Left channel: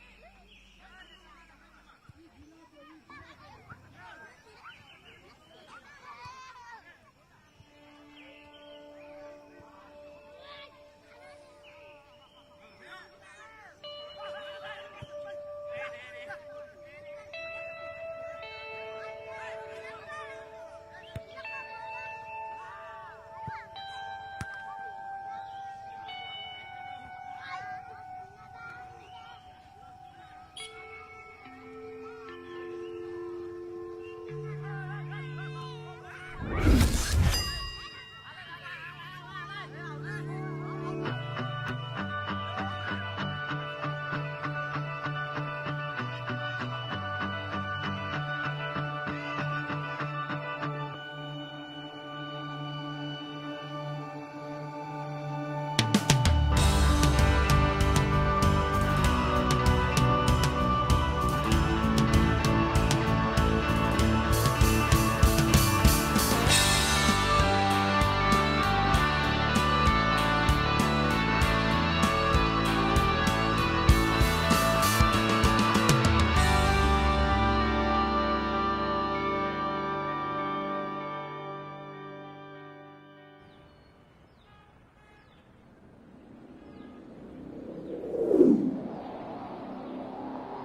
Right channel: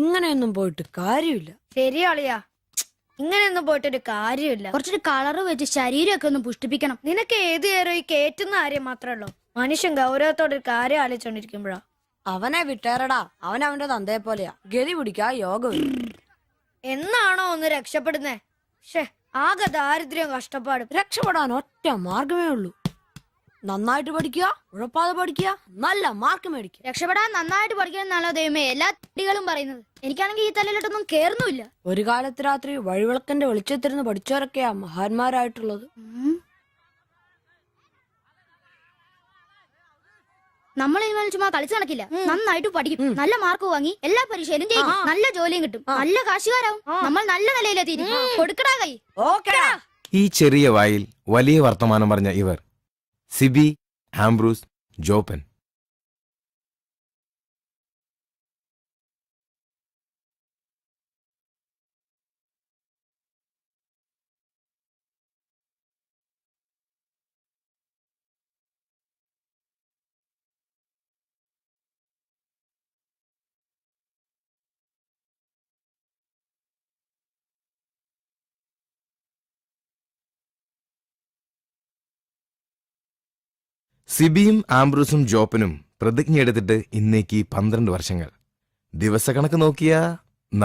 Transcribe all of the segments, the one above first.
ഇങ്ങനെയൊന്നും പോയിട്ട് കാര്യമില്ല. ശരിയാളിയാ, ഇങ്ങനെയൊന്നും പോയിട്ടൊരു കാര്യമില്ല. കുറച്ചൊരു കളറ് വെച്ച് ശരീരമൊക്കെ ഒന്ന് പുഷ്ടിപ്പിക്കണം. നിനക്ക് ഏത് നേരം ഈ കേറ്റുന്ന കാര്യം മാത്രമേ ഉള്ളൂ. മനുഷ്യൻ ഗൗരവത്തോടെ ഒരു കാര്യം ആലോചിച്ചോണ്ടിരിക്കുമ്പോഴാ. അവനെ വിട്ടേറടാ, അവൻ അവന്റെ തന്തയെ പോലെയാ. ഗതി പിടിക്കാ യോഗം. എന്നാണോ ഒന്ന് രക്ഷപ്പെടുന്നേ? ആകെ ദാരിദ്ര്യം കഷ്ടപ്പാടും. രക്ഷപ്പെടാൻ ഒറ്റ മാർഗമേ ഉള്ളൂ. നന്നായിട്ട് പഠിക്കുക, ഉഴപ്പാതെ പഠിക്കുക, നല്ല മാർക്ക് മേടിക്കുക. രക്ഷപ്പെടാൻ നന്നായിട്ട് പഠിക്കണമെന്നാണോ ദൈവമേ എല്ലാ കുട്ടികളും പറയുന്നത്? എനിക്കാണെങ്കിൽ ഈ തലയിലോട്ടൊന്നും കേറുന്നുമില്ല. ഒരു കാലത്ത് രാത്രി വഴിവിളക്കന്റെ വെളിച്ചത്തിരുന്ന് പഠിച്ചവരൊക്കെയാ മഹാന്മാരായിട്ടുള്ളത്. നമ്മൾ ഇതുപോലെ ചുമ്മാ കളിച്ചു നടക്കില്ല. നന്നായിട്ട് പഠിക്കും, നല്ല മാർക്ക് വാങ്ങി എല്ലാ പരീക്ഷയിലും ജയിക്കും, നല്ല ജോലിയും കിട്ടും, നല്ല കാശുകാരാവും. നമ്മൾ നല്ല നിലയിലെത്തി കൊടുക്കടാ കൈ. ഈ ചെറിയ വായിൽ വലിയ വർത്തമാനം പറഞ്ഞ ഇവർ സിബി, ആംബ്രൂസ്, ജോപ്പൻ. സിബിയും ആംബ്രൂസും ജോപ്പനും പ്രതിജ്ഞയെടുത്തിട്ട് ഇന്നേക്ക് 12 വർഷങ്ങൾ. ദിവസക്കണക്ക് നോക്കിയ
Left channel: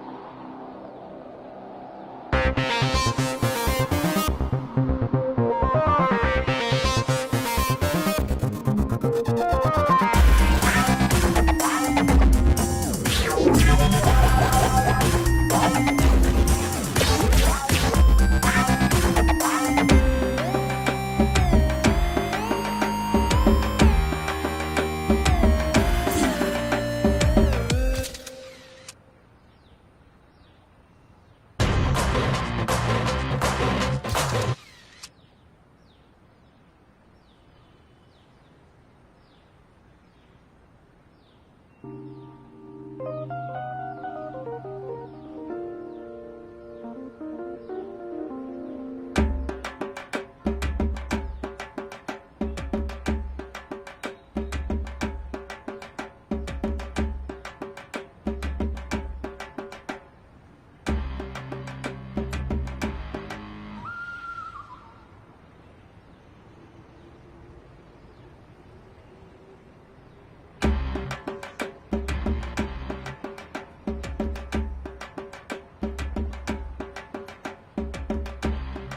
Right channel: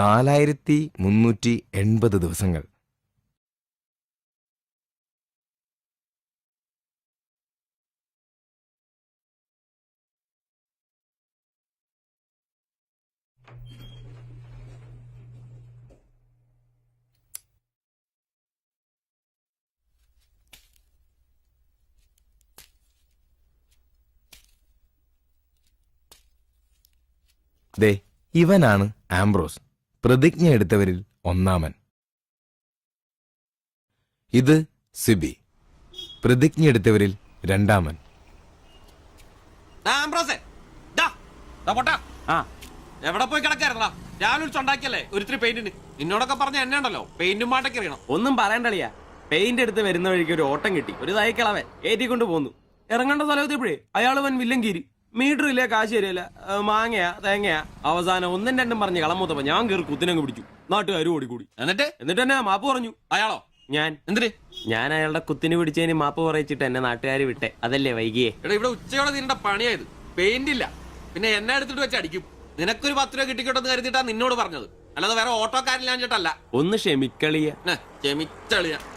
4380 ദിവസങ്ങൾ. ഇവനാണ് ആംബ്രോസ്, പ്രതിജ്ഞ എടുത്തവരിൽ ഒന്നാമൻ. ഇത് സിബി, പ്രതിജ്ഞ എടുത്തവരിൽ രണ്ടാമൻ. എവിടെ പോയി കിടക്കായിരുന്നാ? രാവിലെ ഉണ്ടാക്കിയല്ലേ ഒരിത്തിരി പെയിന്റിന്. എന്നോടൊക്കെ പറഞ്ഞ എന്നെ ഉണ്ടല്ലോ പെയിന്റും പാട്ടൊക്കെ അറിയണം. ഒന്നും പറയണ്ടളിയാ, പെയിന്റ് എടുത്ത് വരുന്ന വഴിക്ക് ഒരു ഓട്ടം കിട്ടി. ഒരു തൈക്കളവൻ ഏറ്റിക്കൊണ്ട് പോന്നു. ഇറങ്ങേണ്ട സ്ഥലത്തെപ്പോഴേ അയാള് വൻ വില്ലൻ കീരി. മീറ്റർ ഇല്ല, കാശ് തരില്ല, മാങ്ങയാ തേങ്ങയാ. അവസാനം ഒന്നും രണ്ടും പറഞ്ഞ് കളമൂത്തപ്പോ ഞാൻ കയറി കുത്തിനങ്ങ് പിടിച്ചു. നാട്ടുകാരും ഓടിക്കും. എന്നിട്ട് എന്നെ മാപ്പ് പറഞ്ഞു. അയാളോ? ഞാൻ. എന്തിന്? ഞാൻ അയാളുടെ കുത്തിന് പിടിച്ചതിന് മാപ്പ് പറയിച്ചിട്ട് എന്നെ നാട്ടുകാർ വിട്ടെ. അതല്ലേ വൈകിയേ? എടാ, ഇവിടെ ഉച്ചയോടെ നിന്റെ പണിയായത്. പെയിന്റ് ഇല്ല, പിന്നെ എന്നെ എടുത്തിട്ട് വെച്ച് അടിക്കും. നിനക്കൊരു 10 രൂപ കിട്ടിക്കോട്ടെന്ന് കരുതിട്ടാ നിന്നോട് പറഞ്ഞത്, അല്ലാതെ വേറെ ഓട്ടോക്കാരില്ലാഞ്ഞിട്ടല്ല. ഒന്ന് ക്ഷമിക്കളിയ.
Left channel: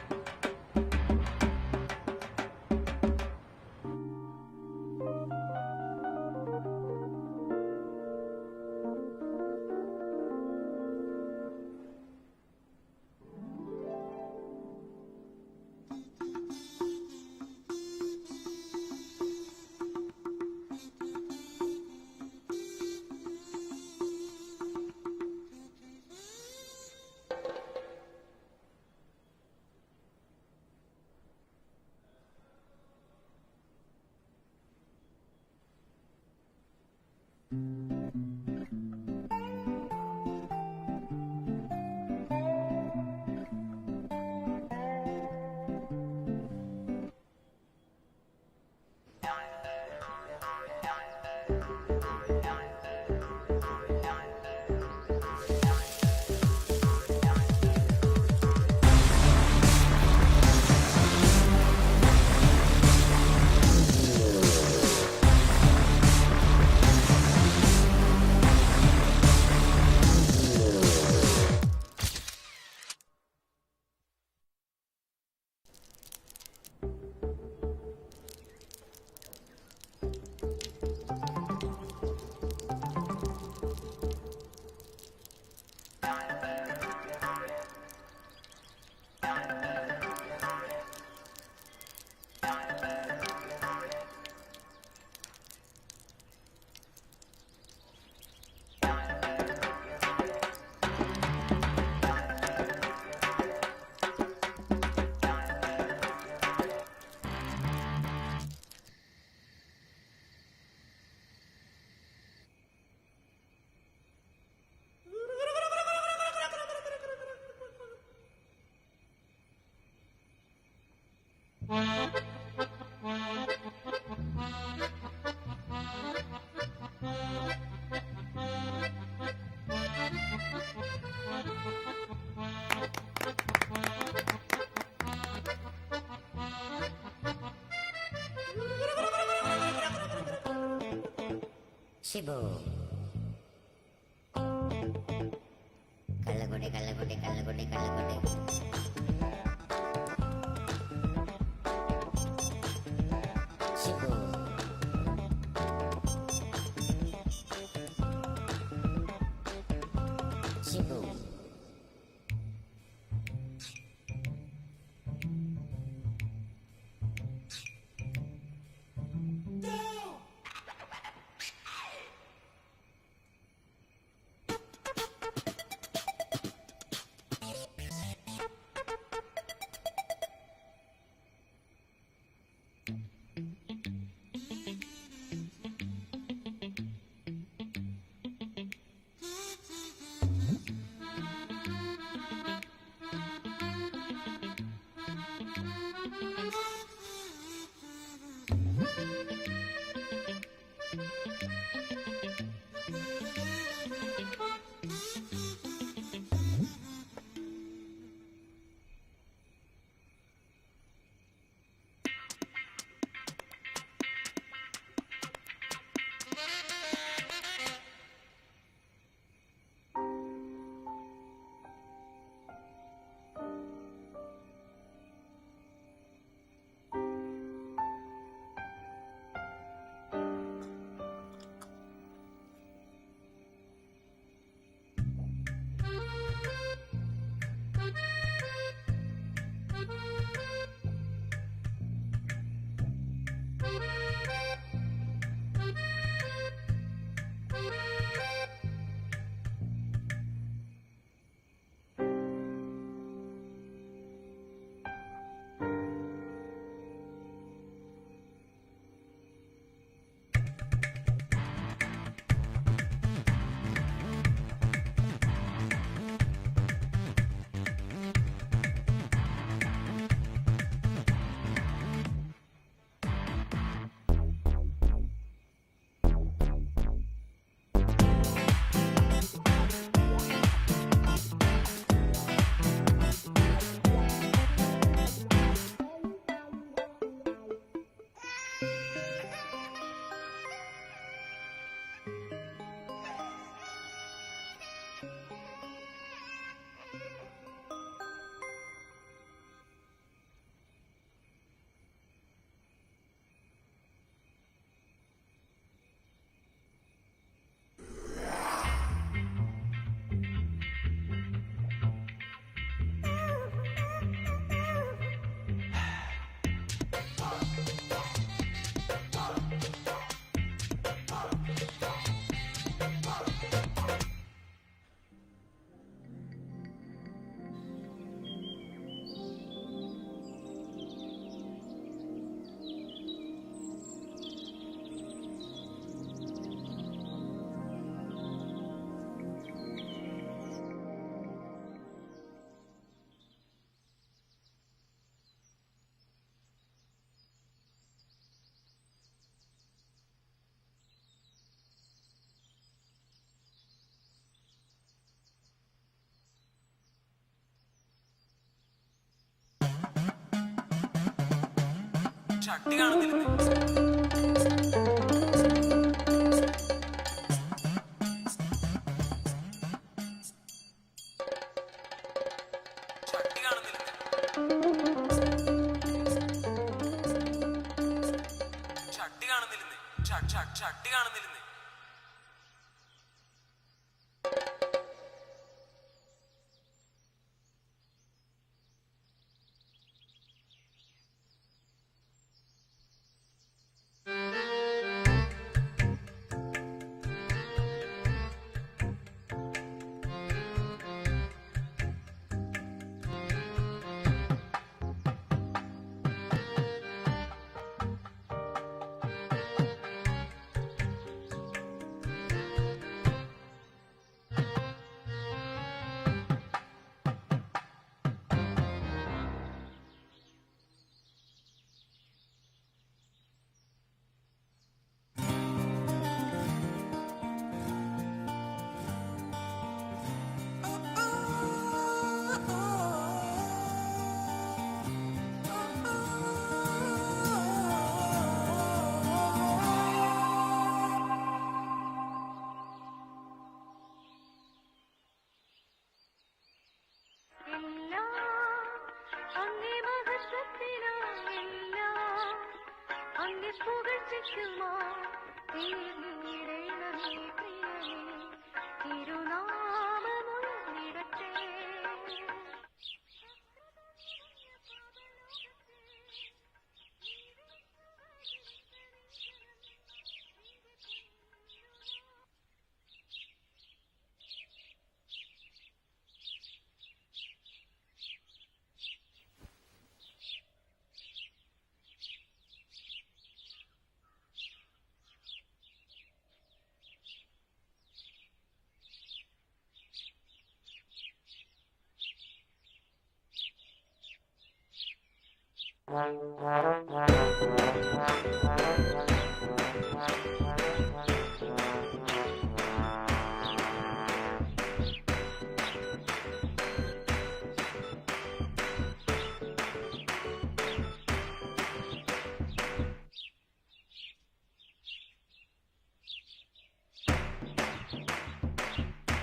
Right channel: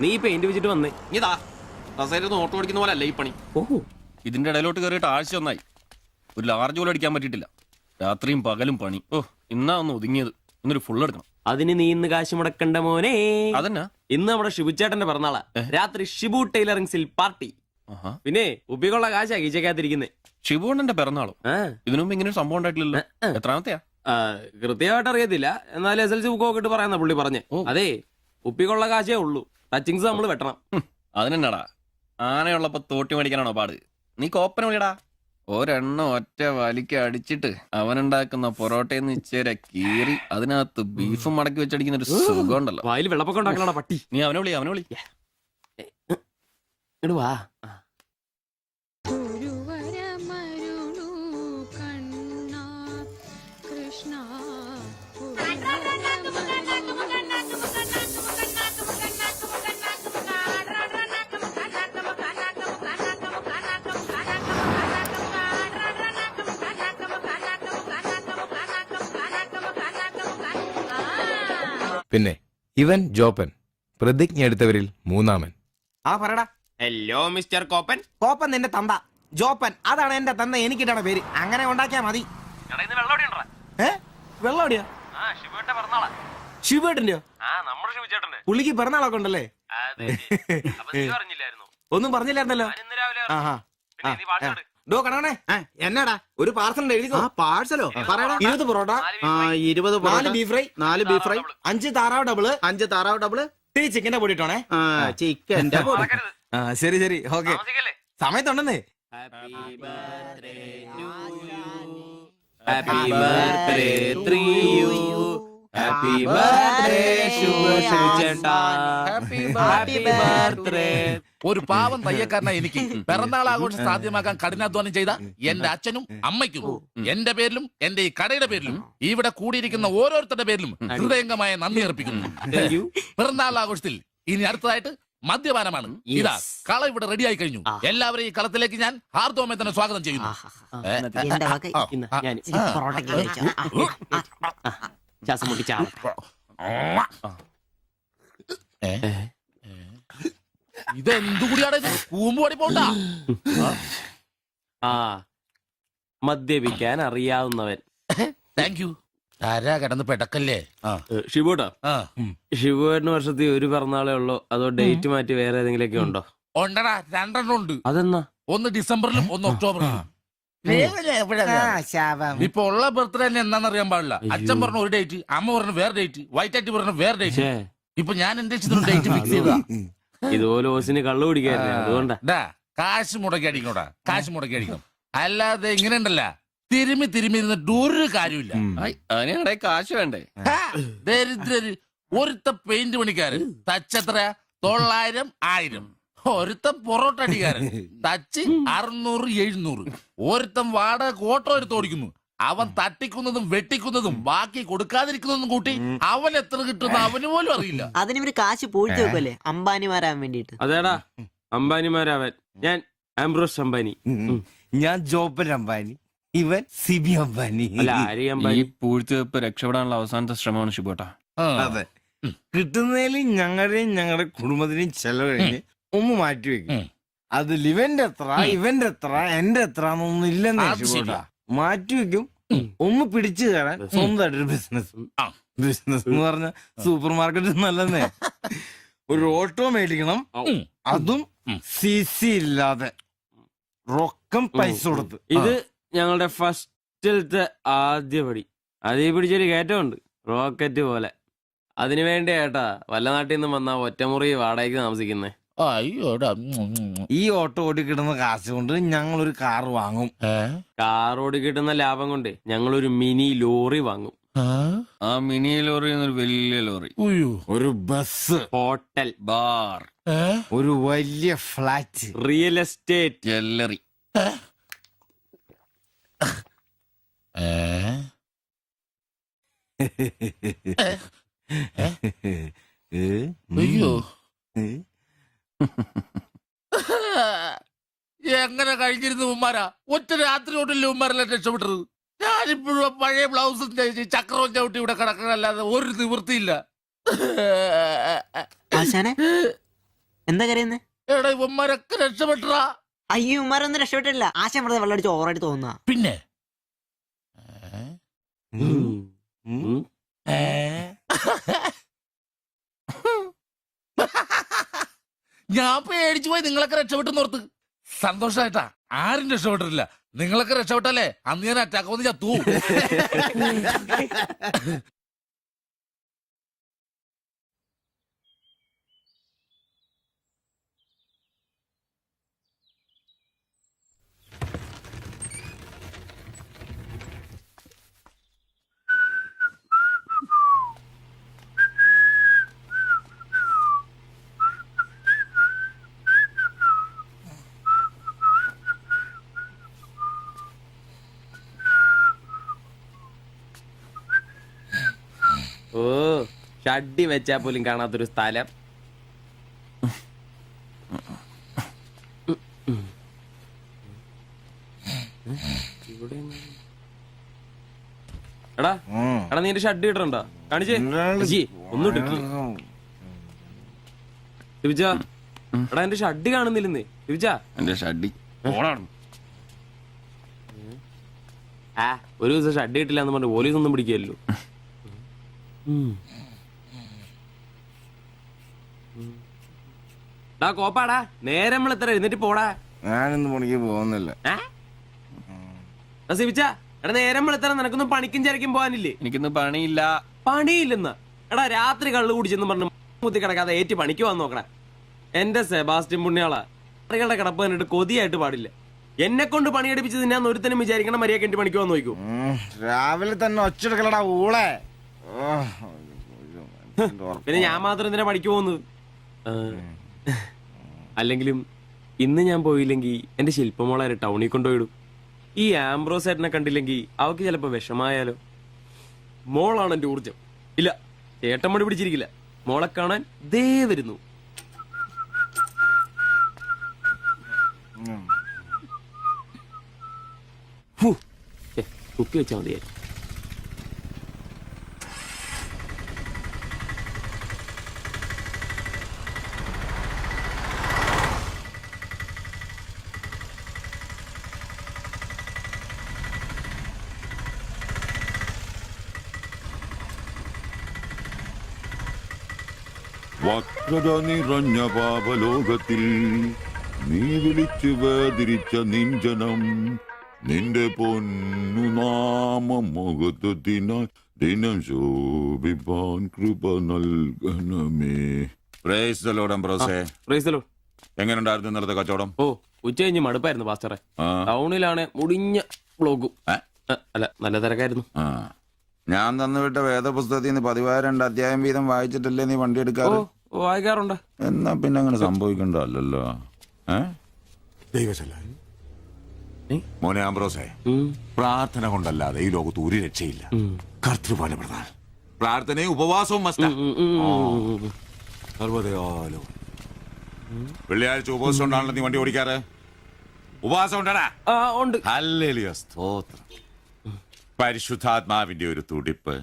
നീ പെയിന്റ് വെച്ചിട്ട് വന്നേ. ഇതാ കസേരന്ന് ഓട്ടോ അടിക്കുന്ന പോലെ അല്ല ഈ പണി. ഓഹോ, ഇതിന്റെ ഇടയിലോട്ട് കയറിയിട്ട് ആഴ്ച ഒന്നായി. ഒരു ലാർജ് പോലും അടിക്കാൻ പറ്റിയിട്ടില്ല. രാത്രിയും പകലും പണി. ഇന്നാ ഒന്ന് ഒതുങ്ങിയത്. ഇന്നൊരു ഫുൾ എടുക്കണം. അതിന് നീ ഇന്ന് കാശ് മുടക്കണ്ട മോനെ. അതന്നെ, ഇന്ന് നമ്മുടെ ഷിബുച്ചേട്ടന്റെ പിറന്നാളാ. രാത്രി ഷിബു ടൈലറിംഗ്സിൽ പാർട്ടി. പിന്നെ ഉപ്പിക്കുള്ള കാശാ കീച്ചക്കാത്തിരിക്കുന്നേ. ഷിബുണ്ണന്റെ പിറന്നാളും ഇതിനു മുമ്പ് ഇങ്ങനെ ഒരു സംഭവം ഉണ്ടായിട്ടില്ലല്ലോ. എത്രാമത്തെയാ? കൃത്യമായിട്ട് അറിയത്തില്ല, എന്നാൽ SLC ബുക്കൊക്കെ ഇട്ട് പറയാന്ന പുള്ളി പറഞ്ഞേ. അതെ, ഉപ്പിക്കുള്ള കാശേ ഉള്ളൂ, ടച്ചിങ്സ് നമ്മൾ വെട്ടണം. അതിനെന്നാടാ, ആനയുള്ളപ്പോ തോട്ടി മേടിക്കാനാണോ പാട്? നീ കോപ്പന വിളിയടാ. ഒരെണ്ണം ഒറ്റ വലിക്ക് അടിച്ചിട്ട് അവനുണ്ടാക്കുന്ന പൊറോട്ടയെന്ന് ഇച്ചേരെ കീറി അതിനകത്ത് ബീഫും മടക്കി വെച്ചടിക്കുന്ന ഒരു സുഖം ഉണ്ടല്ലോ. വായിൽ വെള്ളപ്പൊക്കം ഉണ്ടാക്കണ പട്ടി. നീ അവനെ വിളി. വാ. പിന്നെ ഇവൻ ജോപ്പൻ, പ്രതിജ്ഞ എടുത്തവരിൽ മൂന്നാമൻ. ആ പറടാ. Hello mister കോപ്പൻ. കോപ്പൻ നിന്റെ തന്ത. ജോപ്പൻ അതാണ് എന്റെ തന്ത, എനിക്കിട്ടാണ് പേര്. അങ്ങനെ ഉണ്ടാക്കിയാ മതി. വെള്ളോടിയാ? ശിവേട്ടന്റെയോ? പുള്ളിക്ക് പിറന്നാളൊക്കെ ഉണ്ടല്ലേ? ഒന്നും പറഞ്ഞില്ലായിരുന്നല്ലോ. ഡോ കണക്കണേ, എന്നാടാ ഒരു പാർസൽ എഴുതിക്കോ. പാഴ്സലോ? പറയടാ. 20 parotta, 20 4 beef fry, 4 beef fry, 5 താറാവ് ഡബിള്, 5 താറാവ് ഡബിള്, ഈ ചിക്കന്റെ പൊടി ഇട്ടോണേ. ചിക്കന്റെ പൊടി. ശരി ശരി, ഓക്കെ. സമയത്തുണ്ടെന്നേ. Happy birthday to you. Happy birthday ശുഭേട്ടാ. Happy birthday. ഒരു പാവം തയ്യക്കാരനായി എനിക്ക് പിറന്നാൾ ആഘോഷം സാധ്യമാക്കാൻ കഠിനാധ്വാനം ചെയ്ത എന്റെ അച്ഛനും അമ്മയ്ക്കും എന്റെ പേരിലും എന്റെ ഈ കടയുടെ പേരിലും ഇവിടെ കൂടിയിരിക്കുന്ന ഓരോരുത്തരുടെ പേരിലും ഹൃദയംഗമായ നന്ദി അർപ്പിക്കുന്നു. പിറന്നാൾ ആഘോഷത്തിൽ ഇനി അടുത്തതായിട്ട് മദ്യപാനമാണ്. ഇതാ കള ഇവിടെ റെഡിയായി കഴിഞ്ഞു. എല്ലാവരെയും ഈ കളത്തിലേക്ക് ഞാൻ ഹാർദവമായി തന്നെ സ്വാഗതം ചെയ്യുന്നു. ഇതെന്തു കൂടിയാണ് ഇത്? കൂമ്പോടി പോണ്ട. ആ മദ്യപിക്കാൻ അറിയാവുന്നവൻ. Thank you. ആരാ കിടന്ന് പെടക്കല്ലേ? ഷിബുട്ടാ, ഷിബുവേട്ടന് വർഷത്തിൽ ഒരു പിറന്നാളേ ഉള്ളോ അതോ ഡേറ്റ് മാറ്റി വേറെ ഏതെങ്കിലുമൊക്കെ ഉണ്ടോ? ഉണ്ടടാ, 2 എണ്ണം ഉണ്ട്. അതെന്നാ? ഒന്ന് ഡിസംബറിലും ഒന്ന് ഒക്ടോബറിലും. ഇപ്പൊ ഉള്ള ബർത്ത്ഡേ തന്നെ എന്താണെന്നറിയാൻ പാടില്ല. അച്ഛൻ പറഞ്ഞ ഒരു ഡേറ്റ്, അമ്മ പറഞ്ഞ വേറെ ഡേറ്റ്, വൈറ്റ് ആയിട്ട് പറഞ്ഞ വേറെ ഡേറ്റ്. ഇപ്പൊ ഞാൻ എന്റെ ഡേറ്റ് ഫിക്സ് ചെയ്താ. ഇതുപോലെ ഓസിന് കള്ളു കുടിക്കാറില്ല, അതുകൊണ്ടാ. കാശ് മുടക്കി അടിക്കണോടാ, കാശ് മുടക്കി അടിക്കണം. അല്ലാതെ ഇങ്ങനെ ഉണ്ടല്ല തിരുമ്മി ഇരുന്നിട്ട് ഒരു കാര്യമില്ല. അതിനെ കാശ് വേണ്ടേ? ദരിദ്രര്. ഒരുത്ത പെയിന്റ് പണിക്കാരൻ തച്ചെത്ര 900 1000. ഒരുത്ത പൊറോട്ട അടിക്കാരൻ തച്ച് 600 700. ഒരുത്തം വാടക ഓട്ടോ എടുത്ത് ഓടിക്കുന്നു. അവൻ തട്ടിക്കുന്നതും വെട്ടിക്കുന്നതും ബാക്കി കൊടുക്കാതിരിക്കുന്നതും കൂട്ടി അവൻ എത്ര കിട്ടുന്ന അവന് പോലും അറിയില്ല. അതിനിവര് കാശ് പോയിട്ട് വെക്കല്ലേ അംബാനിമാരാൻ വേണ്ടിട്ട്. അതേടാ അംബാനിമാരാവൻ. ഞാൻ ആംബ്രോസ് അംബാനി. ഞാൻ ജോപ്പൻ അംബാനി, ഇവൻ സിബി അംബാനി. അല്ല ആരി ഈ അംബാനി. പൂഴ്ത്തിവെപ്പ് രക്ഷപ്പെടാനുള്ള അവസാനത്തെ ശ്രമമാണ് ഷിബോട്ടാ. അതെ, കിട്ടുന്നതിൽ ഞങ്ങളുടെയും ഞങ്ങളുടെ കുടുംബത്തിനെയും ചെലവ് കഴിഞ്ഞ് ഒന്ന് മാറ്റി വെക്കും. അതിൽ ഇവന്റെ എത്ര ഇവന്റെ എത്ര എന്റെ എത്ര എന്നൊന്നും ഇല്ലെന്ന് മാറ്റി വെക്കും. ഒന്ന് പിടിച്ചു കയറാൻ സ്വന്തമായിട്ടൊരു ബിസിനസ് എന്ന് പറഞ്ഞ സൂപ്പർ മാർക്കറ്റ് നല്ലതേ. ഒരു ഓട്ടോ മേടിക്കണം, അതും CC ഇല്ലാതെ റൊക്കം പൈസ കൊടുത്ത്. ഇത് ഞങ്ങളുടെ ഫസ്റ്റിലത്തെ ആദ്യ പടി. അതീ പിടിച്ചൊരു കയറ്റമുണ്ട്, റോക്കറ്റ് പോലെ. അതിനു വേണ്ടി ഏട്ടാ വല്ല നാട്ടിൽ നിന്ന് വന്നാ ഒറ്റമുറി വാടകയ്ക്ക് താമസിക്കുന്നേ. അയ്യോടാ. ഈ ഓട്ടോ ഓടി കിട്ടുന്ന കാശ് കൊണ്ട് ഞങ്ങൾ ഒരു കാർ വാങ്ങും. കാറോട് കിട്ടുന്ന ലാഭം കൊണ്ട് ഞങ്ങളൊരു മിനി ലോറി വാങ്ങും. ആ മിനി ലോറി എന്നൊരു വലിയ ലോറി, ഒരു ബസ്, ഹോട്ടൽ, ബാർ, ഒരു വലിയ ഫ്ലാറ്റ്, റിയൽ എസ്റ്റേറ്റ്, ജ്വല്ലറി. അയ്യോ, എങ്ങനെ കഴിഞ്ഞിരുന്നു ഉമ്മാരാ? ഒറ്റ രാത്രി കൊണ്ടല്ലേ ഉമ്മാരെല്ലാം രക്ഷപ്പെട്ടത്. ഞാനിപ്പോഴും പഴയ ബ്ലൗസും ചക്രവും ചവിട്ടി ഇവിടെ കിടക്കണല്ലാതെ ഒരു നിവൃത്തിയില്ല. എന്താ കരയുന്നേ? എടാ ഉമ്മാരൊക്കെ രക്ഷപ്പെട്ടടാ. അയ്യോ ഉമ്മാരൊന്നും രക്ഷപ്പെട്ടില്ല. ആശ വെറുതെ വെള്ളം അടിച്ച് ഓവറായിട്ട് തോന്നുക. പിന്നെ ഞാൻ പേടിച്ചു പോയി. നിങ്ങളൊക്കെ രക്ഷപ്പെട്ടെന്ന് ഓർത്ത് സന്തോഷായിട്ടാ. ആരും രക്ഷപ്പെട്ടിട്ടില്ല. നിങ്ങളൊക്കെ രക്ഷപ്പെട്ടല്ലേ അന്ന് ഞാൻ അറ്റാക്ക് വന്ന് ചത്തു. ഓ ഷഡ്ഡി വെച്ചാ പോലും കാണാത്തൊരു സ്ഥലം. എടാ എടാ നീ എന്റെ ഷഡ് ഇടണ്ട കാണിച്ചേ അജി, ഒന്നും ഇട്ടിട്ടില്ല രവിച്ച. എടാ എന്റെ ഷഡ് കാണുന്നില്ലെന്ന് രവിച്ച. എന്റെ ഷഡ്ഡി ആ ഒരു ദിവസം ഷഡ് ഇട്ടില്ല എന്ന് പറഞ്ഞ് പോലീസ് ഒന്നും പിടിക്കല്ലോ. കോപ്പാടാ നേരെ നമ്മൾ എത്ര എഴുന്നേറ്റ് പോടാ. ഞാനിന്ന് പണിക്ക് പോകുന്നില്ല. സിവിച്ച എടാ നേരെ നമ്മൾ എത്ര നിനക്കൊന്നും പണിക്കും ചരക്കും പോകാനില്ലേ? എനിക്കിന്ന് പണിയില്ല. പണിയില്ലെന്ന് എടാ രാത്രി കള്ളു കുടിച്ചെന്ന് പറഞ്ഞു കുത്തി കിടക്കാതെ ഏറ്റ് പണിക്ക് വന്ന് നോക്കണേ. എന്റെ സെബാസ്റ്റ്യൻ പുണ്യാളാ, കറികളുടെ കിടപ്പ് കണ്ടിട്ട് കൊതിയായിട്ട് പാടില്ല. എന്നെ കൊണ്ട് പണിയെടുപ്പിച്ചത് ഞാൻ ഒരുത്തനും വിചാരിക്കണം മര്യാദ എന്റെ പണിക്ക് വന്ന് നോക്കൂ. രാവിലെ തന്നെ ഒച്ചെടുക്കലടാ ഊളെ. പിന്നെ ഞാൻ മാത്രം എന്തിനാ പണിക്ക് പോകുന്നത്? അല്ലെങ്കിലും ഇന്ന് ഞാൻ പോയില്ലെങ്കിൽ എന്റെ ശില്പമോളെ ടൗണിൽ കൊണ്ടുപോയിടും. ഈ ആംബ്രോസ് ഏട്ടനെ കണ്ടില്ലെങ്കിൽ അവക്ക് ചിലപ്പോ വിഷമായാലോ. മോളാണ് എന്റെ ഊർജം. ഇല്ല ഏട്ടൻ മടി പിടിച്ചിരിക്കില്ല, മോളെ കാണാൻ ദേ വരുന്നു. കുത്തി വെച്ചാൽ മതിയായി. വക്രത നിറഞ്ഞ പാപലോകത്തിൽ നീ വിളിച്ചു വേദിരിച്ച നിഞ്ജനം നിന്റെ പൊന്നു നാമം മുഖത്തിനായി ദിനം ശോഭിപ്പാൻ കൃപ നൽകണമേ. പ്രൈസ് ദി ലോർഡ് അംബ്രോസേ. Praise the lord. എങ്ങനെയുണ്ടായിരുന്നു ഇന്നലത്തെ കച്ചവടം? ഓ ഉച്ച കഴിഞ്ഞ് മടുപ്പായിരുന്നു പാസ്റ്ററെ. ടൗണിലാണ് മുടിഞ്ഞ ബ്ലോഗും. അല്ല നല്ല തിരക്കായിരുന്നു. ഞാൻ തന്നുവിട്ട വേദപുസ്തകത്തിൽ നിന്ന് 12 അധ്യായം വീതം വായിച്ചിട്ടല്ലേ നീ വണ്ടി എടുക്കാറ്? വായിക്കാറുണ്ട്. എന്നാ പിന്നെ അങ്ങനെ സംഭവിക്കണ്ടല്ലോ. മോനെ ആംബ്രോസേ, പ്രാർത്ഥന കൊണ്ടല്ലാതെ ഈ ലോകത്ത് ഒരു രക്ഷയില്ല. കർത്തൃപാട് പ്രധാനം. പ്രാർത്ഥനയും ഉപവാസവും മസ്റ്റാ. വെള്ളിയാഴ്ച ഉപവാസം ഉണ്ടാണല്ലോ നീ വണ്ടി ഓടിക്കാറ്. ഉപവാസം ഉണ്ടാടാ? ഉണ്ട്. ഹല്ലേലൂയ, സ്തോത്രം. പരിശുദ്ധാത്മാവിന്റെ ഒരു തുടിപ്പ്,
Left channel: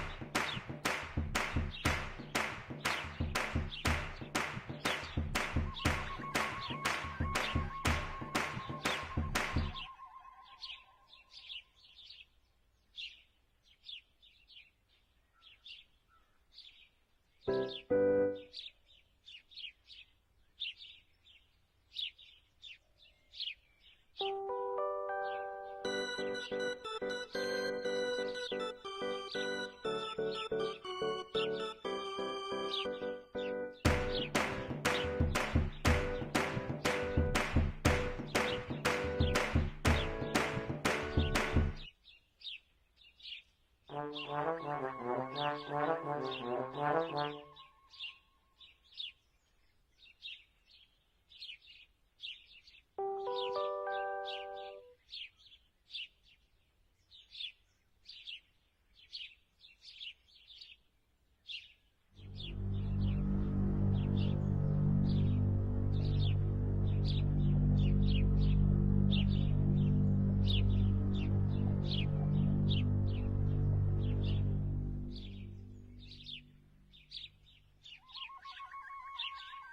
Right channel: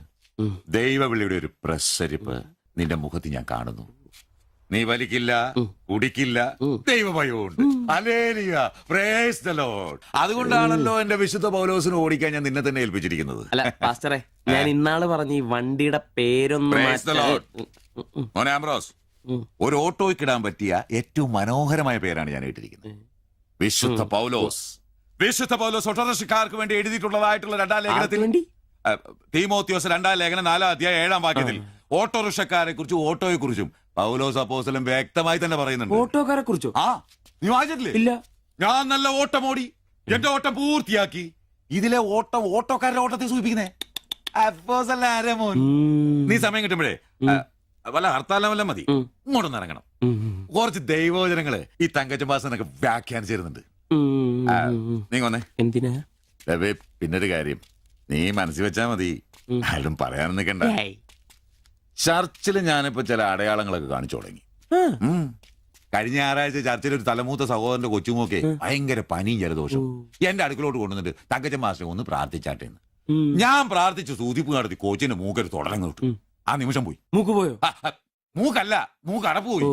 ദൈവവിളിയുടെ ഒരു പ്രസരിപ്പ് നിന്റെ മുഖത്ത് ഞാൻ കാണുന്നു. നീ വലിക്കില്ല, കുടിക്കില്ല, ദൈവഭയമുണ്ട്. Hallelujah, praise the lord. അതുകൊണ്ടാണല്ലോ എന്റെ വിശുദ്ധ പൗലോസിനെ ഓടിക്കാൻ ഞാൻ നിന്നെ തന്നെ ഏൽപ്പിച്ചിരിക്കുന്നത്. അല്ല പാസ്റ്ററെ, ഞാൻ ഇന്നാള് പറഞ്ഞ ഈ വണ്ടിയുടെ പേരൊന്നും പ്രൈസ് ദി ലോർഡ്. മോനെ ആംബ്രോസ്, ഒരു ഓട്ടോയ്ക്കിടാൻ പറ്റിയ ഏറ്റവും മനോഹരമായ പേരാണ് ഞാൻ ഇട്ടിരിക്കുന്നത്. വിശുദ്ധ പൗലോസ്. വിശുദ്ധ പൗലോസ് ഓട്ടോറിക്ഷക്കാർക്ക് വേണ്ടി എഴുതിയിട്ടുള്ളതായിട്ടുള്ള 2-ാം ലേഖനത്തിൽ, തീമോത്തിയോസ് 2-ാം ലേഖനം 4-ാം അധ്യായം 7-ാം വാക്യത്തിൽ ഓട്ടോറിക്ഷക്കാരെ കുറിച്ചും ഓട്ടോയെ കുറിച്ചും പൗലോസ് അപ്പോസ്തലൻ വ്യക്തമായി തന്നെ പറയുന്നുണ്ട്. ഓട്ടോക്കാരെ കുറിച്ചോ? നീ വായിച്ചിട്ടില്ലേ? ഇല്ല. ഞാൻ നല്ല ഓട്ടം ഓടി, എന്റെ ഓട്ടം പൂർത്തിയാക്കി. ഇതിലെ ഓട്ടം ഓട്ടോക്കാരുടെ ഓട്ടത്തെ സൂചിപ്പിക്കുന്നേ. നീ സമയം കിട്ടുമ്പോഴേ വല്ല ഹർത്താലം വല്ല മതി, ഇങ്ങോട്ടൊന്ന് ഇറങ്ങണം. കുറച്ച് ദൈവവചനങ്ങള് ഈ തങ്കച്ചമ്പാസനൊക്കെ വ്യാഖ്യാനിച്ചിരുന്നുണ്ട്. നീ വന്നേ. എന്തിനാ? പിന്നൊരു കാര്യം നീ മനസ്സിൽ വെച്ചാ മതി, ആരും പറയാനും നിൽക്കണ്ട. ചർച്ചിൽ ഞാനിപ്പോ ചില അടയാളങ്ങളൊക്കെ കാണിച്ചു തുടങ്ങി. കഴിഞ്ഞ ഞായറാഴ്ച ചർച്ചിൽ ഒരു തലമൂത്ത സഹോദരന്റെ കൊച്ചുമോക്കെ ഭയങ്കര പനിയും ജലദോഷവും എന്റെ അടുക്കളോട്ട് കൊണ്ടുവന്നിട്ട് തങ്കച്ചൻ മാസ്റ്റർ ഒന്ന് പ്രാർത്ഥിച്ചാട്ടെ. ഞാൻ പ്രാർത്ഥിച്ചു, സൂതിപ്പ് നടത്തി കോച്ചിന്റെ മൂക്കൊരു തുടരങ്ങ് കിട്ടും. ആ നിമിഷം പോയി. മൂക്ക് പോയോ? മൂക്കല്ല, മൂക്ക് അടപ്പ് പോയി.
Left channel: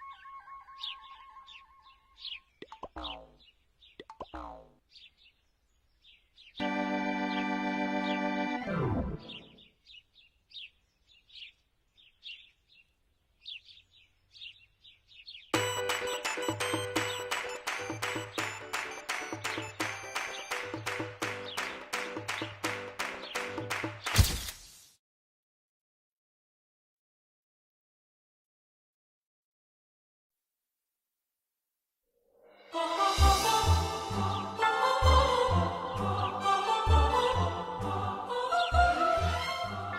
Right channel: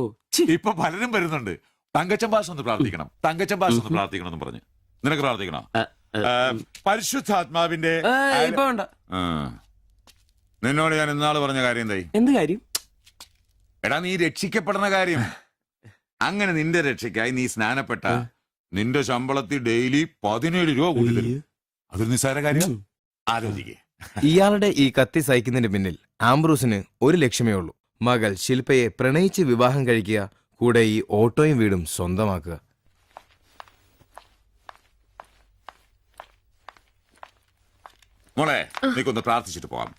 ഇപ്പൊ പലരും വരുന്നുണ്ട്, തങ്കച്ചൻ ഭാഷ ഒന്ന് പ്രാർത്ഥിക്കണം, തങ്കച്ചൻ ഭാഷ ഒന്ന് പ്രാർത്ഥിക്കണം എന്ന് പറഞ്ഞു. നിനക്ക് പ്രാർത്ഥിക്കണം? പരിശുദ്ധാത്മാവിന്റെ നിന്നോട് ഞാൻ ഇന്നാള് പറഞ്ഞ കാര്യം എന്തായി? എന്ത് കാര്യം? എടാ നീ രക്ഷിക്കപ്പെടുന്ന കാര്യം. അങ്ങനെ നിന്റെ രക്ഷയ്ക്കായി നീ സ്നാനപ്പെട്ട നിന്റെ ശമ്പളത്തിൽ ഡെയിലി 17 രൂപ കൂടി തരും. ഒരു നിസ്സാര കാര്യം ആലോചിക്കും. ഇയാളുടെ ഈ കത്തി സഹിക്കുന്നതിന് പിന്നിൽ ആംബ്രൂസിന് ഒരു ലക്ഷ്യമേ ഉള്ളൂ: മകൾ ശില്പയെ പ്രണയിച്ച് വിവാഹം കഴിക്കുക, കൂടെ ഈ ഓട്ടോയും വീടും സ്വന്തമാക്കുക. മോളെ നീക്കൊന്ന് പ്രാർത്ഥിച്ചിട്ട് പോവാം.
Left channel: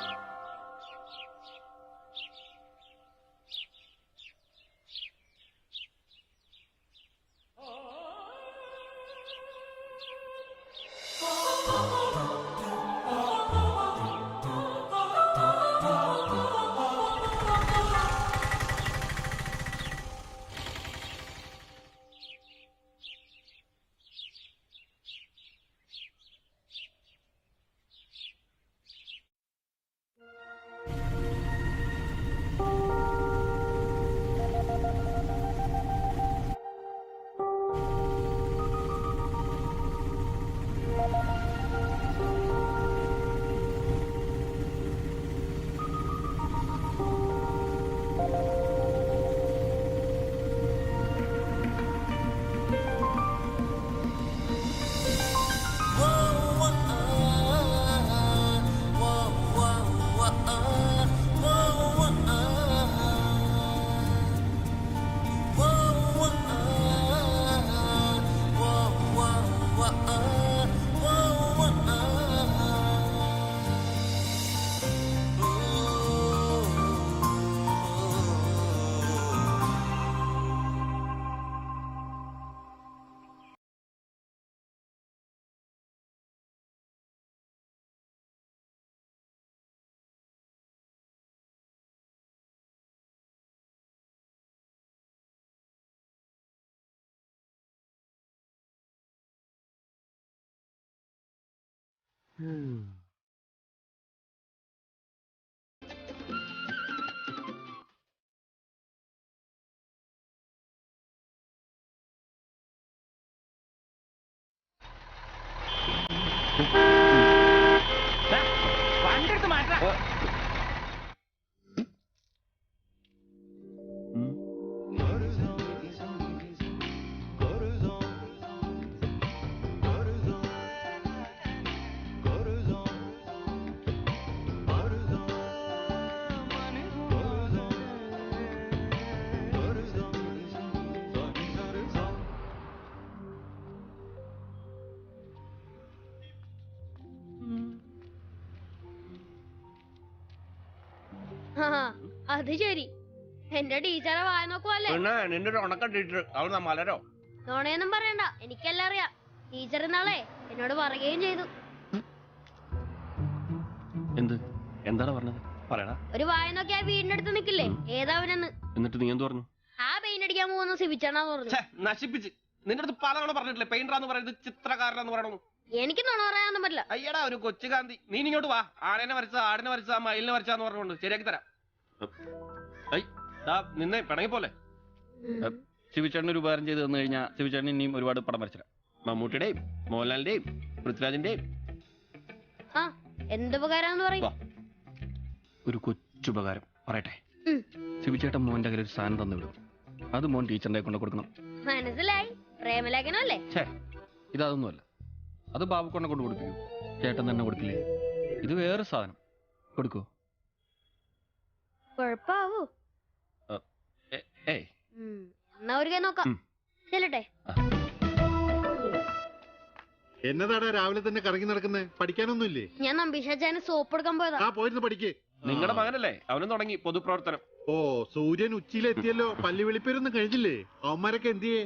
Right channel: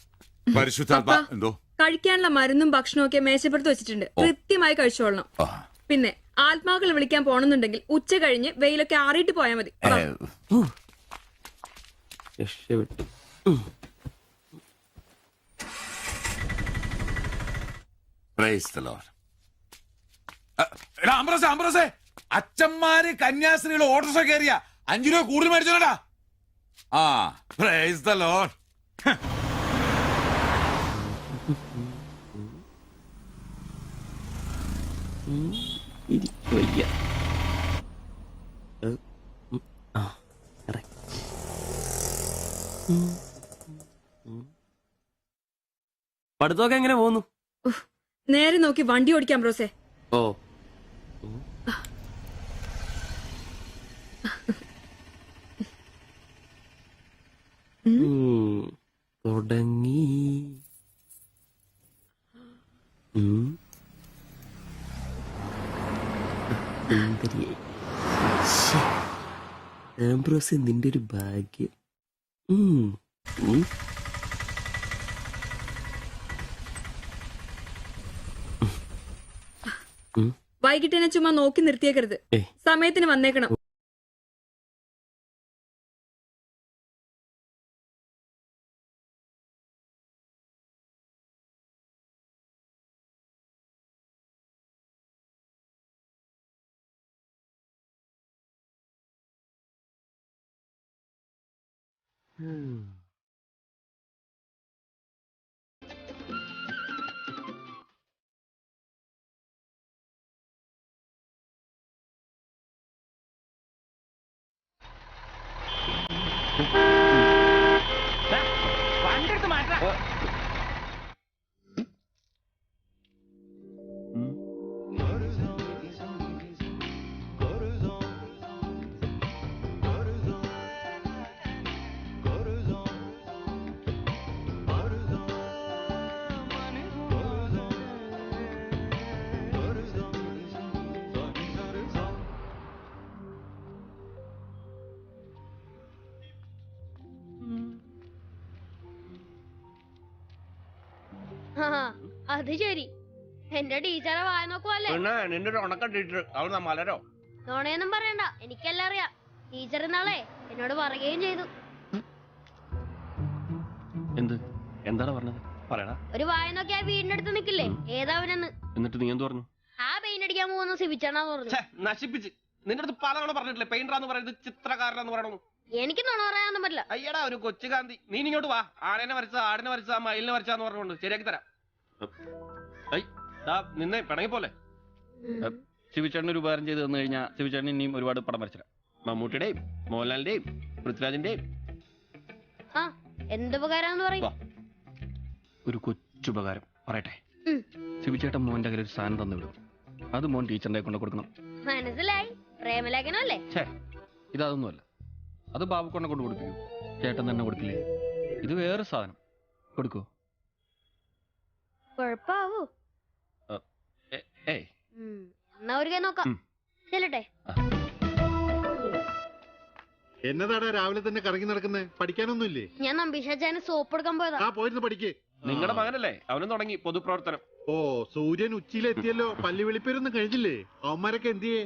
പരിശുദ്ധാത്മാ. എന്തോ? കഴിക്കാനുള്ള മരുന്നും ഭക്ഷണവും ഒക്കെ മേശപ്പുറത്ത് വെച്ചിട്ടുണ്ട്, കൃത്യമായി കഴിച്ചോളണം. പിന്നെ ആത്മാക്കൾ വിളിക്കാൻ പോണെന്നുണ്ടെങ്കിൽ ഉച്ച കഴിഞ്ഞ് വെയിലൊക്കെ ആറിയിട്ട് പോയാൽ മതി. അച്ഛന്മാര് കന്യാസ്ത്രീകൾ ഓട്ടോറിക്ഷ കയറിയ 5 രൂപ കൂടുതൽ മേടിച്ചോടാ. ആ പ്രൈസ് ദി ലോർഡ്. പഠിത്തമൊക്കെ എങ്ങനെ പോകുന്നു? നേരെ നോക്കി വണ്ടി ഓടിക്കാം ബ്രോസേ. ഓ വൈകിട്ട് എന്നെ ചുമ്മാ നോക്കി നിർത്തിയേക്കരുത്. സമയത്തിന് വന്നേക്കണം. അത് ശരി, എന്റെ ടീച്ചറെ വായ നോക്കുവല്ലേ? നിന്റെ ഒരു ഉണക്കം ടീച്ചർ അവൾ മലരോ? നോണയൊന്നും പറയണ്ട, എനിക്കെല്ലാം അറിയാം. ടീച്ചർ ഇന്നാളെ എന്നോട് പറയുകയും ചെയ്തു. എന്ത്? എന്താണ് പറഞ്ഞത്? പറയടാ. ഒരു വായ നോക്കി ആ വീടിനടുത്ത് നിക്കില്ലേ, ഏതാവനെന്ന്. എന്നിട്ട് നീ എന്ത് പറഞ്ഞു? ആ പെയിന്റ് അടിക്കാൻ പോകുന്ന സിബിച്ചാണെന്ന് പറഞ്ഞു. നശിപ്പിച്ച്. നിന്റെ അടുത്ത് പലതവണ പറഞ്ഞിട്ടില്ലേ പെയിന്ററാന്ന് പറയുന്നത് ചിത്രകാരനാന്ന് പറയണു? എനിക്ക് നുണ പറയാനൊന്നും പറ്റില്ല. അയ്യടാ ഒരു കൊച്ചു കാന്തി. നീ ഇങ്ങോട്ട് വാ. ആടിനെ വരച്ച, ആടിനെ വരച്ച, മയിലിനെ വരച്ചാന്ന് പറഞ്ഞുകൊണ്ട് ശരിയാക്കി തരാം. നിന്നെ പിണങ്ങി പോലെ. ശിവചേട്ടന് ഒരു ഉപകാരം ചെയ്ത് തന്നു കഴിഞ്ഞാൽ ശിവചേട്ടൻ ഇനിയും ഒരുപാട് പടം വരച്ചിടാം. മമ്മൂട്ടിയുടെയും മോഹൻലാലിന്റെയും പൃഥ്വിരാജിന്റെയും. ആ, എന്തുപകാരാന്ന് പറയും? ഒരു കൊച്ചുപകാരം പറയട്ടെ. ശിവചേട്ടൻ മോന്റെ കയ്യിൽ ഒരു സാധനം തന്നു വിടും. അത് മോൻ ടീച്ചറിന്റെ കൊണ്ട് കൊടുക്കണം. മനസ്സിലായി, പ്രേമലേഖനല്ലേ? ഇതൊന്നുമല്ല. അത് ബാബുക്കൊണ്ടെ കൊണ്ട് കൊടുക്കൂ. ചേട്ടൻ തന്നെ കൊടുക്കില്ലേ? ഇത് വേറെ സാധനം. കൊടുക്കൂ. കൊഴപ്പാവൂ? എന്നാ ഒരു കൈ നോക്കാം. ചെല്ലട്ടെ. എന്നതാടാ രാവിലെ തന്നെ കറങ്ങി നടക്കുന്നേ? പഠിക്കാനൊന്നുമില്ലേ? ഞാൻ നമ്പീശാച്ചാന് സോപ്പ് എടുക്കാൻ പോയതാ. ആ, പോയിരുന്നു പഠിക്കേ. നിങ്ങളുടെ മകനല്ലേ, അവനും തുടങ്ങി പൊതുപ്രവർത്തനം. ഓ, സൂര്യൻ ഉച്ചയിലെത്തിയല്ലോ. പല്ലി വെളിപ്പേരൊന്നും കഴിഞ്ഞില്ലേ? അവന്മാരൊക്കെ എന്തിയേ?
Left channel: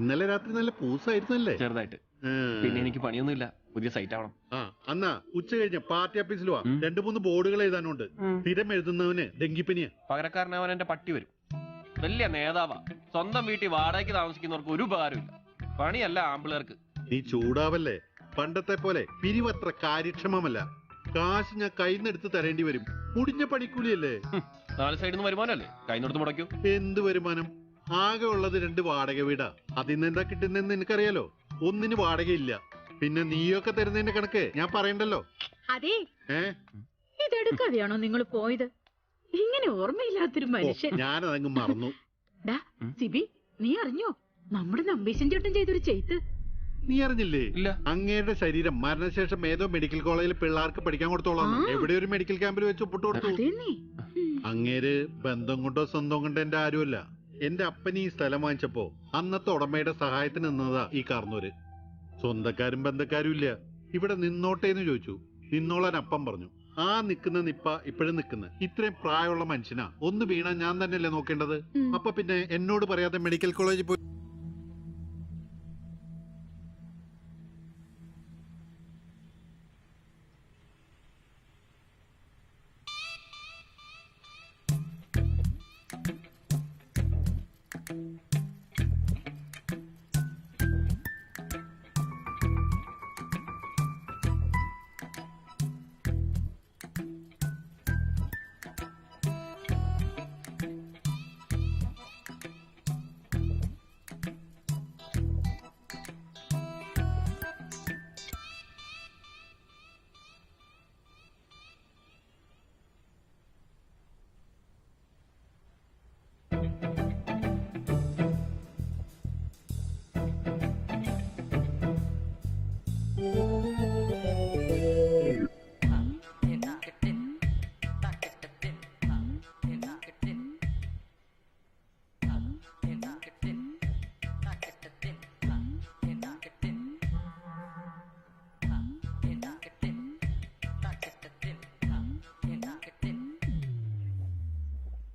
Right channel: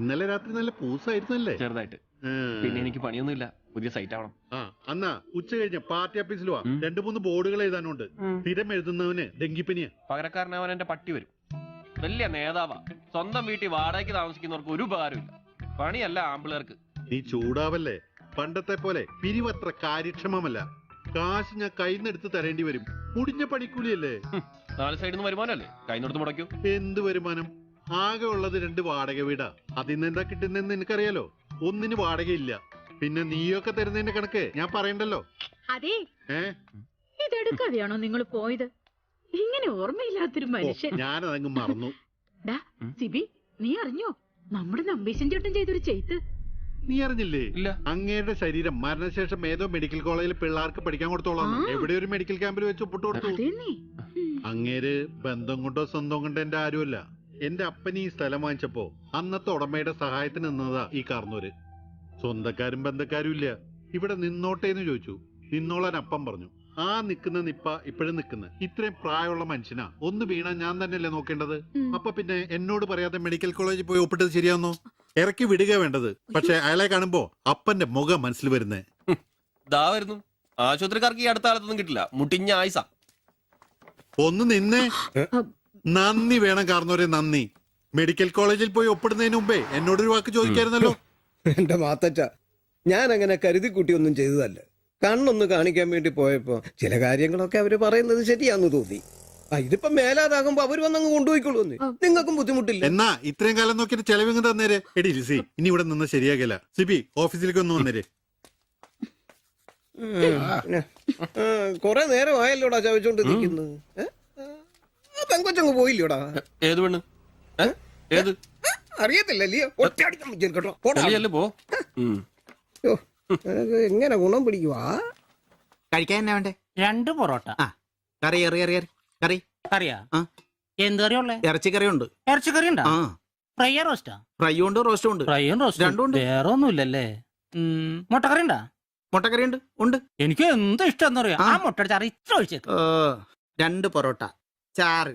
ഇന്നലെ രാത്രി നല്ല പൂസായിരുന്നല്ലേ? ചെറുതായിട്ട്. പിന്നെ എനിക്ക് പണിയൊന്നുമില്ല, പുതിയ സൈറ്റ് ആവണം. ആ, അന്നാ ഉച്ച കഴിഞ്ഞ പാർട്ടി ഓഫീസിൽ വാ. 2-3 ബോർഡുകൾ എഴുതാനുണ്ട്. സ്ഥിരം എഴുതുന്നവന് ഡെങ്കിപ്പനിയാ. പകരക്കാരനവൻ എന്റെ പട്ടി വരും. വലിയ നേതാവാ. സ്വന്തം വീട്ടിൽ വാടകയ്ക്ക് താമസിക്കുന്നവർക്ക് ഒരു ഉപകാരമില്ല. പണിയല്ല ആമ്പിളേർക്ക്. നീ ചൂടാവല്ലേ? പണ്ടത്തെ പോലെ പിരിവത്ര കാര്യക്ഷമമല്ല. കാശ് ഞാൻ കൈന്നെടുത്ത് തരേണ്ടി വരും. മുടിഞ്ഞ പണിക്കൂലിയല്ലേ? 4 സൈഡിൽ നിന്ന് വരുമാനല്ലേ, കൈന്നെടുത്ത് മുടക്കൂ. എന്ത് വരുമാനം? ആകെ ഉള്ളത് 2 വാടക വീടാ. അതിന്ന് എന്താ കിട്ടുന്നെന്ന് എനിക്കറിയാലോ. ഒന്നിന് വാടകയില്ല. പിന്നെ നീയൊക്കെ തരുന്നതിന്റെ കണക്ക് ഞാൻ പറയണ്ടല്ലോ. അതെ, ഇതെടുക്കാതെയാണോ നിങ്ങൾ പോയത്? ഇങ്ങനെ ഓർമ്മയില്ലാത്തൊരു മനുഷ്യൻ. ഞാനതങ്ങ് മറന്നു. സിബി, നീ അറിഞ്ഞോ നമ്മുടെ നമ്പീശൻ ചേട്ടൻ ചെയ്തൊരു ചെയ്ത്ത്? നീ അറിഞ്ഞില്ലേ? അങ്ങയുടെ ശരീരം മരണശേഷം ഏതോ മെഡിക്കൽ കോളേജിൽ പിള്ളേർക്ക് പഠിക്കാൻ കൊടുത്തോളാം. എവിടെ ഒരു മെഡിക്കൽ ക്യാമ്പിൽ വെച്ച് ഒപ്പിട്ട് കൊടുത്തു. അങ്ങേര് ബന്ധം കൊണ്ടോ സ്വന്തം കൊണ്ടോ എന്റെ ആരുമല്ല. എന്റെ അപ്പൻ ഈ സ്ഥലം വാങ്ങിച്ചപ്പോ അന്നത്തെ ഉടമയുടെ സഹായത്തിന് നിന്നതാ ഈ കാർന്നൂര്. സ്വന്തക്കാരും ബന്ധക്കാരും ഇല്ല. ഇവിടെ നിന്നോട്ടേന്ന് ചോദിച്ചു. നിന്നോളാൻ അപ്പം പറഞ്ഞു. ആ നിക്കുന്ന നിപ്പ ഇപ്പോഴും നിക്കുന്ന. ഇത്രയും പ്രായമുള്ള മനുഷ്യനാ. ഒന്ന് വീണാ ഞാൻ തന്നെയല്ലേ നോക്കേണ്ടത്? അപ്പൊ പിന്നെ എന്നോട് പറയാതെ മെഡിക്കൽ കോളേജിൽ പോയി ഒപ്പിട്ടത് ശരിയാന്നോ? ഇറക്കി വിടുക വേണ്ടത്. പക്ഷെ അയാളെ കാണുമ്പോ അപ്പന്റെ മുഖം മനസ്സിൽ വരുന്നേ. വരുന്നു. ആശുപത്രിക്കാർക്ക് ഈ അടുത്ത കാലത്തൊന്നും കിട്ടില്ല. മുട്ടിഞ്ഞ ആയിസ. ഒന്ന് നിന്നേ. നന്ദി വേണം കാർന്നോരെ, നന്ദി. മെഡിക്കൽ കോളേജിൽ പോയി ഒപ്പിടുന്നതിന് മുമ്പേ എന്നോടൊരു വാക്ക് ചോദിക്കായിരുന്നല്ലോ. എന്റെ മാത്തച്ച, ഞാൻ അങ്ങനെ കരുതി കൂട്ടി ഒന്നും ചെയ്തതല്ല. കണ്ണൊന്ന് കാണിക്കാൻ വേണ്ടി പോയപ്പോ ചില കാര്യങ്ങളൊക്കെ അവര് പറയുന്നത് ശരിയാന്ന് തോന്നി. ഇതിപ്പോ മേലാതാകുമ്പോ അവര് വന്നങ്ങ് കൊണ്ടുപോയിക്കോളൂ. നിങ്ങൾക്കും ബുദ്ധിമുട്ടില്ല. എന്നാ ഇത്രയും കാലം നോക്കിയിട്ട് ചെലവിങ് തന്നേരെ. എടി ലിസി, ഇനി ഇവിടെ നിന്ന് ശരിയാകില്ല. സിബി, ഓഫീസിലേക്ക് ഒന്ന് വന്നേരെ. കൊറേ നേരം ആയല്ലോടാ ചവച്ചോണ്ട് നിൽക്കുന്നത്. പെങ്കൊച്ചങ്ങ് പോയില്ലോടാ. ഏത് പെണ്ണ്? ഏത്? അറിയത്തില്ലല്ലേ? ഒറ്റയടിക്ക് വിളിക്കും കേട്ടോ. പോടാ. ഡൽഹിയല്ലേ പോ. യ്യോ, ഇത് എങ്ങനെ ഗുണം പിടിക്കുവാ? കഴിക്കാൻ എന്നാ വേണ്ടേ? 2 പൊറോട്ട. കറി കറി കറി കറി കറിയാ? എന്ത് കറിയുള്ളേ? ഇറച്ചിക്കറി ഉണ്ട്. ഇറച്ചിക്കറി ഉണ്ടാ? ഫ്രൈയാ റോസ്റ്റാ? ഫ്രൈ ഉണ്ട്, റോസ്റ്റും ഉണ്ട്. ഫ്രൈയും റോസ്റ്റും രണ്ടും ഉണ്ട്. വേറെ ഒന്നുമില്ലല്ലേ? മുട്ടക്കറി ഉണ്ടാ? മുട്ടക്കറി ഉണ്ട്. ഉണ്ട്. എനിക്ക് എന്ത് ഇഷ്ടം അറിയാം. ആ മുട്ട ചാറ് ഇത്ര ഒഴിച്ചത്. 2 പൊറോട്ട, ചാറ്.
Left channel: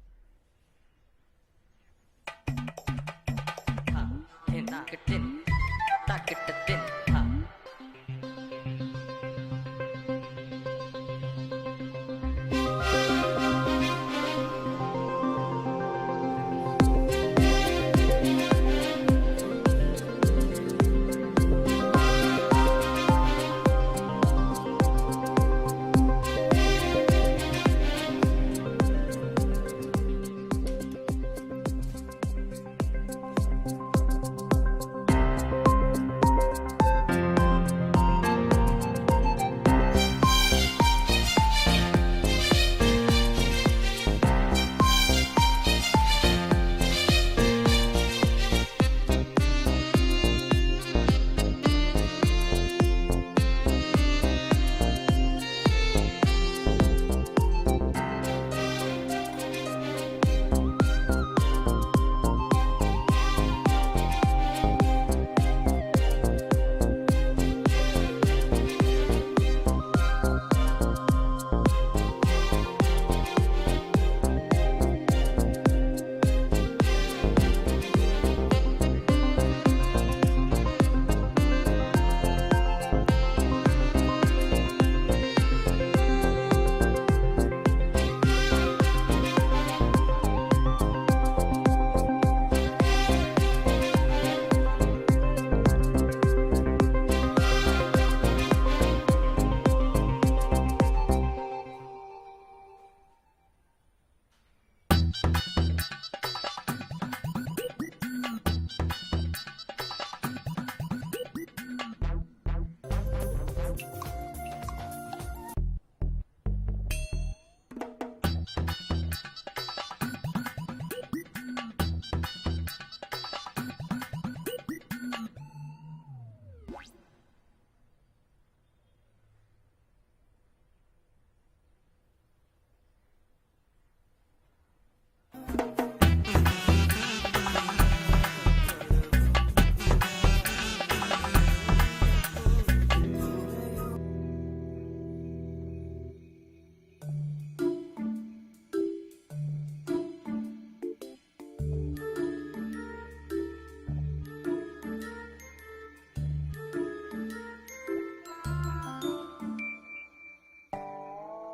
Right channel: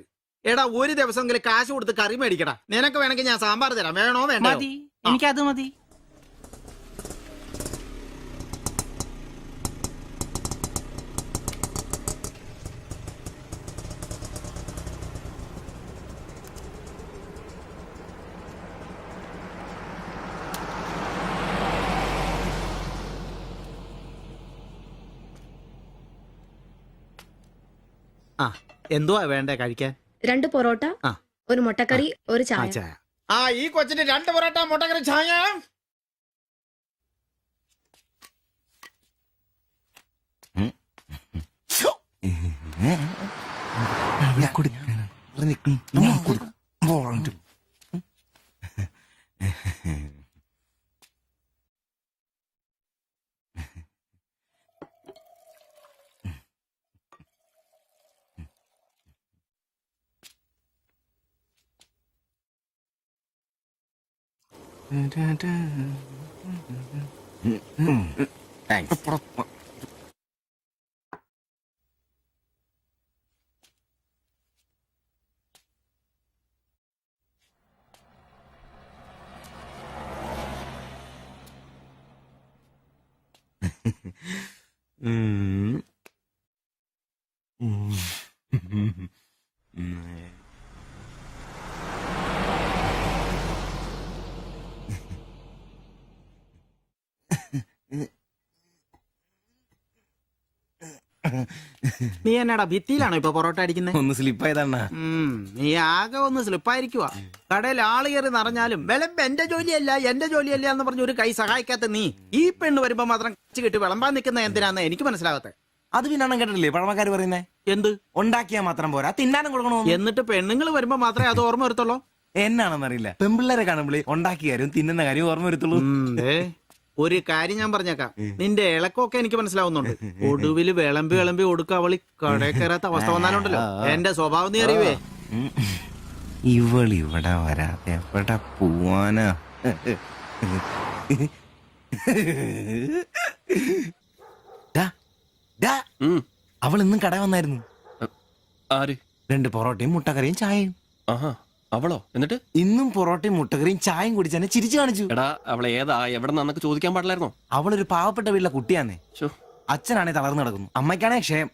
എടാ, ഒരു ദിവസമെങ്കിലും കാശ് കൊടുത്ത് കറി മേടിക്കടാ. നിനക്ക് വേണമെങ്കിൽ ഞാൻ സാമ്പാർ തരാം. വേണോ വേണ്ട? മതി, എനിക്കത് മതി. എന്തുവാ വേണ്ടേ കഴിക്കാൻ? 2 പൊറോട്ട, ഒരു മുട്ടക്കറി, ഒരു ചായ. ഈ കൊച്ചിന് 2 പൊറോട്ട, മുട്ടക്കറി, ചായ. നീ എന്നാടാ ഭിത്തിയിലാണോ ഇപ്പൊ പൊറോട്ട അടിക്കുന്നത്? ഒന്ന് സ്ലിപ്പായതാണ്. നീ ആകെ ഒന്ന് സ്ലിപ്പായിരിക്കുവാ. കടയിൽ ആള് കയറി നിറഞ്ഞാലും വിളമ്പ് എന്റെ ജോലിയല്ല എന്ന് പറഞ്ഞ ഒരു കൈ സഹായിക്കാത്ത നീ ഈ പെണ്ണ് വരുമ്പോ മാത്രം കിട്ടി വിളമ്പാൻ നിൽക്കുന്ന എന്തിനാന്ന് എനിക്ക് മനസ്സിലാകത്തെ. അത് പിന്നെ കേട്ടില്ലേ പഴമക്കാര് പറയുന്നേ? എന്ത്? ഉണ്ടാക്കിയാ മാത്രം പോരാ, തിന്നാനും കൊടുക്കണോ. എന്നിട്ട് പെണ്ണുങ്ങൾ വരുമ്പോ മാത്രമേ അത് ഓർമ്മ വരുത്തുള്ളൂ. എന്നാണെന്നറിയില്ല, പെൺപിള്ളേരെ കാണുമ്പോഴേ ഉണ്ടാക്കിയ കാര്യം തിന്നുന്ന കാര്യം ഓർമ്മ വരുത്തുള്ളൂ. ഒരു കാര്യം ഞാൻ പറഞ്ഞേക്കാം, നിന്റെ ഇളക്കമൊക്കെ എനിക്ക് മനസ്സിലാവുന്നുണ്ട്. ഒടുവില് വിളമ്പി കൊടുക്ക അവളി കടയിൽ കയറാത്ത അവസ്ഥ വന്നാലുണ്ടല്ലോ എന്റെ സ്വഭാവം നീ അറിയുവേ. ഇവള് ഇവിടെ വരാൻ എവിടെ പോവാനാ? അവൾ ഇന്നും കട വന്നായിരുന്നു. 2 പൊറോട്ടയും മുട്ടക്കറിയും ചായയും. അവളോ? എന്നിട്ട് ഇന്നും പൊറോട്ടയും മുട്ടക്കറിയും ചായയും കുടിച്ച് തന്നെ ചിരിച്ചു കാണിച്ചു. എടാ, അവളെ ഏതാ എവിടെ നിന്നൊക്കെ ചോദിക്കാൻ പാടില്ലായിരുന്നോ? അവളൊരു പാവപ്പെട്ട വീട്ടിലെ കുട്ടിയാന്നേ. അച്ഛനാണെ തളർന്നു കിടക്കുന്നു, അമ്മയ്ക്കാണെ ക്ഷയം.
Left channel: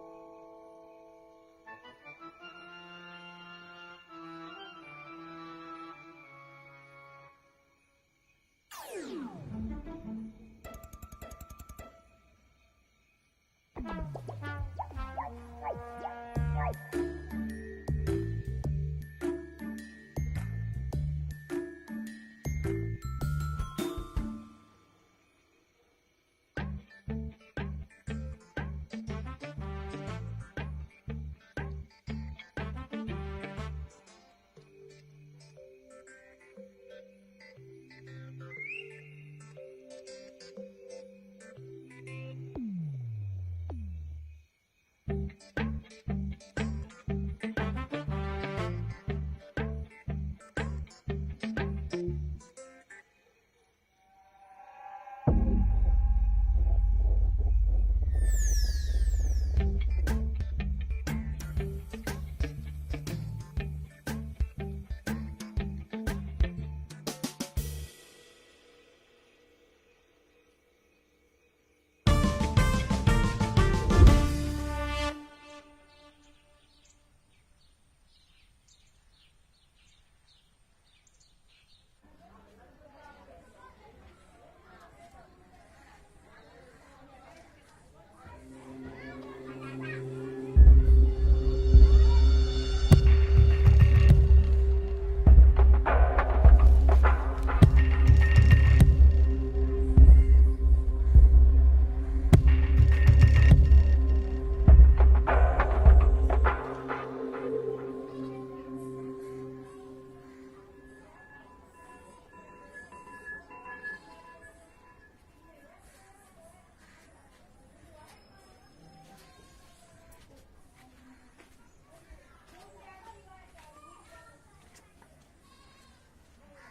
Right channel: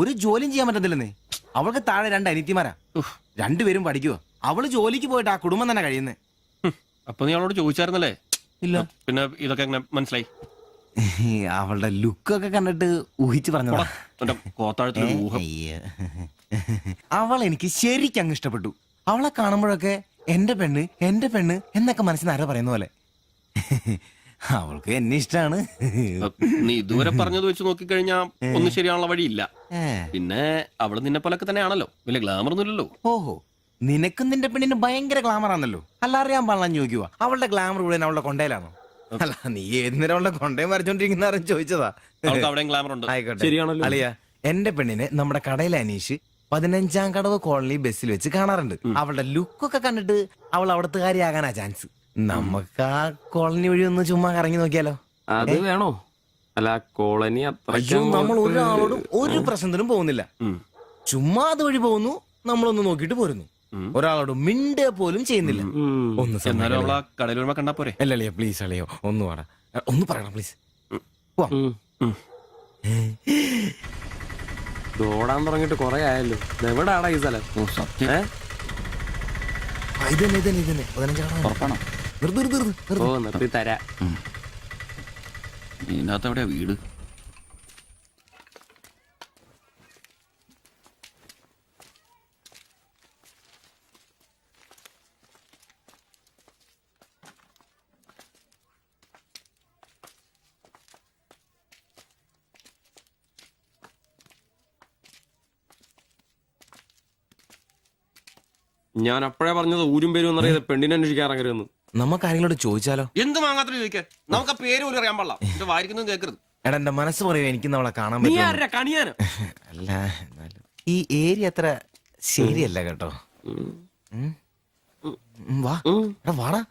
ഒരു ജോലിയും ചെയ്യാൻ പറ്റത്തില്ലെന്നേ. അവൾക്ക് താഴെ 2 അനിയത്തിമാരാ. 2 പേരും പഠിക്കുക. അവള് ജോലിക്ക് പോയിട്ട് ആ കുടുംബം തന്നെ കഴിയുന്നേ. അപ്പൊ നീ അവളോട് ചോദിച്ചായിരുന്നല്ലേ? ഇല്ല. പിന്നെ ഇതൊക്കെ എങ്ങനെ മനസ്സിലായി? അവളുടെ ലുക്കൊക്കെ കണ്ടിട്ട് ഊഹിച്ചു പറഞ്ഞതാ. അവൾ എനിക്ക് ശരിക്കും അങ്ങ് ഇഷ്ടപ്പെട്ടു. അവളെ കാണുമ്പോഴൊക്കെ എന്റെ പെണ്ണ് എന്നൊക്കെ മനസ്സിന് ആരോ പറയുന്ന പോലെ. അവൾക്ക് എന്നെ ഇഷ്ടാണ്. നീ ഇതുവരെ പറഞ്ഞത് വെച്ച് നോക്കിക്കഴിഞ്ഞാ ഒന്നും ശരിയാനുള്ള വഴിയില്ല. പിന്നെ അവള് നിന്നെ പോലൊക്കെ തന്നെയാണല്ലോ, വലിയ ഗ്ലാമർ ഒന്നുമില്ലല്ലോ. ഓഹോ, നിനക്കും നിന്റെ പെണ്ണിന് ഭയങ്കര ഗ്ലാമർ ആണല്ലോ. അല്ല, അറിയാൻ പാടില്ല ചോദിക്കുക. അവളുടെ ഗ്ലാമർ മുഴുവൻ അവളുടെ കൊണ്ടയിലാണോ? അല്ല, നീ ഏത് നേരം അവളുടെ കൊണ്ടയും വരച്ചോണ്ടിരിക്കുന്ന ചോദിച്ചതാ. ആയിക്കോട്ടെ, ശരിയാണല്ലോ. അളിയ, എന്റെ പെണ്ണിനെ നമ്മുടെ കടയിലെ അനീഷ് 15-ാം കടവ് കോളനി ബസ്സിൽ വെച്ച് കാണാറുണ്ട്. അവളുടെ ലുക്കൊക്കെ കണ്ടിട്ട് അവൾ അവിടുത്തെ കാര്യമാകാനാ ചാൻസ്. നമുക്ക് ആ കോളനി വഴി ഒന്ന് ചുമ്മാ കറങ്ങി നോക്കിയാലോ? അത് വേണോ? അല്ല, കോളനി നമ്മൾ ഒരാളോടും ഒരു പ്രശ്നത്തിനും പോകുന്നില്ല. ചുമ്മാ അതുവഴി പോകുന്നു, നമ്മളൊന്ന് നോക്കിട്ട് പോരുന്നു. ഒരാളോട് മിണ്ടേ പോലും ചെയ്യുന്നില്ല. അല്ലല്ലേ, പ്ലീസ് അളിയോ, ഒന്ന് വേണം, ഒന്ന് പറയണം പ്ലീസ്. ഓടാൻ തുടങ്ങിട്ട് കൊറേ ആയല്ലോ. എവിടാടാ ഈ സ്ഥലം? നിർത്തി തരാ. ഇതിനകത്ത് എവിടെയാ വീട്? ഞാൻ അപ്പോഴേ പറഞ്ഞത് ഊരും പേരും എന്നറിയാതെ പെണ്ണിനെ അന്വേഷിക്കാൻ ഇറങ്ങരുതെന്ന്. നമുക്ക് ആരെങ്കിലും ചോദിച്ചാലോ? എന്ത് മാങ്ങാത്ര ചോദിക്കാൻ? നമുക്ക് ആ പേര് പോലും അറിയാൻ പാടില്ല. എന്റെ വായിരിക്കുന്നു കേൾക്കരുത്. എടാ എന്റെ മനസ്സ് പറയൂ, എനിക്ക് അവളെ കാണാൻ നീ പറ്റും. ആരാ കണിയാനോ? അല്ല എന്നാലും ഈ ഏരിയ അത്ര ശരിയല്ല കേട്ടോ. വാ എടാ വാടാ.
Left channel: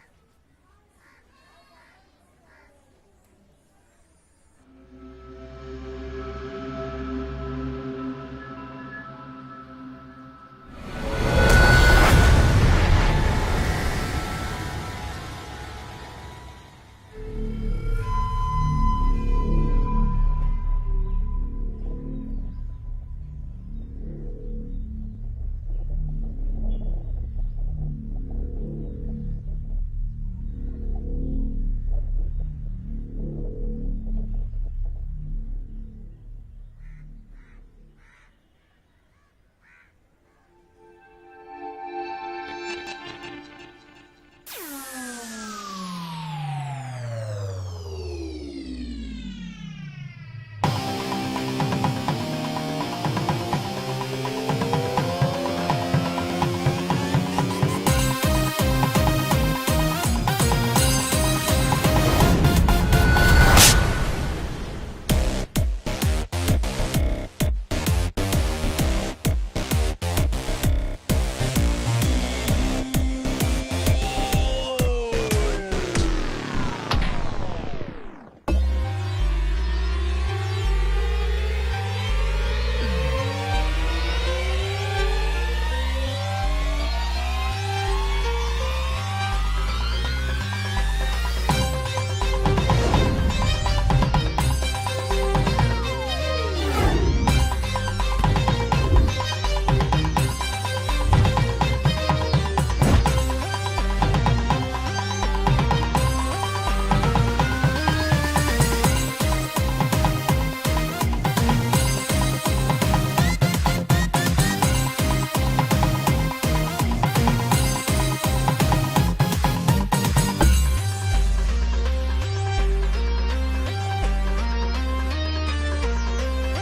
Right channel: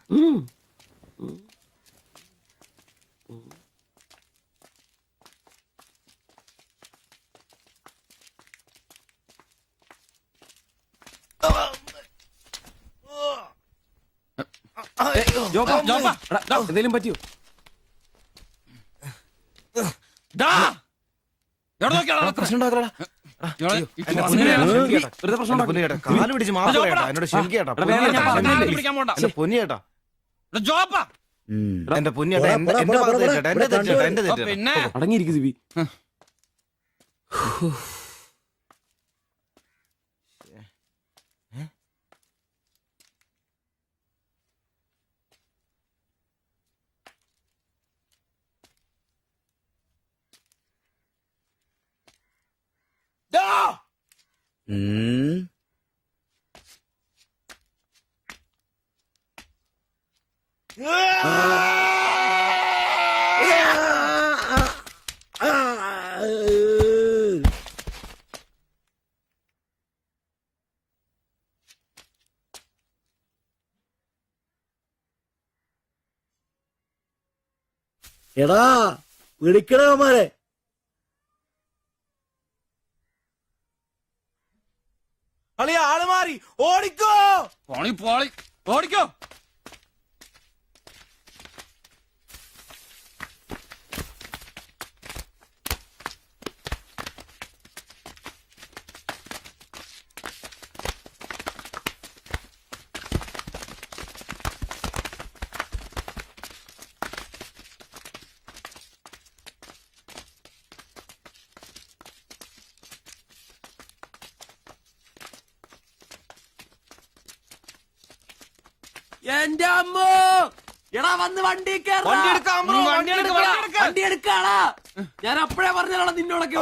എന്തെങ്കിലും പറ്റിയോ? പ്രശ്നം ഉണ്ടാക്കലടാ. കാല് പിടിച്ച് മാപ്പ് പറയട്ടാ, എന്നോട് ക്ഷമിക്കേട്ടാ. പൊന്നിയേട്ടാ, എന്റെ പൊന്നിയേട്ടാ, എന്റെ ഭാഗത്ത് തെറ്റേട്ടാ, എന്റെ തെറ്റേട്ടാ, എന്റെ തെറ്റേട്ടാ. അടങ്ങിയിരിക്കും സിബി. എടാ ഇടിക്കണമാരെ ആള് മാറി ഓടിക്കോ. ഓടിക്കോ. ഞാൻ അപ്പഴേ പറഞ്ഞാണ് നിന്നോടൊക്കെ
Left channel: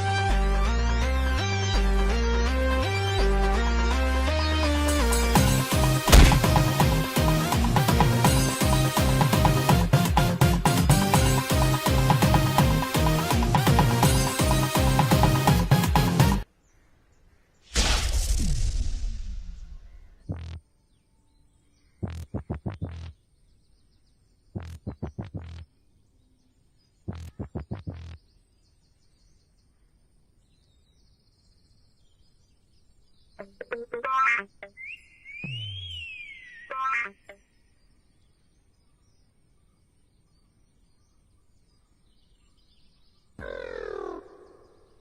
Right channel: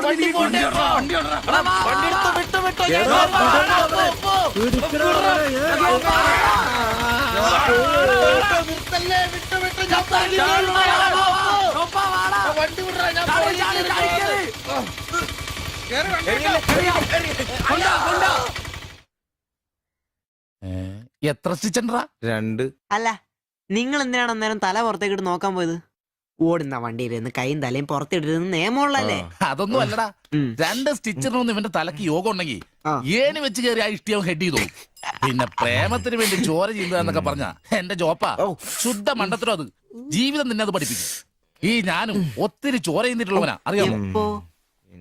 എത്ര സ്റ്റിച്ചൻഡറാ? 2. അല്ല നിങ്ങൾ എന്തിനാണ് അന്നേരം തല പുറത്തേക്കിട്ട് നോക്കാൻ പോയത്? ഓടുന്ന വണ്ടിയിലിരുന്ന് കൈയും തലയും പുറത്തിട്ടിരുന്ന് നിയമമുള്ളല്ലേ? അതൊന്നും അല്ലടാ. 2 സ്റ്റിച്ചറിനൊന്നും ഇവന്റെ തലക്ക് യോഗം ഉണ്ടെങ്കിൽ ഏണി വെച്ച് കയറി ആ ഇഷ്ടിയവൻ ഹെഡ് ചെയ്തു. പിന്നെ പ്രേമത്തിന് വേണ്ടി ചോര ചെയ്യുന്നതൊക്കെ പറഞ്ഞ എന്റെ ജോപ്പാ ശുദ്ധ മണ്ടത്തരം. അത് ജീവിതം നിന്നെ അത് പഠിപ്പിക്കും. ഈ ഞാനും ഒത്തിരി ചോര ചെയ്യുന്നിട്ടുള്ളവനാ, അറിയാമോ?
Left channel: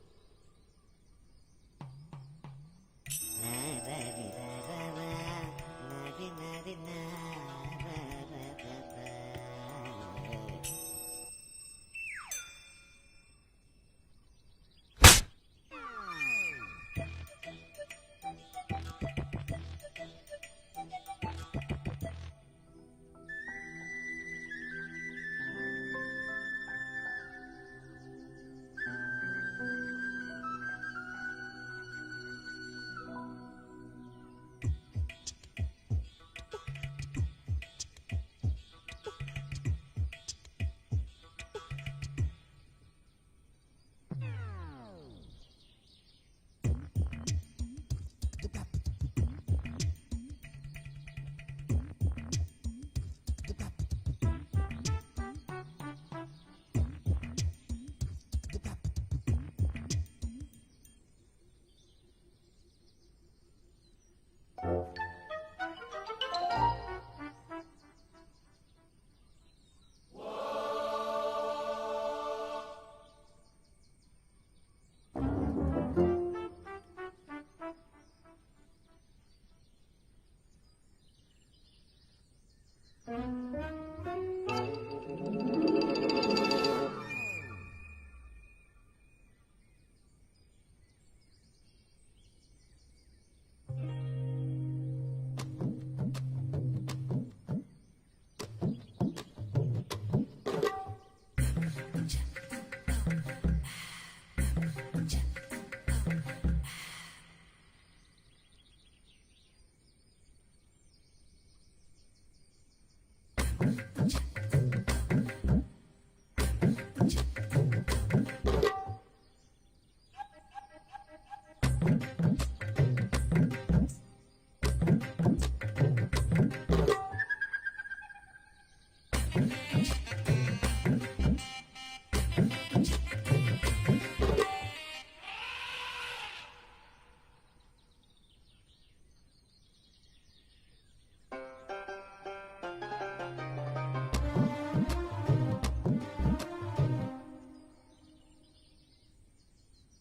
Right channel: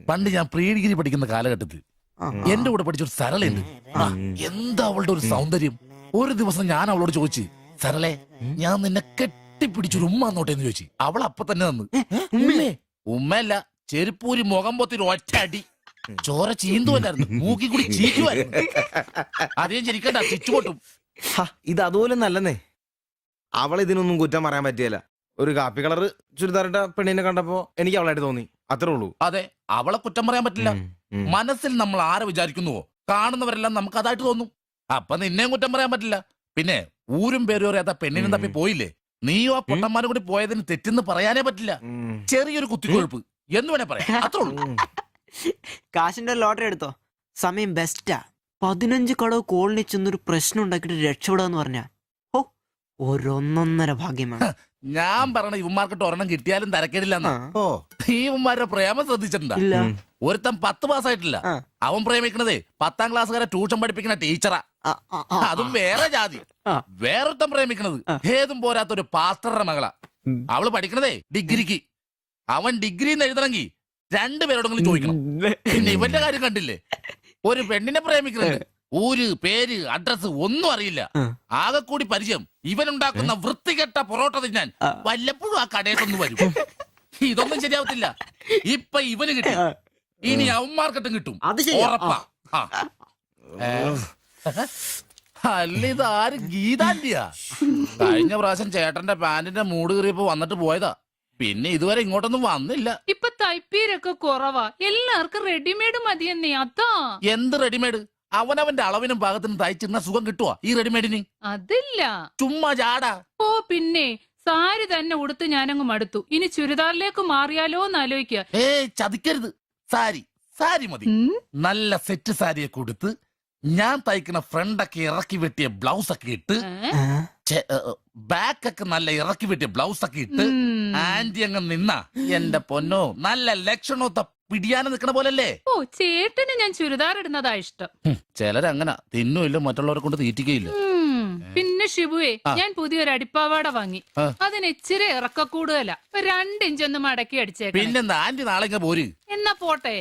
പണ്ട് ഞാൻ പ്രീ ഡിഗ്രി പഠിക്കുന്ന കാലഘട്ടത്തിൽ എന്റെ കൂടെ പഠിച്ചൊരു സരളയുണ്ട്. എന്താ അവളുടെ ഒരു സൗന്ദര്യം! ഒരു ദിവസം ഞാൻ അവളോട് ചോദിച്ചു, സരളെ ഞാൻ നിന്നെ കെട്ടിപ്പിടിച്ചൊരു ഉമ്മ എന്നോട്ടെ എന്ന് ചോദിച്ചു. അവൾ അപ്പൊ തന്നെ തന്നു. ഉമ്മയല്ല, ചെരുപ്പൂരി മുഖം പൊത്തിരി ഒറ്റ അടി. ചോര ചീന്തുവല്ലായിരുന്നു, മൂക്കി കൂടി ചീറ്റുമായിരുന്നു. അധികം ചിരിക്കണ്ട, ചുറ്റുപൊട്ടും. ഇത് അതുപോലെ നല്ലെന്നേ. അവളെ ഇതിനൊന്നും കുറ്റം പറയാൻ പറ്റിയല്ല. ഒരു കാപ്പി കളറ് ചുരിദാറിട്ട പെണ്ണിനെ കണ്ടപ്പോ എനിക്ക് അവളായിട്ട് തോന്നി, അത്രേ ഉള്ളൂ. അതെ, അവളെ കുറ്റം പറയാൻ പറ്റില്ല. മനസ്സിൽ നമ്മൾ ആരെ വിചാരിക്കുന്നുവോ കാണുന്നവരെല്ലാം നമുക്ക് അതായിട്ട് തോന്നും. അപ്പൊ നിന്നെയും കുറ്റം പറയാൻ പറ്റില്ല. പിന്നെ ഊരും പേരും അറിയാത്ത പെണ്ണിനും തപ്പി പോയില്ലേ? നീയോ ആ പൊട്ടന്മാരും കൂടി പോയതിന് തെറ്റെന്ന് പറയാനേ പറ്റില്ല. ചെറിയൊരു കുത്തിക്കൊഴുപ്പ് എന്ന് വേണേ പറയാം, അത്രേ ഉള്ളൂ. കാശിന്റെ ലോട്ടറി എടുത്തോ, സമയം ബെസ്റ്റാ. 15 കടവ് കോളനി ചെന്നൊരു പ്രശ്നം ഉണ്ടാക്കിട്ട് രക്ഷപ്പെടാന്ന് പറഞ്ഞ ഒരൊന്നൊന്നര ഭാഗ്യമാണ്. ഞാൻ പറഞ്ഞ ഇവന്മാർക്കിട്ട് ഒരെണ്ണം കിട്ടിയാലും തരക്കേടില്ലെന്നാ. ഈ ഇവന്മാരുടെ പ്രേമം ശ്രദ്ധിച്ചിട്ടുണ്ടാ? ഒരുത്തൻ 10 പാസ്സായിട്ടില്ല. അവൻ പ്രേമിക്കണതേ 10ാം ക്ലാസ്സുകാരെ ട്യൂഷൻ പഠിപ്പിക്കുന്ന ടീച്ചറാ. അതും വേറെ ജാതി. വേറൊരുത്തൻ പ്രേമിക്കണത് ഏതും പോരാത്തൊരു പാസ്റ്ററുടെ മകളാ. അവള് പഠിക്കണതേ ഡിഗ്രിക്ക്. അവൻ ഡിഗ്രി എഴുതണമെങ്കിൽ 2 പേരോടെങ്കിലും ചോദിക്കണം. പിന്നെ ഇവന്റെ കാര്യം കണ്ടില്ലേ? ഒരു പെണ്ണിനെ പ്രേമിക്കുന്നത് ഊര് പേര് അഡ്രസ് ഒന്നും അറിയില്ല. ആകെ കൂടി പരിചയം ഇവനുണ്ടാക്കുന്ന വൃത്തികെട്ട പൊറോട്ട തിന്നാൻ വല്ലപ്പോഴും ആ കടയിലൊന്നും വരും. ഇതൊന്നും ശരിയാവത്തില്ല. ഇപ്പൊ ഇവന് കിട്ടി, ഇനി അവന്മാർക്കിട്ടും കിട്ടും, ഉറപ്പാ. അല്ല ഇതാര് ഗീതാന്റിയാ? കഴിഞ്ഞ പ്രാവശ്യം ചേട്ടന്റെ പാന്റിന്റെ മൂട് കയറിയപ്പോ വന്നിട്ട് പോയതാ. പിന്നെ ഇതുവരെ ഇങ്ങോട്ടൊന്നും വന്നില്ല. ഇപ്പൊ തൈപ്പീരൊക്കെ കുറവാ, എല്ലാവർക്കും റെഡിമെയ്ഡ് മതിയെന്നേ. അതാ. എന്ത് റെഡിമെയ്ഡ്? അവനവന്റെ അളവിനും പാകത്തിനും തയ്ച്ചിരുന്ന സുഖം കിട്ടുവാ ഈ റെഡിമെയ്ഡിന്? അതില്ല. ചുമ്മാ ചാടാ. ഓ പിന്നെ സാരി തന്നെ ഉടുത്ത് ഞാനങ്ങ് മടുത്തു. ഇനി ചുരിദാറിലേക്ക് മാറിയാലോ എന്ന് ആലോചിക്കുക. ചതിക്കരുത്. സാരി സാരി മതി. നല്ല സെറ്റ് സാരിയെ കൊടുത്ത് ഞാൻ തയ്ക്കുന്ന ഫ്രണ്ടൊക്കെ ഇറക്കി വെട്ടിയ ബ്ലൗസ് ഒക്കെ ഇട്ട് ബാക്കൊക്കെ നല്ല ഇറക്കി വെട്ടിയ ബ്ലൗസ് ഒക്കെ ഇട്ട് ആന്റി അങ്ങ് നിന്ന എന്റെ പൊന്നോ നല്ല ലക്ഷണോ പിടിയാനും നിക്കണ പോലല്ലേ. ഓ ചേട്ടന് ഞാൻ ചുരിദാർ ഇടുന്നതാ ഇഷ്ടം. ചിലരങ്ങനെ തിന്നുമില്ല, മറ്റുള്ളവരെ കൊണ്ട് തീറ്റിക്കയില്ല. പിന്നെ ഷിബുവേ, ഞാൻ പുതിയൊരു അടിപ്പാവാട വാങ്ങി. അതിന് ഇച്ചിരി ഇറക്ക കൂടുതലാ. 2 ഇഞ്ച് ഒന്ന് മടക്കി അടിച്ചേക്കാം. പിന്നെന്താ ആന്റി നാളെ പോര്. എന്നാ പോട്ടെ.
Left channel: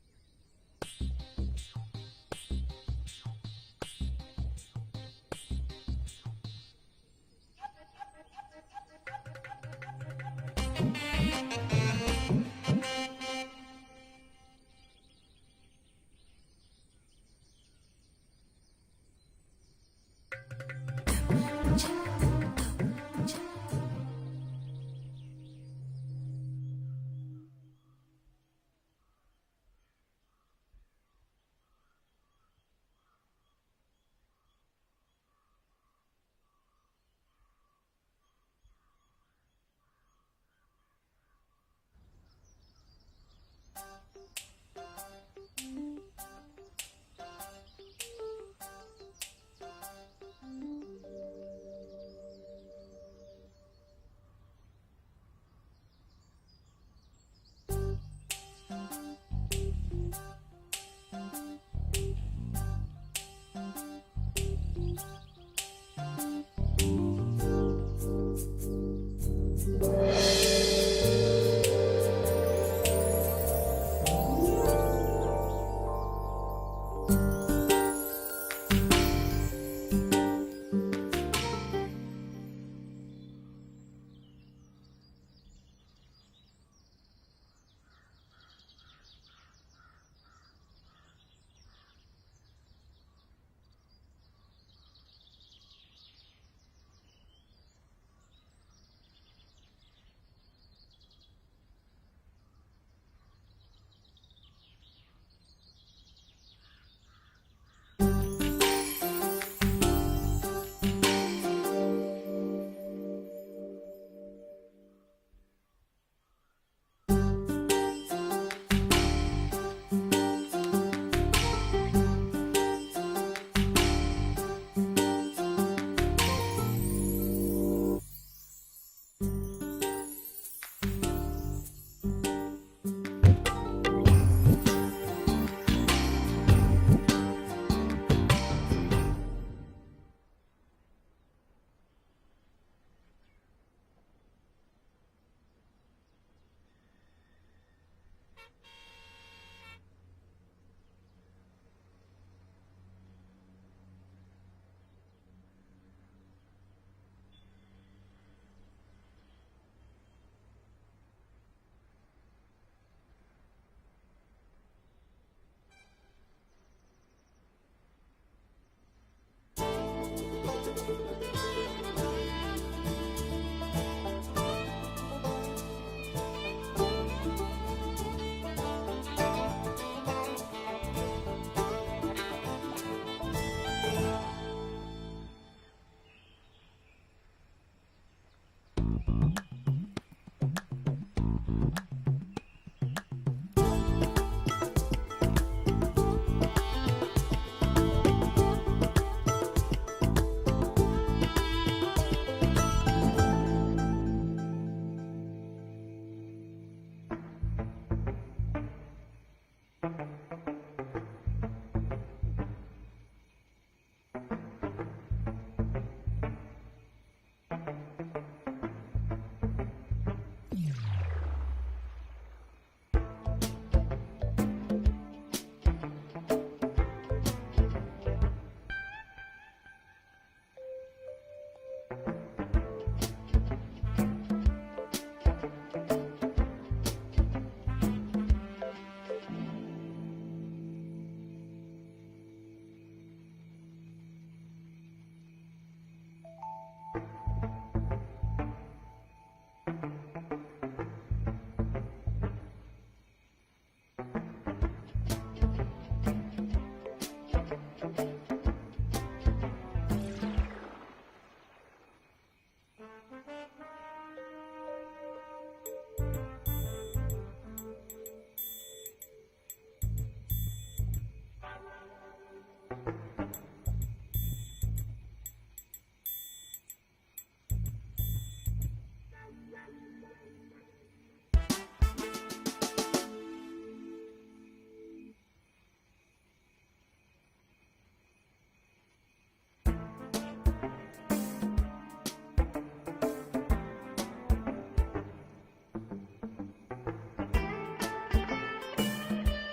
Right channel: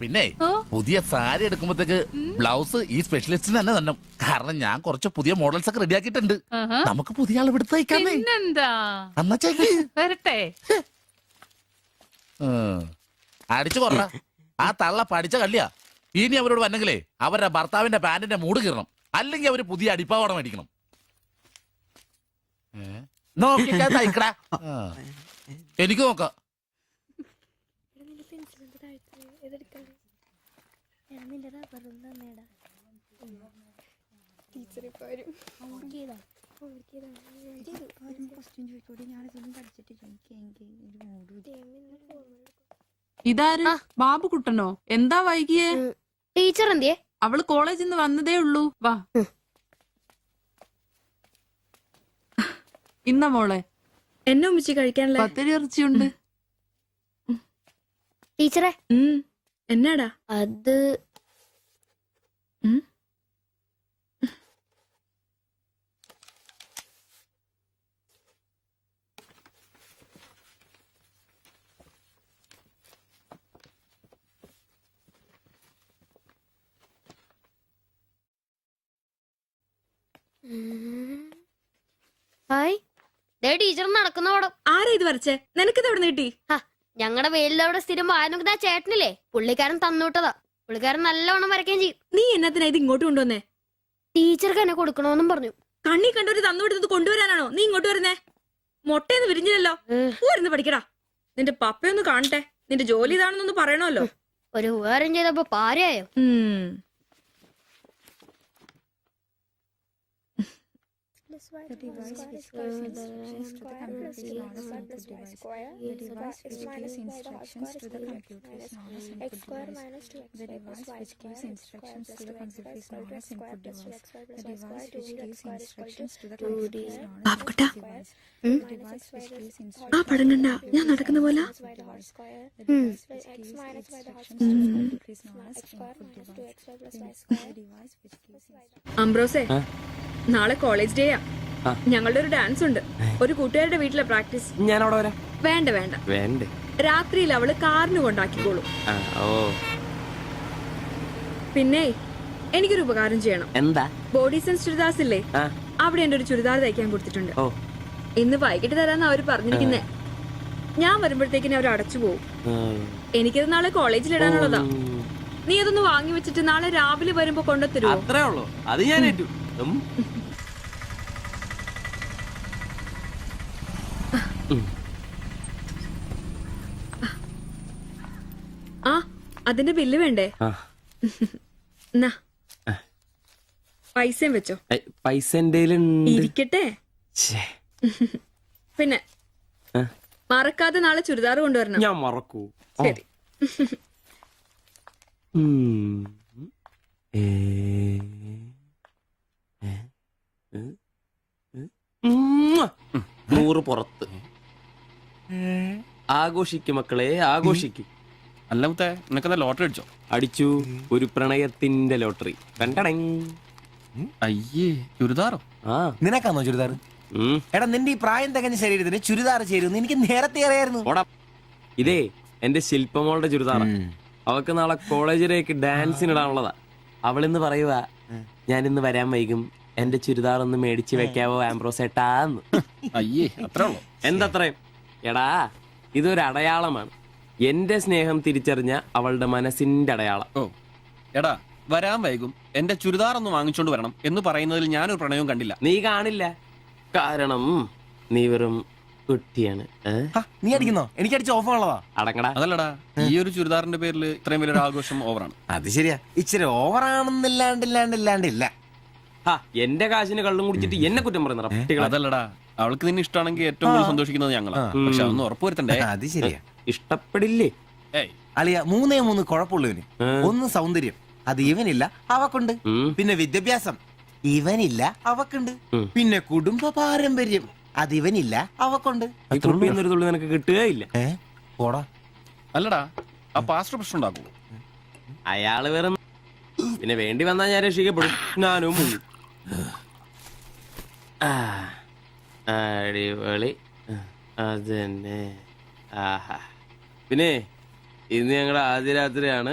പിന്നെ പുതിയ സാരി എടുക്കുമ്പോഴത്തേക്ക് ബ്ലൗസ് ഈ സ്പെഷ്യലിസ്റ്റിന് തന്നെ തന്നെ. കാരണം ഞാൻ കുറച്ച് പുതിയ മോഡൽസ് ഒക്കെ റെഡിയാക്കിയിട്ടുണ്ട്. നമുക്ക് പുതിയ ആൾ എടുത്ത് തയ്ക്കാമേ. പിന്നെന്താ, വരട്ടെ. അടിച്ചു കൊറ. ആ തള്ള പഠിച്ച കള്ളിയാ. ഇനി അവരോട് വന്നെങ്കിലേ അവരുടെ ഭർത്താവിന്റെ പാന്റിന്റെ മൂട് കീറണം. അല്ലെങ്കിൽ അവര് പുതിയ അടിപ്പാവാട മേടിക്കണം. നോക്കിക്കാ തയ്ക്കടാ. എനിക്ക് നോക്കാം. ഇതാര്? ബാബുക്കുട്ടനോ? എന്താ വൈകിയേ? ടീച്ചർ എന്തിയെ? അവള് കോളേജിൽ നിന്ന് വന്നതേ ഉള്ളൂ. വാ ഇന്ന മോളെ, എന്നെ ഉമ്മിച്ചി കഴിക്കാനല്ലേ? പത്തിരി ഇറച്ചിയുണ്ട്. ടീച്ചറെ എന്നാടാ അത്? ടീച്ചർ നടക്കുന്ന പടം. ആരാ ഇത് വരച്ചേ? നിനക്കിത് എവിടെ കിട്ടി? ഞങ്ങളുടെ വെയിലവിടെ സ്ഥിരം വായനക്കുന്ന ചേട്ടനില്ലേ, പുള്ളിക്കാരൻ തന്നുവിട്ടതാ. പുള്ളിക്കാരൻ നല്ലവണ്ണം വരയ്ക്കുകയും ചെയ്യും. നീ എന്നത്തിനാ ഇത് ഇങ്ങോട്ട് കൊണ്ടുവന്നേ? ടീച്ചർക്ക് എന്നെ കൊടുക്കണമെന്നും പറഞ്ഞു. കണ്ണി കണ്ടൊരു തന്നുവിട്ടത് കൊണ്ടുവരാനാണോ നീ ഇങ്ങോട്ട് വരുന്നേ? മുട്ടയൊന്ന് വിരിഞ്ഞില്ലല്ലോ. പോരുന്ന് പഠിക്കടാ. നിന്റെ പപ്പയൊന്ന് കാണട്ടെ. നിന്റെ ജോലി ഇതാണെന്നൊന്ന് പറയണമല്ലോ. ഒരു ഉപകാരം ചെയ്തപ്പോ പാരയായോ? ബാബുക്കുട്ട, ആ പടം കണ്ട ഞാൻ നടക്കുന്ന പോലെ? അംബ്രോസേ, നാളെ കോളേജ് ഡേയാ. ഞങ്ങളുടെ ഒരു ഡാൻസ് ഉണ്ട്. ഒരു കൂട്ടുകാരുടെ വീട്ടിലെ പ്രാക്ടീസ്. ഞാൻ അവിടെ വരാം. വേണ്ട വേണ്ട വേണ്ടേ? രാത്രിയിൽ അവള് കാറിന് കൊണ്ടാക്കിക്കോളും. പിന്നെ എനിക്കൊരു ഉപകാരം ചെയ്യണം. എന്താ? ബോഡി സെൻസ് ചുരിദാർസ് ഇല്ലേ, അവിടെ എന്റെ ഒരു ചുരിദാർ തയ്ക്കാൻ കൊടുത്തിട്ടുണ്ട്. ഇന്ന് വൈകിട്ട് തരാന്ന് അവര് പറഞ്ഞിരിക്കുന്നേ. ഞാൻ വരുമ്പോഴത്തേക്കിന് അവർ അടച്ചു പോകും. എനിക്കത് നാളെ കോളേജിൽ ഇടാനുള്ളതാ. നീ അതൊന്ന് വാങ്ങി വെച്ചിട്ട് നാളെ രാവിലെ വരുമ്പോ കൊണ്ടുത്തരുമോ? അത്രേ ഉള്ളൂ. അത് ഞാൻ ഏറ്റു. ആ, അതിന്റെ ബില്ല് വേണ്ടേ? എന്നാ പൈസയും വെച്ചോ. പൈസ ഇരിക്കട്ടെ. പിന്നെ മറക്കാതെ നാളെ ചുരിദാർ കൊണ്ടുവരണം. ഞാൻ മറക്കൂ. ശരി. 100 പുറത്ത്. ആഘോഷിക്കും മക്കളെ, ആഘോഷിക്കും. അല്ല മുത്തേ, നിനക്കെന്താ ലോട്ടറി അടിച്ചോ? അടിച്ചു. ഒരു പ്രണയത്തിന്റെ ലോട്ടറി. അയ്യേ, ചുരിദാറോ? നിനക്കാന്നോ ചുരിദാർ? എടാ, നിന്റെ ഈ പ്രായം തികഞ്ഞ ശരീരത്തിന് ചുരിദാർ ചേരുന്നു എനിക്ക് നേരത്തെ അറിയായിരുന്നു. ഇതേ എന്റെ ശില്പമോളുടെ ചുരിദാറ. അവൾക്ക് നാളെ കോളേജിലേക്ക് ഡാൻസിനിടാനുള്ളതാ. അവളിന്ന് പറയുക, ഞാനിന്ന് വരാൻ വൈകും, എന്റെ ചുരിദാർ ഒന്ന് മേടിച്ചു വെക്കാവോ ആംബ്രോസേട്ടാന്ന്. അയ്യേ, അത്രേ ഉള്ളൂ. എന്തത്രയും? എടാ, ഇതൊരു അടയാളമാണ്. എന്റെ സ്നേഹം തിരിച്ചറിഞ്ഞ അവളുടെ മനസ്സിന്റെ അടയാളം. ഓ എടാ, വരാൻ വൈകും, എന്റെ ചുരിദാർ ഒന്ന് വാങ്ങിച്ചോണ്ട് വരണം എന്ന് പറയുന്നതിൽ ഞാനൊരു പ്രണയവും കണ്ടില്ല. നീ കാണില്ല. കാരണം നീ വെറും കുട്ടിയാണ് നീ അടിക്കുന്നോ? എനിക്ക് അടിച്ച ഓഫ് ഉള്ളതാ. അടങ്ങടാ. അതല്ലടാ, ഈ ഒരു ചുരിദാറിന്റെ പേരിൽ ഇത്രയും വലിയൊരു ആഘോഷം ഓവറാണ്. അത് ശരിയാ, ഇച്ചിരി ഓവറാണെന്നില്ലാണ്ടില്ല. എന്റെ കാശിന് കള്ളും കുടിച്ചിട്ട് എന്നെ കുറ്റം പറയുന്ന അതല്ലടാ, അവൾക്ക് നിന്നെ ഇഷ്ടമാണെങ്കിൽ ഏറ്റവും കൂടുതൽ സന്തോഷിക്കുന്നത് ഞങ്ങളാ. പക്ഷെ അതൊന്നും ഉറപ്പുവരുത്തണ്ടേ. അത് ശരിയാ. ഇഷ്ടപ്പെടില്ലേ അളിയ 3 കുഴപ്പമുള്ളവന്. ഒന്ന് സൗന്ദര്യം, അത് ഇവനില്ല അവക്കുണ്ട്. പിന്നെ വിദ്യാഭ്യാസം, ഇവനില്ല അവക്കുണ്ട്. പിന്നെ കുടുംബ പാരമ്പര്യം, അത് ഇവനില്ല അവക്കുണ്ട്. നിനക്ക് കിട്ടുകയില്ല. പോടാ. അല്ലടാ, ആ പാസ്റ്റർ പ്രശ്നം ഉണ്ടാക്കൂ. അയാള് വേറെ പിന്നെ വേണ്ടി വന്നാ ഞാൻ രക്ഷിക്കപ്പെടും. ഞാനും മുങ്ങും. അടിപൊളി. അതന്നെ. പിന്നെ ഇന്ന് ഞങ്ങളുടെ ആദ്യ രാത്രിയാണ്.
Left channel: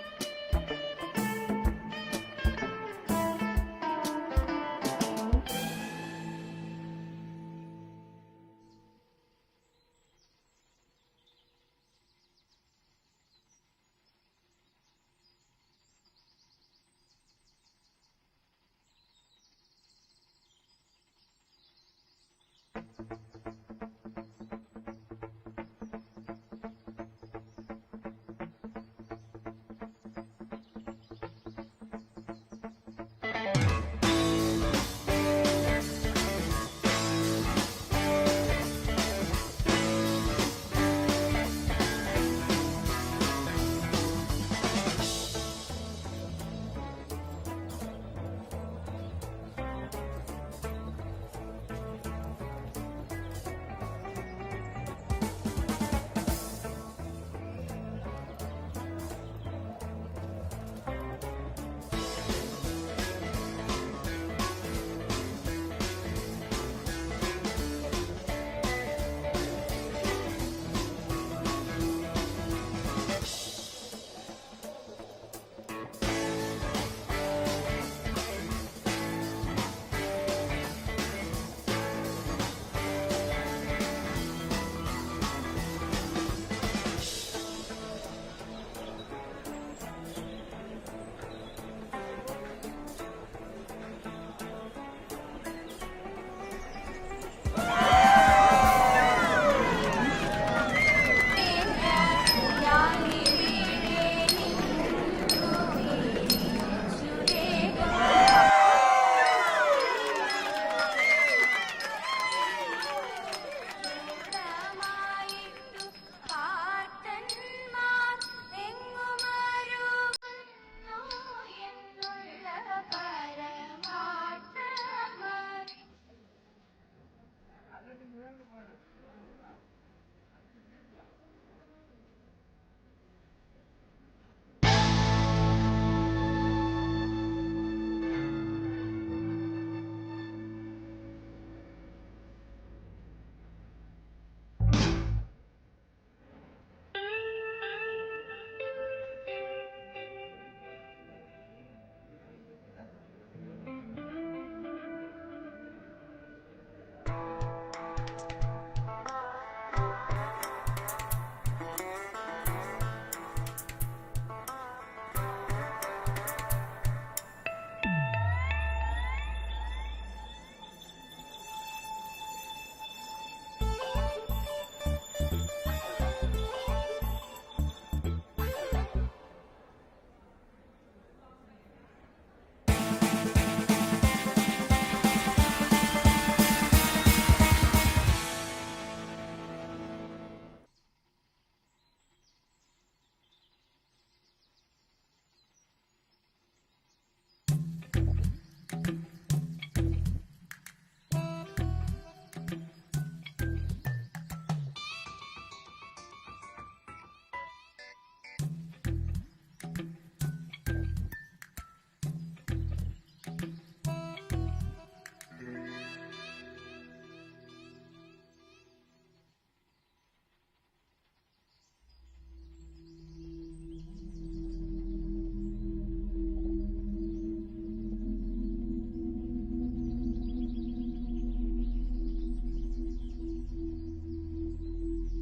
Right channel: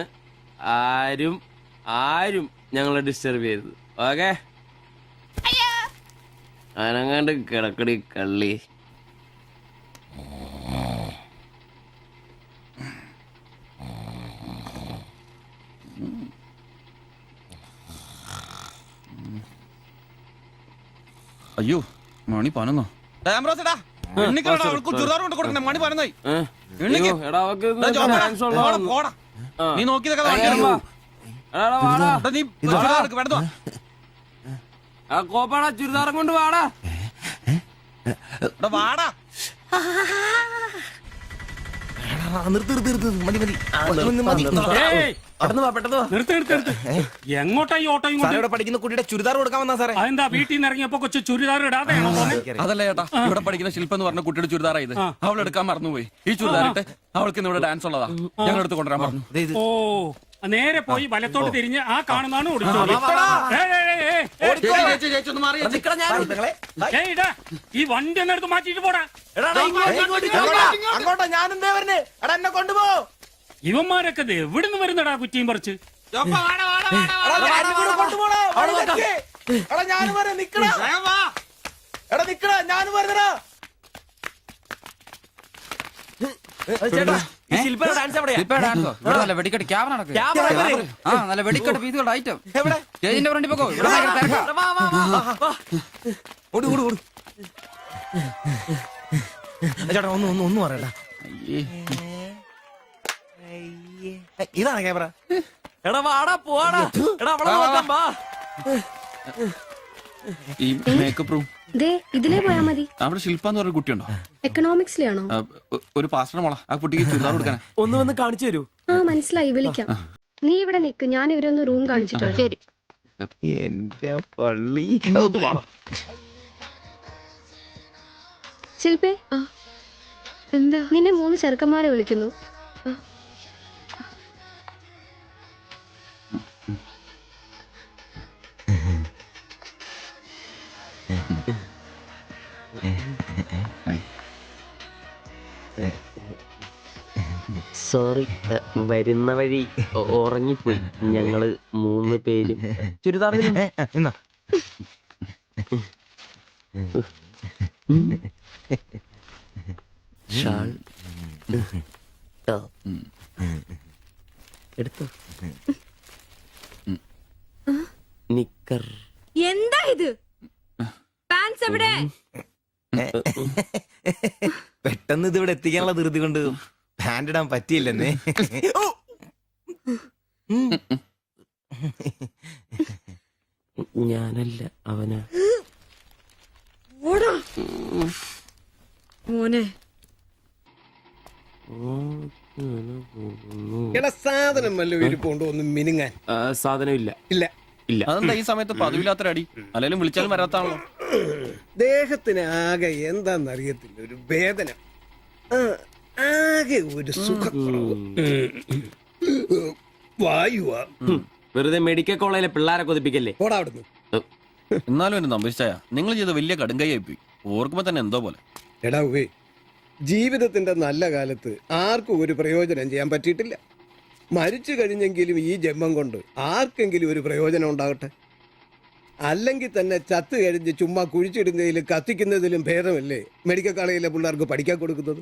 ആരും ഞങ്ങളെ ഡിസ്റ്റർബ് ചെയ്തു. ഓക്കെ, അനങ്ങാണ്ട് കിടക്കടി കള്ളി. അയ്യോ, മണി 11. നീ നോക്കി ചുരിദാറം കൊണ്ട് വാടാ. എങ്ങോട്ടാ ഈ ഓട്ടോ? പഠിക്കുന്ന കുട്ടിയുടെ ചുരിദാർ കൊടുക്കാൻ വന്നാ സാറേ. അതെന്താ വീട്ടിൽ നിന്ന് ഇറങ്ങിയപ്പോ കൊച്ചു ചുരിദാർ ഇടാതെയാണോ? അതല്ല ചേട്ടാ, ഇവിടെ പഠിക്കുന്ന ശില്പ എന്ന് പറഞ്ഞ കുട്ടിയുടെ ചുരിദാറാ ഇത്. അവൾ എടുക്കാൻ മറന്നുപോയി. ഈ ചുരിദാറിട്ട് അവൾക്ക് ഇന്ന് ഇവിടെ ഡാൻസ് ഉള്ളതാ. ഞങ്ങൾ എടുത്ത് കൊണ്ടുവരാൻ പറഞ്ഞു. ഓ, നേരെ പോയി വലത്തോട്ട് തിരിഞ്ഞ് ആ കാണുന്നതാണ് ഈ വണ്ടി എന്നെടുത്ത് മാറ്റിട്ട് പോടാ. ഇവന്മാരൊക്കെ എവിടുന്ന് വരുന്നടാ കുറ്റിയും പറിച്ച്? ഇതാണ് ക്യാമറ. ഇതിലേ പോയാ മതി. അവിടെ ശില്പ എന്ന് പറഞ്ഞ കുട്ടിയുണ്ടോ? എക്കണോമിക്സിലാണോ? ഒരു പാസ്റ്റർ മോളാ. ആ കുട്ടിക്ക് ചുരിദാർ കൊടുക്കാൻ ഒന്ന് വന്ന് കാണിച്ചു തരൂ. ആ, മനസ്സിലായി, വിളിക്കാം. നീ ഇവിടെ നിക്ക്, ഞാൻ ഇവരൊന്ന് റൂം കാണിച്ചിട്ടോ. ശരി. എന്റെ പള്ളി. ശില്പേ, എന്താ? നിന്നെ 3 ചെറുക്കന്മാരെ വിളിക്കുന്നു. സോറി, വരുന്ന വഴി ഉറങ്ങിപ്പോയി. ഞങ്ങള് 3 പേരും ചുരിദാർ. എന്താ ഇത്? പാൻസ് എവിടെ? പെട്ടെന്ന് ഇതിവിടെ എത്തിക്കാനുള്ള ധൃതി കൊണ്ട് ഹാൻഡ് ഇടാൻ പറ്റിയില്ലെന്നേ. മോനെ, സാധനം വല്ല ഇരിപ്പുണ്ടോ ഒന്ന് മിനുങ്ങാൻ? സാധനം ഇല്ല. ഇല്ല. അതെന്താ ഈ സമയത്ത് പതിവില്ലാത്തൊരടി? അല്ലെങ്കിലും വിളിച്ചാലും വരാത്താണല്ലോ. ദേഹത്തിന് ആകെ എന്താന്നറിയത്തില്ല, ഒരു വേദന, ആകെ ഒരു സുഖക്കുറവ്. വായുവാ. വെറുതെ മെഡിക്കൽ കോളേജിലെ പിള്ളേരെ കൊതിപ്പിക്കല്ലേ. പോടാ അവിടുന്ന്. എന്നാലും എന്നെ നമ്പിച്ചായ നിങ്ങൾ ചെയ്ത വലിയ കടുങ്കയായി പോയി. ഓർക്കുമ്പോ തന്നെ എന്തോ പോലെ. എടാ ഉവേ, ജീവിതത്തിന്റെ നല്ല കാലത്ത് ആർക്കും ഒരു പ്രയോജനം ചെയ്യാൻ പറ്റിയിട്ടില്ല. മരിച്ചു കഴിഞ്ഞെങ്കിലും ഈ ജന്മം കൊണ്ട് ആർക്കെങ്കിലും ഒരു പ്രയോജനം ഉണ്ടാകട്ടെ. അല്ലെങ്കിൽ തന്നെ ചത്ത് കഴിഞ്ഞ് ചുമ്മാ കുഴിച്ചിടുന്നതിലും കത്തിക്കുന്നതിലും ഭേദമല്ലേ മെഡിക്കൽ കോളേജിലെ പിള്ളേർക്ക് പഠിക്കാൻ കൊടുക്കുന്നത്?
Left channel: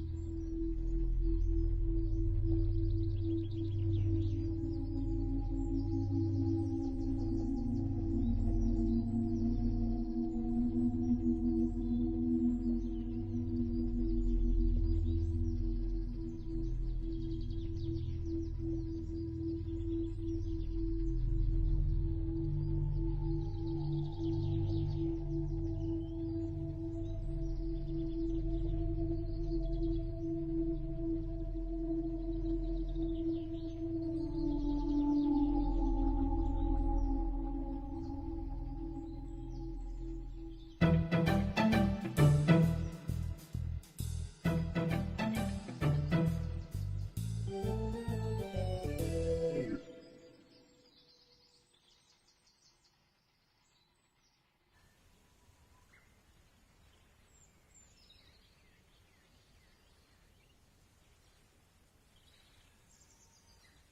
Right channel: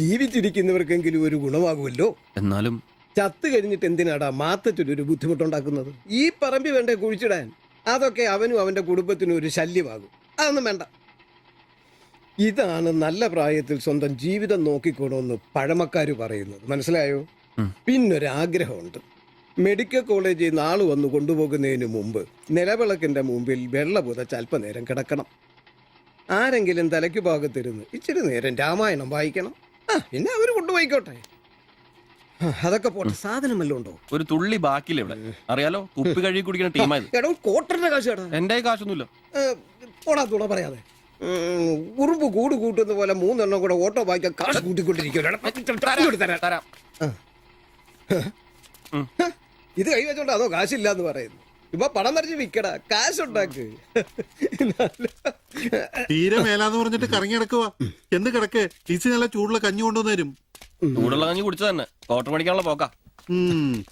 ജീവിച്ചിരിക്കുന്നവർക്കെങ്കിലും ഒരു ഗുണമാകുമല്ലോ. എന്നാലും ചത്ത് കഴിഞ്ഞിട്ട് എന്തിനാടാ മാത്തച്ചൊരു ബുദ്ധിമുട്ടുണ്ടാക്കുന്നത്? ഈ പറമ്പി വേണ്ടേ കുഴിച്ചിടാൻ? അതൊക്കെ അവനും അവന്റെ കുടുംബത്തിനും ഒരു ശല്യമാകും. അതൊന്നും വേണ്ട. ഇതാണ് നല്ല പ്രായത്തിൽ സ്വന്തം ജീവിതം നോക്കിക്കോണമെന്ന് പഴമക്കാര് പറയുന്നത്, മനസ്സിലായോ? പിന്നൊരാഗ്രഹമുണ്ട്. മെഡിക്കൽ കോളേജിൽ നിന്ന് ആള് വന്ന് കൊണ്ടുപോകുന്നതിന് മുമ്പ് നിലവിളക്കിന്റെ മുമ്പിൽ വെള്ള പുതച്ച് അല്പനേരം കിടക്കണം. ആരെങ്കിലും തലയ്ക്ക് ഭാഗത്തിരുന്ന് ഇച്ചിരി നേരം രാമായണം വായിക്കണം. പിന്നെ അവര് കൊണ്ടുപോയിക്കോട്ടെ. അതൊക്കെ പോട്ടെ, സാധനം വല്ലതും ഉണ്ടോ? ഒരു തുള്ളി ബാക്കിയില്ല ഇവിടെ, അറിയാലോ? കുപ്പി കഴുകി കുടിക്കുന്ന ടീമായത്. എടോ, കോട്ടറിന്റെ കാശ് കേട്ടോ. എന്റെ കാശൊന്നുമില്ല. ഓടാത്തൂട പറയാതെ. ഉറുമ്പ് കൂട് കൂട്ടുന്ന പോലെ 3 എണ്ണം കൂടെ ഓട്ടോ വായിക്കാൻ കാശ് കൂട്ടിക്കൊണ്ടിരിക്കും. ഇത് കൈവച്ചോണ്ട് അതോ കാശില്ലാന്ന് പറയുന്നു. ഇപ്പൊ പണം നിറച്ച് വിക്കടാ, കാശുണ്ടാക്ക്. തീരെ മേലാന്ന് പറഞ്ഞിട്ട് കറങ്ങി കിടക്കുക. എന്ത് കിടക്ക്? ഈസി നല്ല ചൂടുള്ള കഞ്ഞി കൊണ്ടുവന്ന് തരും. ചൂടുള്ള കഞ്ഞി കുടിച്ചു തന്നെ കോട്ടർ മേടിക്കാനുള്ള പോക്കാ.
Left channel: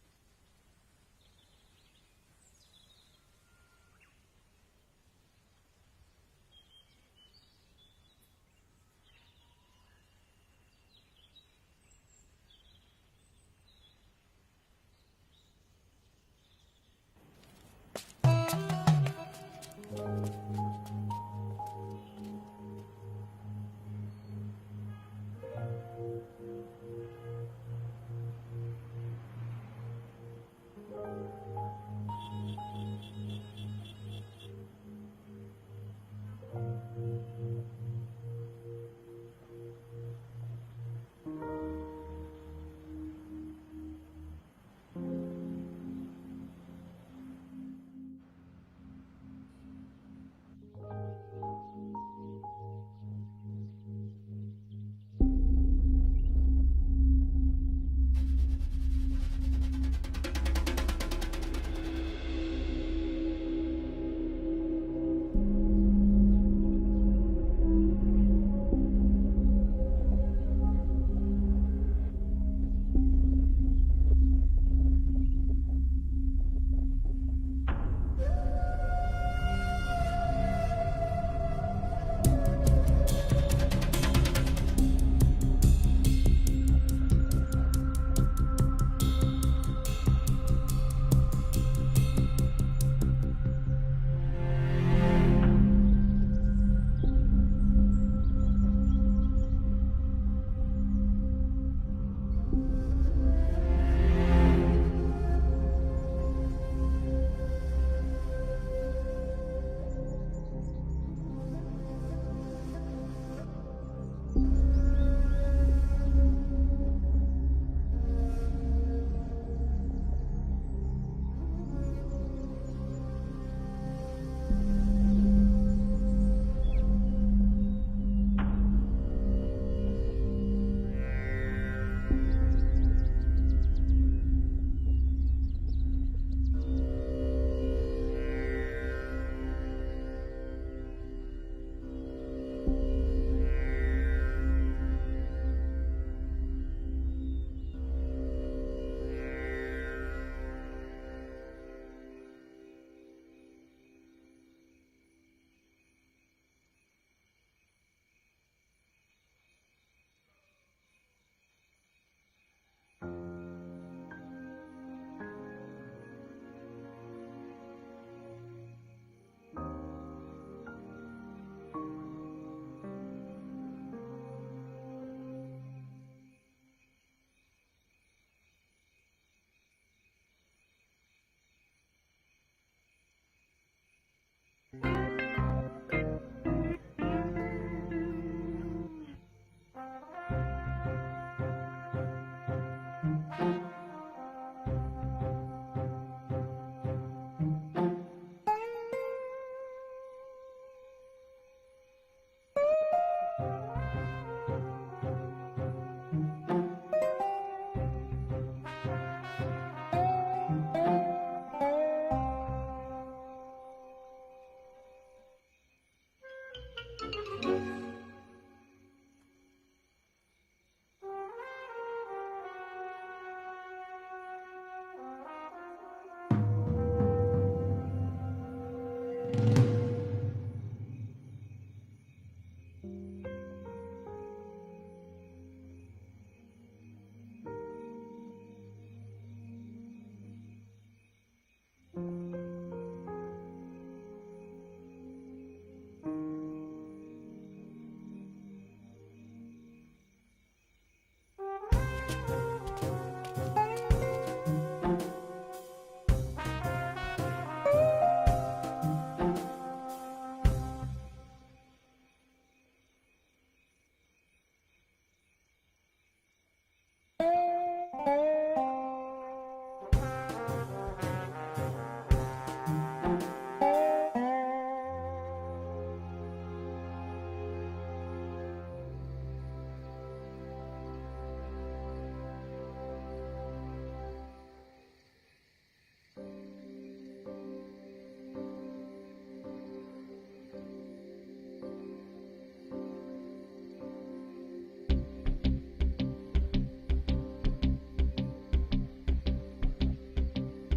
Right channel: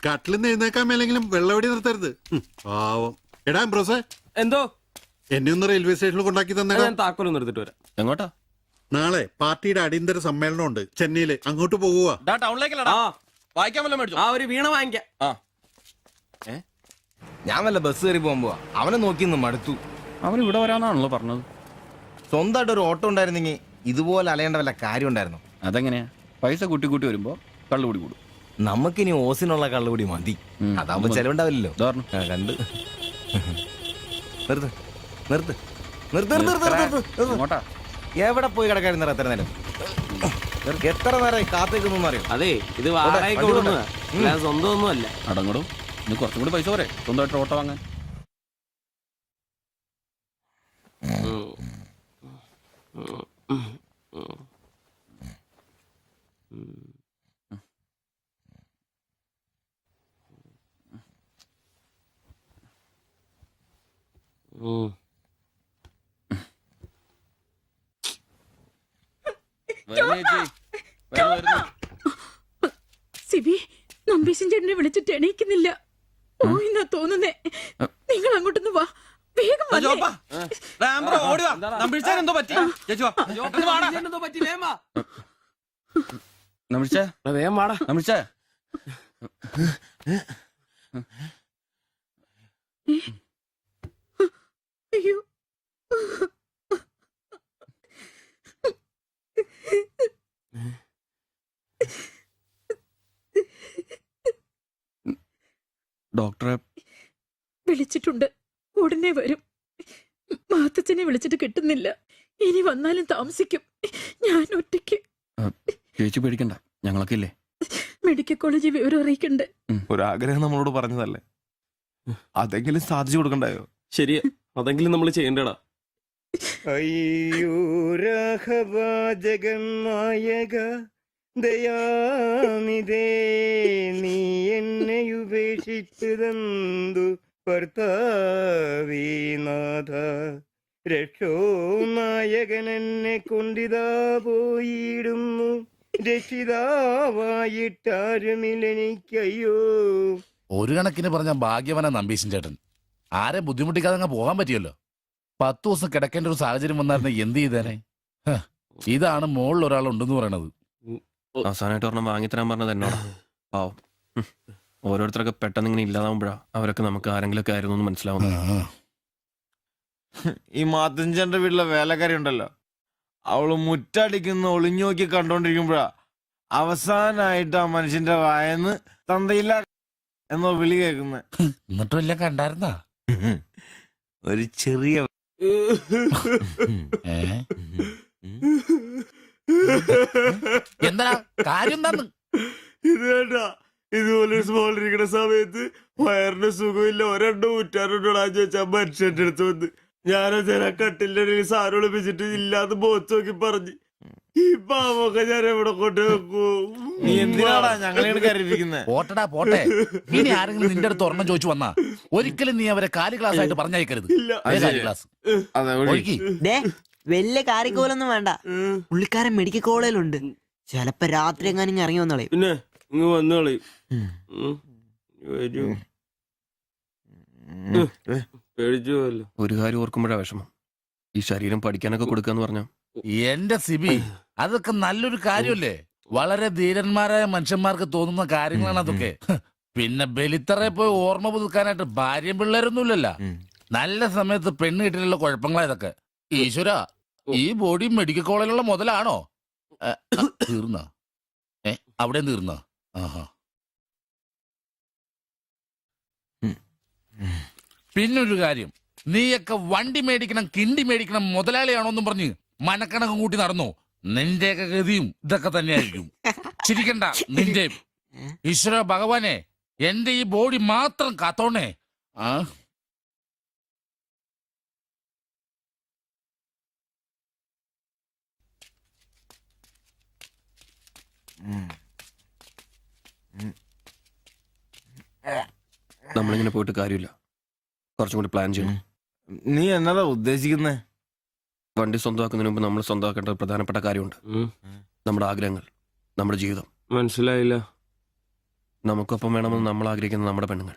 കട്ടിലിന്ന് എഴുന്നേക്കാൻ മേലെങ്കിലും വെള്ളവടി നിർത്തരുത്. പാവം. എടാ ബ്രോസേ, എന്തോ എന്നെ ഒന്ന് റെയിൽവേ സ്റ്റേഷനിൽ കൊണ്ടാക്കി തന്നെ. ഞാൻ താക്കോലൊന്നും എടുത്തിട്ട് വരാം. എങ്ങോട്ടാ? നാളെ പാർട്ടിയുടെ അടിയന്തര സമ്മേളനം ഉണ്ട് ചെന്നൈയില്, അങ്ങോട്ട് പോകുക. ടൗണിലേക്കല്ലടാ, വായിക്കാൻ വല്ലതും മേടിച്ചോ? ആ ഒരു വീണ വാങ്ങിക്കാം. ഞാൻ വല്ല ബസ് കയറി പോകുമ്പോ അവനെ നോക്കി നിന്ന് മടുത്തു. അവൻ ഇവിടെ വരാന്നാണല്ലോ പറഞ്ഞത്. സ്വന്തമായിട്ട് ഒരു ഓട്ടോ ഉണ്ടായിരുന്നെങ്കിൽ ഇതുപോലെ അലയേണ്ട വല്ല കാര്യം ഉണ്ടായിരുന്നു. അതെങ്ങനെയാ? പൈസ കൂട്ടി കൂട്ടി വരുമ്പോ കള്ളുകൂടി കൂടും. നമുക്കിനി ഓസിനുള്ള കള്ളുകൂടി മതി. അതാവുമ്പോ ചെലവുണ്ടാവില്ലല്ലോ. കണ്ട് നിർത്ത് നിർത്ത് നിർത്ത് നിർത്ത്. എവിടെ പോയി കിടക്കായിരുന്നു എത്ര നേരം? എത്ര നേരം കാത്തേക്കൊന്നും അറിയാം. അതെ, ഇത് വാടകയ്ക്ക് കൊടുക്കുന്നതാ, സ്വന്തം ഒന്നും അല്ല. അടങ്ങടും, ഇനി കുറച്ചും കൂടി പൈസ പോരെ സ്വന്തമായിട്ട് ഓട്ടോ വാങ്ങാൻ. സിബി, നമ്പീശൻ ചേട്ടനെ വിളിച്ചിട്ട് എണീക്കുന്നില്ല. പോയിന്നാ തോന്നുന്നേ. നിങ്ങൾ അങ്ങോട്ടൊന്ന് വാ, വേഗം വന്നേ. അയ്യോ, ഡോക്ടറെ വിളിച്ചിട്ടുണ്ട്, ഉടനെ വരും. മാത്തച്ഛനെ വിളിച്ചിട്ട് കിട്ടുന്നില്ല. ഇനി വന്നാലും താമസിക്കും. ഞാൻ ഒറ്റയ്ക്ക്. ചേച്ചി പേടിക്കണ്ട, ഞങ്ങളൊക്കെ ഇല്ലേ. മെഡിക്കൽ കോളേജിൽ വിവരം അറിയിക്കണ്ടേ? ഒരാഗ്രഹം നമ്മളോട് പറഞ്ഞതല്ലേ, അതെങ്കിലും സാധിച്ചു കൊടുക്കണ്ടായോ? ശരിയാ, അതെങ്കിലും നമ്മൾ ചെയ്യണ്ടടാ. അയ്യോ രാഘവാജകനായക ദയാനിധേ, നീ എന്നെ ഉപേക്ഷിച്ചതെന്തു ഭർത്താവീനാഥ. രക്ഷോ നായകൻ എന്നെ കൊണ്ടിതാ പോയിടുന്നു, രക്ഷിതാവായിട്ടാരുമില്ലെനിക്കയ്യോ. ഒരു കണക്കിന് പറഞ്ഞ ഭാഗ്യവന നമ്പീശൻ ചേട്ടൻ. ആരെ ബുദ്ധിമുട്ടിക്കാതെ അങ്ങ് പോകാൻ പറ്റിയല്ലോ. 10 ദിവസം കിടക്കേണ്ട ഒരു സാഹചര്യം വന്നായിരുന്നു എന്ത് ചെയ്തേനെ? ഇതാണ് മോളിൽ ഒരാൾ ഉണ്ടെന്ന് പറയണത്. അവസാനമായിട്ട് ഒരെണ്ണം വാങ്ങിത്തരാൻ പറഞ്ഞത് എന്നോടാ. പാവം, ഓരോരുത്തരൊക്കെ പെട്ടെന്ന് ഇങ്ങനെ ഇല്ലാതാവുമ്പോഴാ അവരൊക്കെ നമുക്ക് ആരെങ്കിലും ഒക്കെ ആയിരുന്നു എന്ന് മനസ്സിലാവുന്നു. ഈ മാത്തഞ്ചന്റെ വീട്ടിലെ വേലക്കാരി ഉണ്ടല്ലോ, അവള് മുറ്റടിക്കുന്ന ഒളിഞ്ഞു നോക്കി കണ്ടോണ്ടിരിക്കുമ്പോഴാ അവസാനായിട്ട് ആ മനുഷ്യന്റെ വായന്ന് തന്തയില്ല എന്നോ വിളി കേൾക്കുന്ന. എന്നിട്ടും എല്ലാം കണ്ടായിരുന്നാ? ഒരു ചെറിയ എന്താ കാര്യം? എന്താന്ന് ഇതേട്ടാ, ഇതുപോലെ സ്മോൾ ഇരിക്കുന്ന സമയത്ത് വയറിന് സുഖമില്ല, ഒരെണ്ണം ഊറ്റാറുണ്ടോടാന്ന് ചോദിച്ചാ മനുഷ്യന്റെ അടുത്ത് വന്ന് ഞാനോ കട്ടിലിന്റെ ഇടയിൽ സാറ് ഒളിപ്പിച്ചിട്ട് ഇല്ലാന്ന് ബോത്ത് നോക്കി പറഞ്ഞു. ഈ പാവൊക്കെ ഞാൻ എവിടെ കൊണ്ട് വെക്കൂ? നീ എന്തിനാടാ ഞങ്ങളെ കരുതിയിരിക്കുന്നത്? പോട്ടടാ പോട്ടെ. ഇനി ആരെങ്കിലും നിന്റെ അടുത്ത് ഒരെണ്ണം ചോദിച്ചു വന്നാ ഒരിക്കലും നീ അവരെ കാലി ക്ലാസ് ആയിട്ട് പറഞ്ഞയക്കരുത്. ക്ലാസ് വലിയ കാര്യക്കോലൊന്നും വേണ്ട. പുള്ളിക്കാരൻ മെഡിക്കൽ കോളേജിലുണ്ട്. ചിലപ്പോ രാത്രി എങ്ങാനും ഇറങ്ങി വന്നോളെ. പിന്നെ ഇങ്ങ് വന്നോളി. ഒരു കാര്യം ഓർക്കുമ്പോഴാ വിഷമം. ഈ ശരീരം പഠിക്കാനൊക്കെ കൊടുക്കാന്ന് പറഞ്ഞ എന്റെ സിബി, അതൊക്കെ നല്ലൊരു കാര്യമല്ലേ? വളരെ ധീരന്മാരായ മനുഷ്യന്മാർക്ക് തോന്നുന്ന കാര്യങ്ങളാണ് അതൊക്കെ. പിന്നെ ബലിത്തറെ പോയി ഓർമ്മ പുതുക്കാനായിട്ട് ഭാര്യയും പിള്ളേരൊന്നുമില്ലല്ലോ. നല്ല സമയത്ത് പെണ്ണ് കിട്ടിയുള്ള കുഴപ്പങ്ങളാ ഇതൊക്കെ. ഈശ്വര, ഈ ബോഡി മെഡിക്കൽ കോളേജിലുള്ള മുതലാണോ? തീർന്ന അവിടെ തീർന്ന. പിന്നൊരു കാര്യം, നീയൊക്കെ വണ്ടി മേടിക്കണം കിണ്ടി മേടിക്കണം മുതലാളിയാണോന്നും പറഞ്ഞ് മനക്കണക്കും കൂട്ടി നടന്നു. നിന്റെയൊക്കെ ഗതിയും ഇതൊക്കെ തന്നെയായിരിക്കും. ചിരിക്കണ്ട. നിന്റെ ഈശ്വര ഭഗവാനെ, എന്റെ ഈ ബോഡി മാത്രം കാത്തോണേ. നമ്മളിങ്ങനെ പോയിട്ട് കാര്യമില്ല, കുറച്ചും കൂടി പ്ലാൻ ചെയ്യണം. നീ എന്നതാ ഉദ്ദേശിക്കുന്നേ? വണ്ടി സ്വന്തമാക്കുന്നതിന് മുമ്പ് നമ്മൾ സ്വന്തമാക്കേണ്ട ഒരു പ്രധാനപ്പെട്ട കാര്യമുണ്ട്. നമ്മുടെ ആഗ്രഹങ്ങൾ, നമ്മുടെ ജീവിതം. മനസ്സിലായില്ല. നമുക്കൊപ്പം വേണമെന്ന് നമ്മൾ ആഗ്രഹിക്കുന്ന നമ്മുടെ പെണ്ണുങ്ങൾ.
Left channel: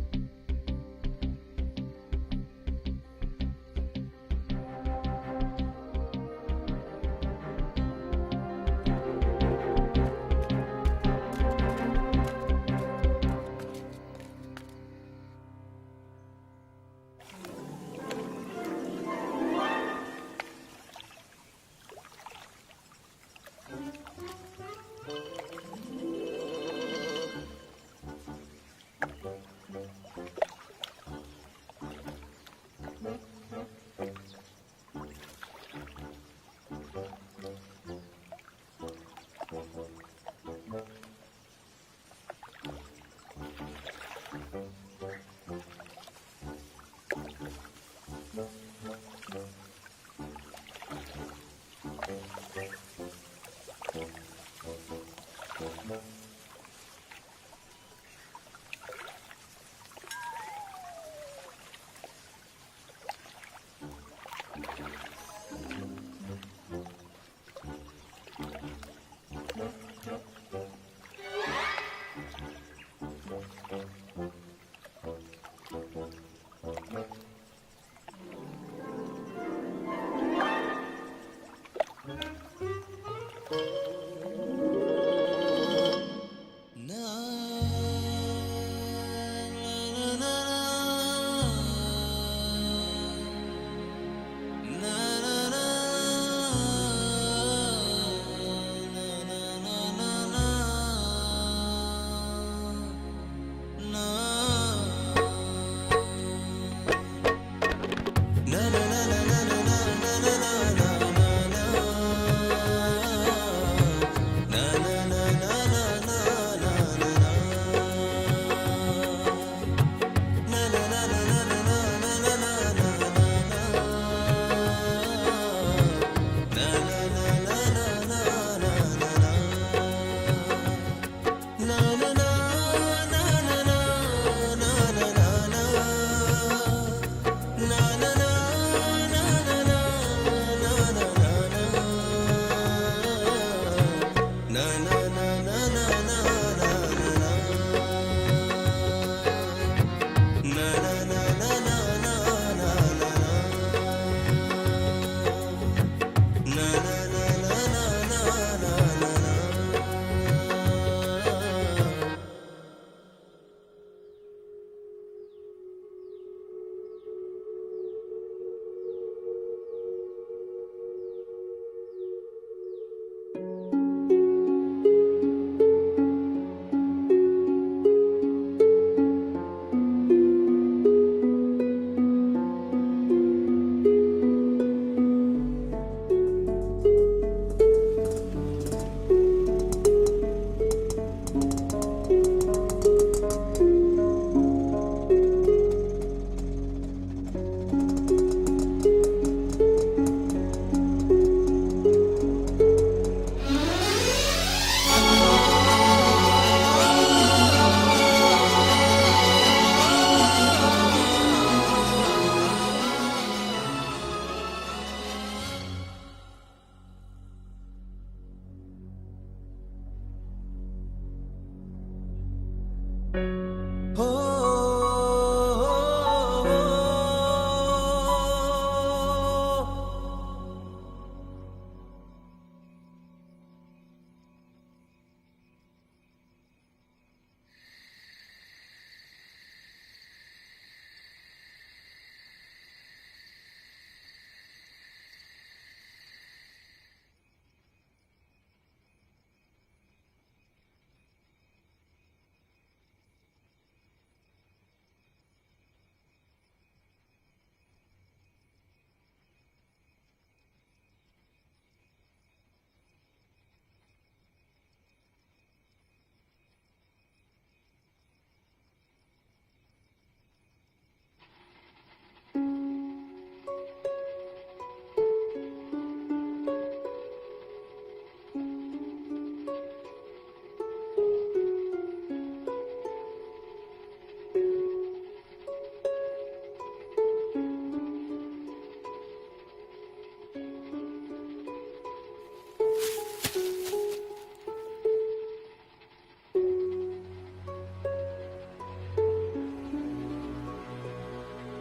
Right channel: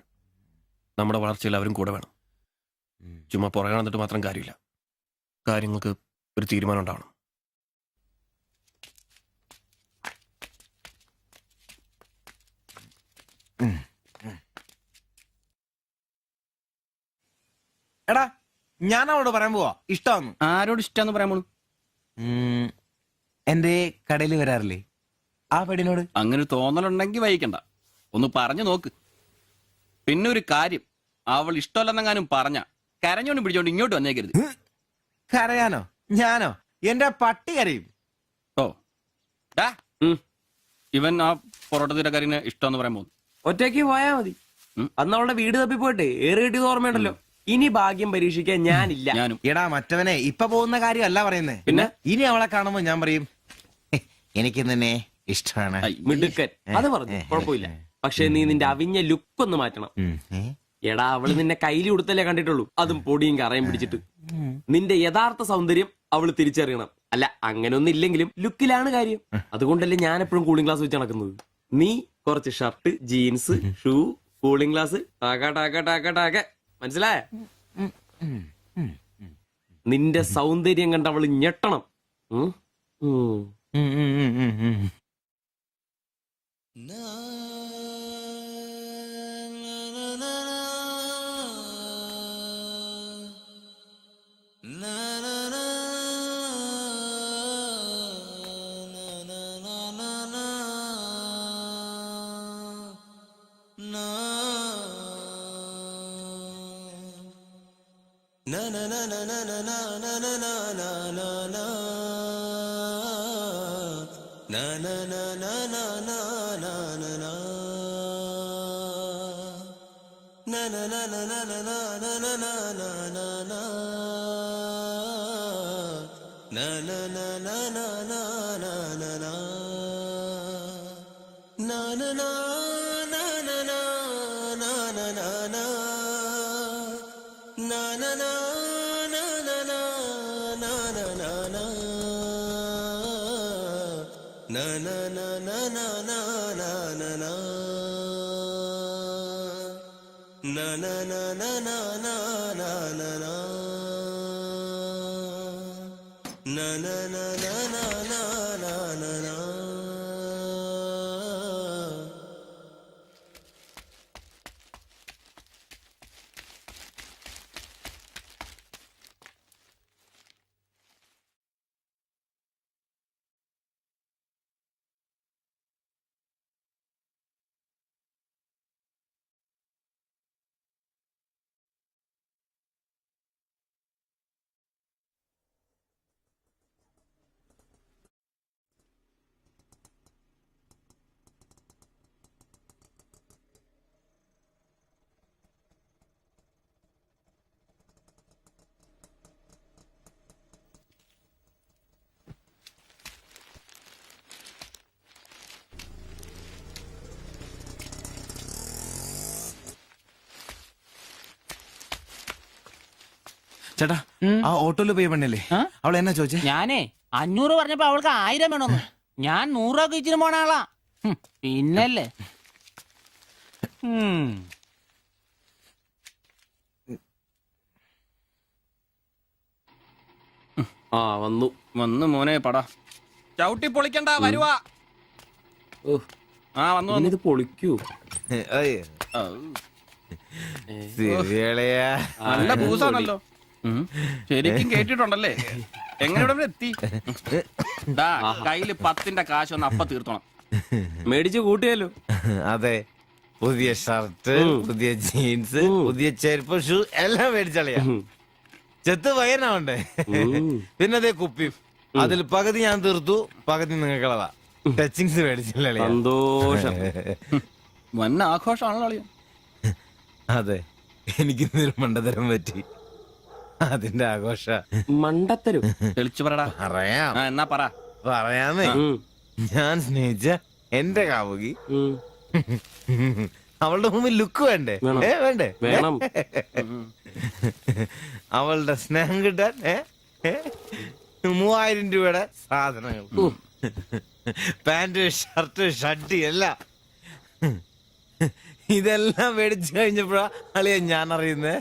നമ്മുടെ വളർച്ചയിൽ അവരും കൂടെ വേണം. ചുമ്മാ പുറകെ നടന്നിട്ട് മാത്രം കാര്യമില്ല. കാര്യങ്ങൾക്ക് ഒരു തീരുമാനം ഉണ്ടാവണം. എടാ, ഞാൻ അവളോട് പറയാൻ പോവാ ഇഷ്ടമാണ്. ആരോട് ഇഷ്ടമെന്ന് പറയാൻ പോണു? എന്റെ കടയിൽ വരാറില്ലേ ആ പെടിനോട്? അങ്ങനെ തോന്നലുണ്ടെങ്കിൽ വൈകിക്കണ്ട, ഒന്ന് പറഞ്ഞു നോക്ക്. പിന്നെ ഒരു കാര്യം, അവൾ ഇഷ്ടമല്ലെന്നെങ്ങാനും പറഞ്ഞ കരഞ്ഞോണ്ട് പിടിച്ചോണ്ട് ഇങ്ങോട്ട് വന്നേക്കരുത്. കരയാനോ? ഞാനോ? എന്റെ പട്ടി കരയും. ഓ, ഇവൻ ആ പൊറോട്ട തീരക്കാരിനെ ഇഷ്ടമെന്ന് പറയാൻ പോകുന്നു. ഒറ്റയ്ക്ക് പോയാ മതി. അന്ന് അവളുടെ വീട് തപ്പി പോയിട്ട് ഏറെ കിട്ടിയത് ഓർമ്മയുണ്ടല്ലോ. ഇനി ഭാഗ്യം പരീക്ഷിക്കാൻ ഞാനില്ല. ഞാനും. എടാ മറ്റവനെ, ഇപ്പൊ പോകുന്ന കാര്യമല്ല പറയുന്നേ. പിന്നെ ഇനി അവളെ കാണുമ്പോ ഞാൻ പറയും എനിക്ക് നിന്നെ ഇഷ്ടമാണ്. മിടുക്കൻ, അത് പറഞ്ഞു കുഴപ്പമില്ല. പക്ഷെ നീ നിന്റെ അവിഞ്ഞ ലുക്ക് ഒന്ന് മാറ്റണം. എടാ, അവള് നിന്നെ കയ്യിൽ കൊടുത്തല്ലേ കണ്ടിട്ടുള്ളൂ, അതും പൊടിയും കറയും പിടിച്ചിട്ട്. നിന്റെ യഥാർത്ഥ സൗന്ദര്യം അവള് തിരിച്ചറിയണം. അല്ല, അങ്ങനെയൊന്നും ഇല്ലെങ്കിലും ലുക്കിലാണ് കാര്യം. അതുകൊണ്ടല്ലേ ഞാൻ എപ്പോഴും കൂളിംഗ് ഗ്ലാസ് വെച്ച് നടക്കുന്നത്. നീ കുറച്ച് shirt, jeans, shoe, cooling glass, മനസ്സിലായ? നിന്റെ സൗന്ദര്യം കണ്ട് അവള് ഞെട്ടണം. ചേട്ടാ, ആ ഓട്ടോയില് പോയി പെണ്ണല്ലേ അവൾ എന്നാ ചോദിച്ചേ? ഞാനേ 500 പറഞ്ഞപ്പോ അവൾക്ക് 1000 വേണമെന്ന്. ഞാൻ 100 രൂപ ഇച്ചിരി പോണ ആളാ. പിന്നല്ലേ വന്നു മോനെ പടാ. ചവിട്ടി പൊളിക്കണ്ട, വരുവാ. വന്നു ഇത് പൊളിക്കൂ. നല്ല പൂസാണല്ലോ. ശരിക്കും കേട്ടിട്ടുണ്ടല്ലേ? എങ്ങനെ ഇവിടെ വരെ എത്തി? ദാ, കയ്യില് 10ന്റെ കാശ് ഒന്ന് അപ്പ തീർത്തോണം. മേടിച്ച് കൂട്ടിയല്ലോ. അതെ, പുതിയ ഷർട്ട്, പുതിയ ജീൻസ്, പുതിയ ചെരുപ്പ്, ഷൂ എല്ലാം മേടിച്ചളിയാ. ചെത്ത് പയ്യനാവണ്ടേ? പിന്നെ അതേ കുപ്പി, അതിൽ പകുതി ഞാൻ തീർത്തു, പകുതി നിങ്ങൾക്കുള്ളതാ. ടച്ചിങ്സ് മേടിച്ചില്ലേ? സന്തോഷം. വന്ന ആഘോഷമാണല്ലോ അളിയാ. അതെ, എനിക്ക് മണ്ടതരം പറ്റി, അതിന്റെ ആഘോഷ. മണ്ടത്തരും തെളിച്ചു പറടാ. അറിയാം. എന്നാ പറ. പറയാന്നേ, ഞാൻ സ്നേഹിച്ച എന്റെ കാമുകി അവളുടെ മുമ്പിൽ ലുക്ക് വേണ്ടേ? വേണ്ടേ? വേണം. അവളുടെ സ്നേഹം കിട്ടാൻ 3000 രൂപയുടെ സാധനങ്ങൾ, പാന്റ്, ഷർട്ട്, ഷഡ്ഡി എല്ലാം. ഇതെല്ലാം മേടിച്ചു കഴിഞ്ഞപ്പോഴാ അളിയ ഞാൻ അറിയുന്നേ,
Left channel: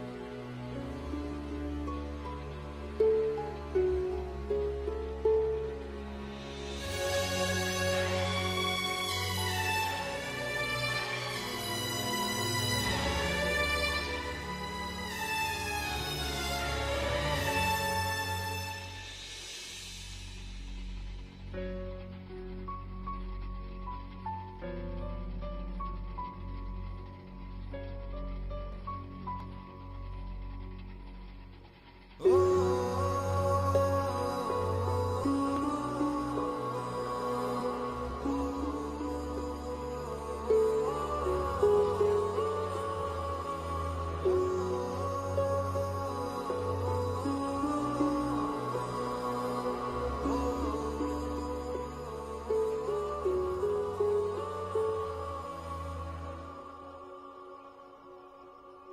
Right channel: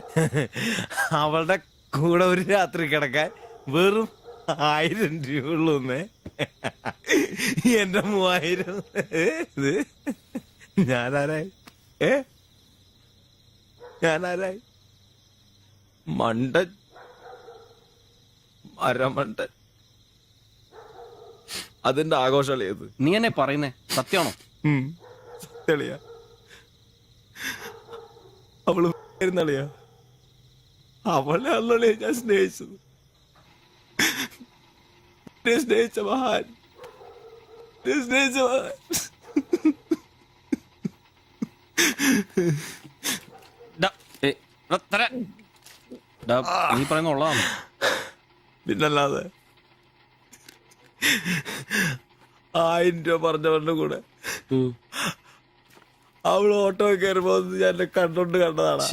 അവളുടെ കൂടെ ഒരു രാത്രി കിടക്കാൻ വെറും 1000 രൂപ ഉള്ളൂന്നേ. എന്റെ 3000 ഞാനാരായി? ഞാനാരായി? മണ്ടൻ, അരമണ്ടൻ. അതിന്റെ ആഘോഷളിയത്. നീ എന്നെ പറയുന്നേ സത്യമാണോ? തെളിയ അവള് ളിയാ, അവളെ അല്ലെ ഞാൻ സ്നേഹിച്ച മഹാൻ. നീ പറയുന്ന ഉള്ളതാണ്. പിന്നല്ലാതെ 1000 രൂപ പറഞ്ഞവരുടെ കൂടെ അവള് ഓട്ടോ കയറുമ്പോ ഞാൻ കണ്ടോണ്ട് കണ്ടതാണ്.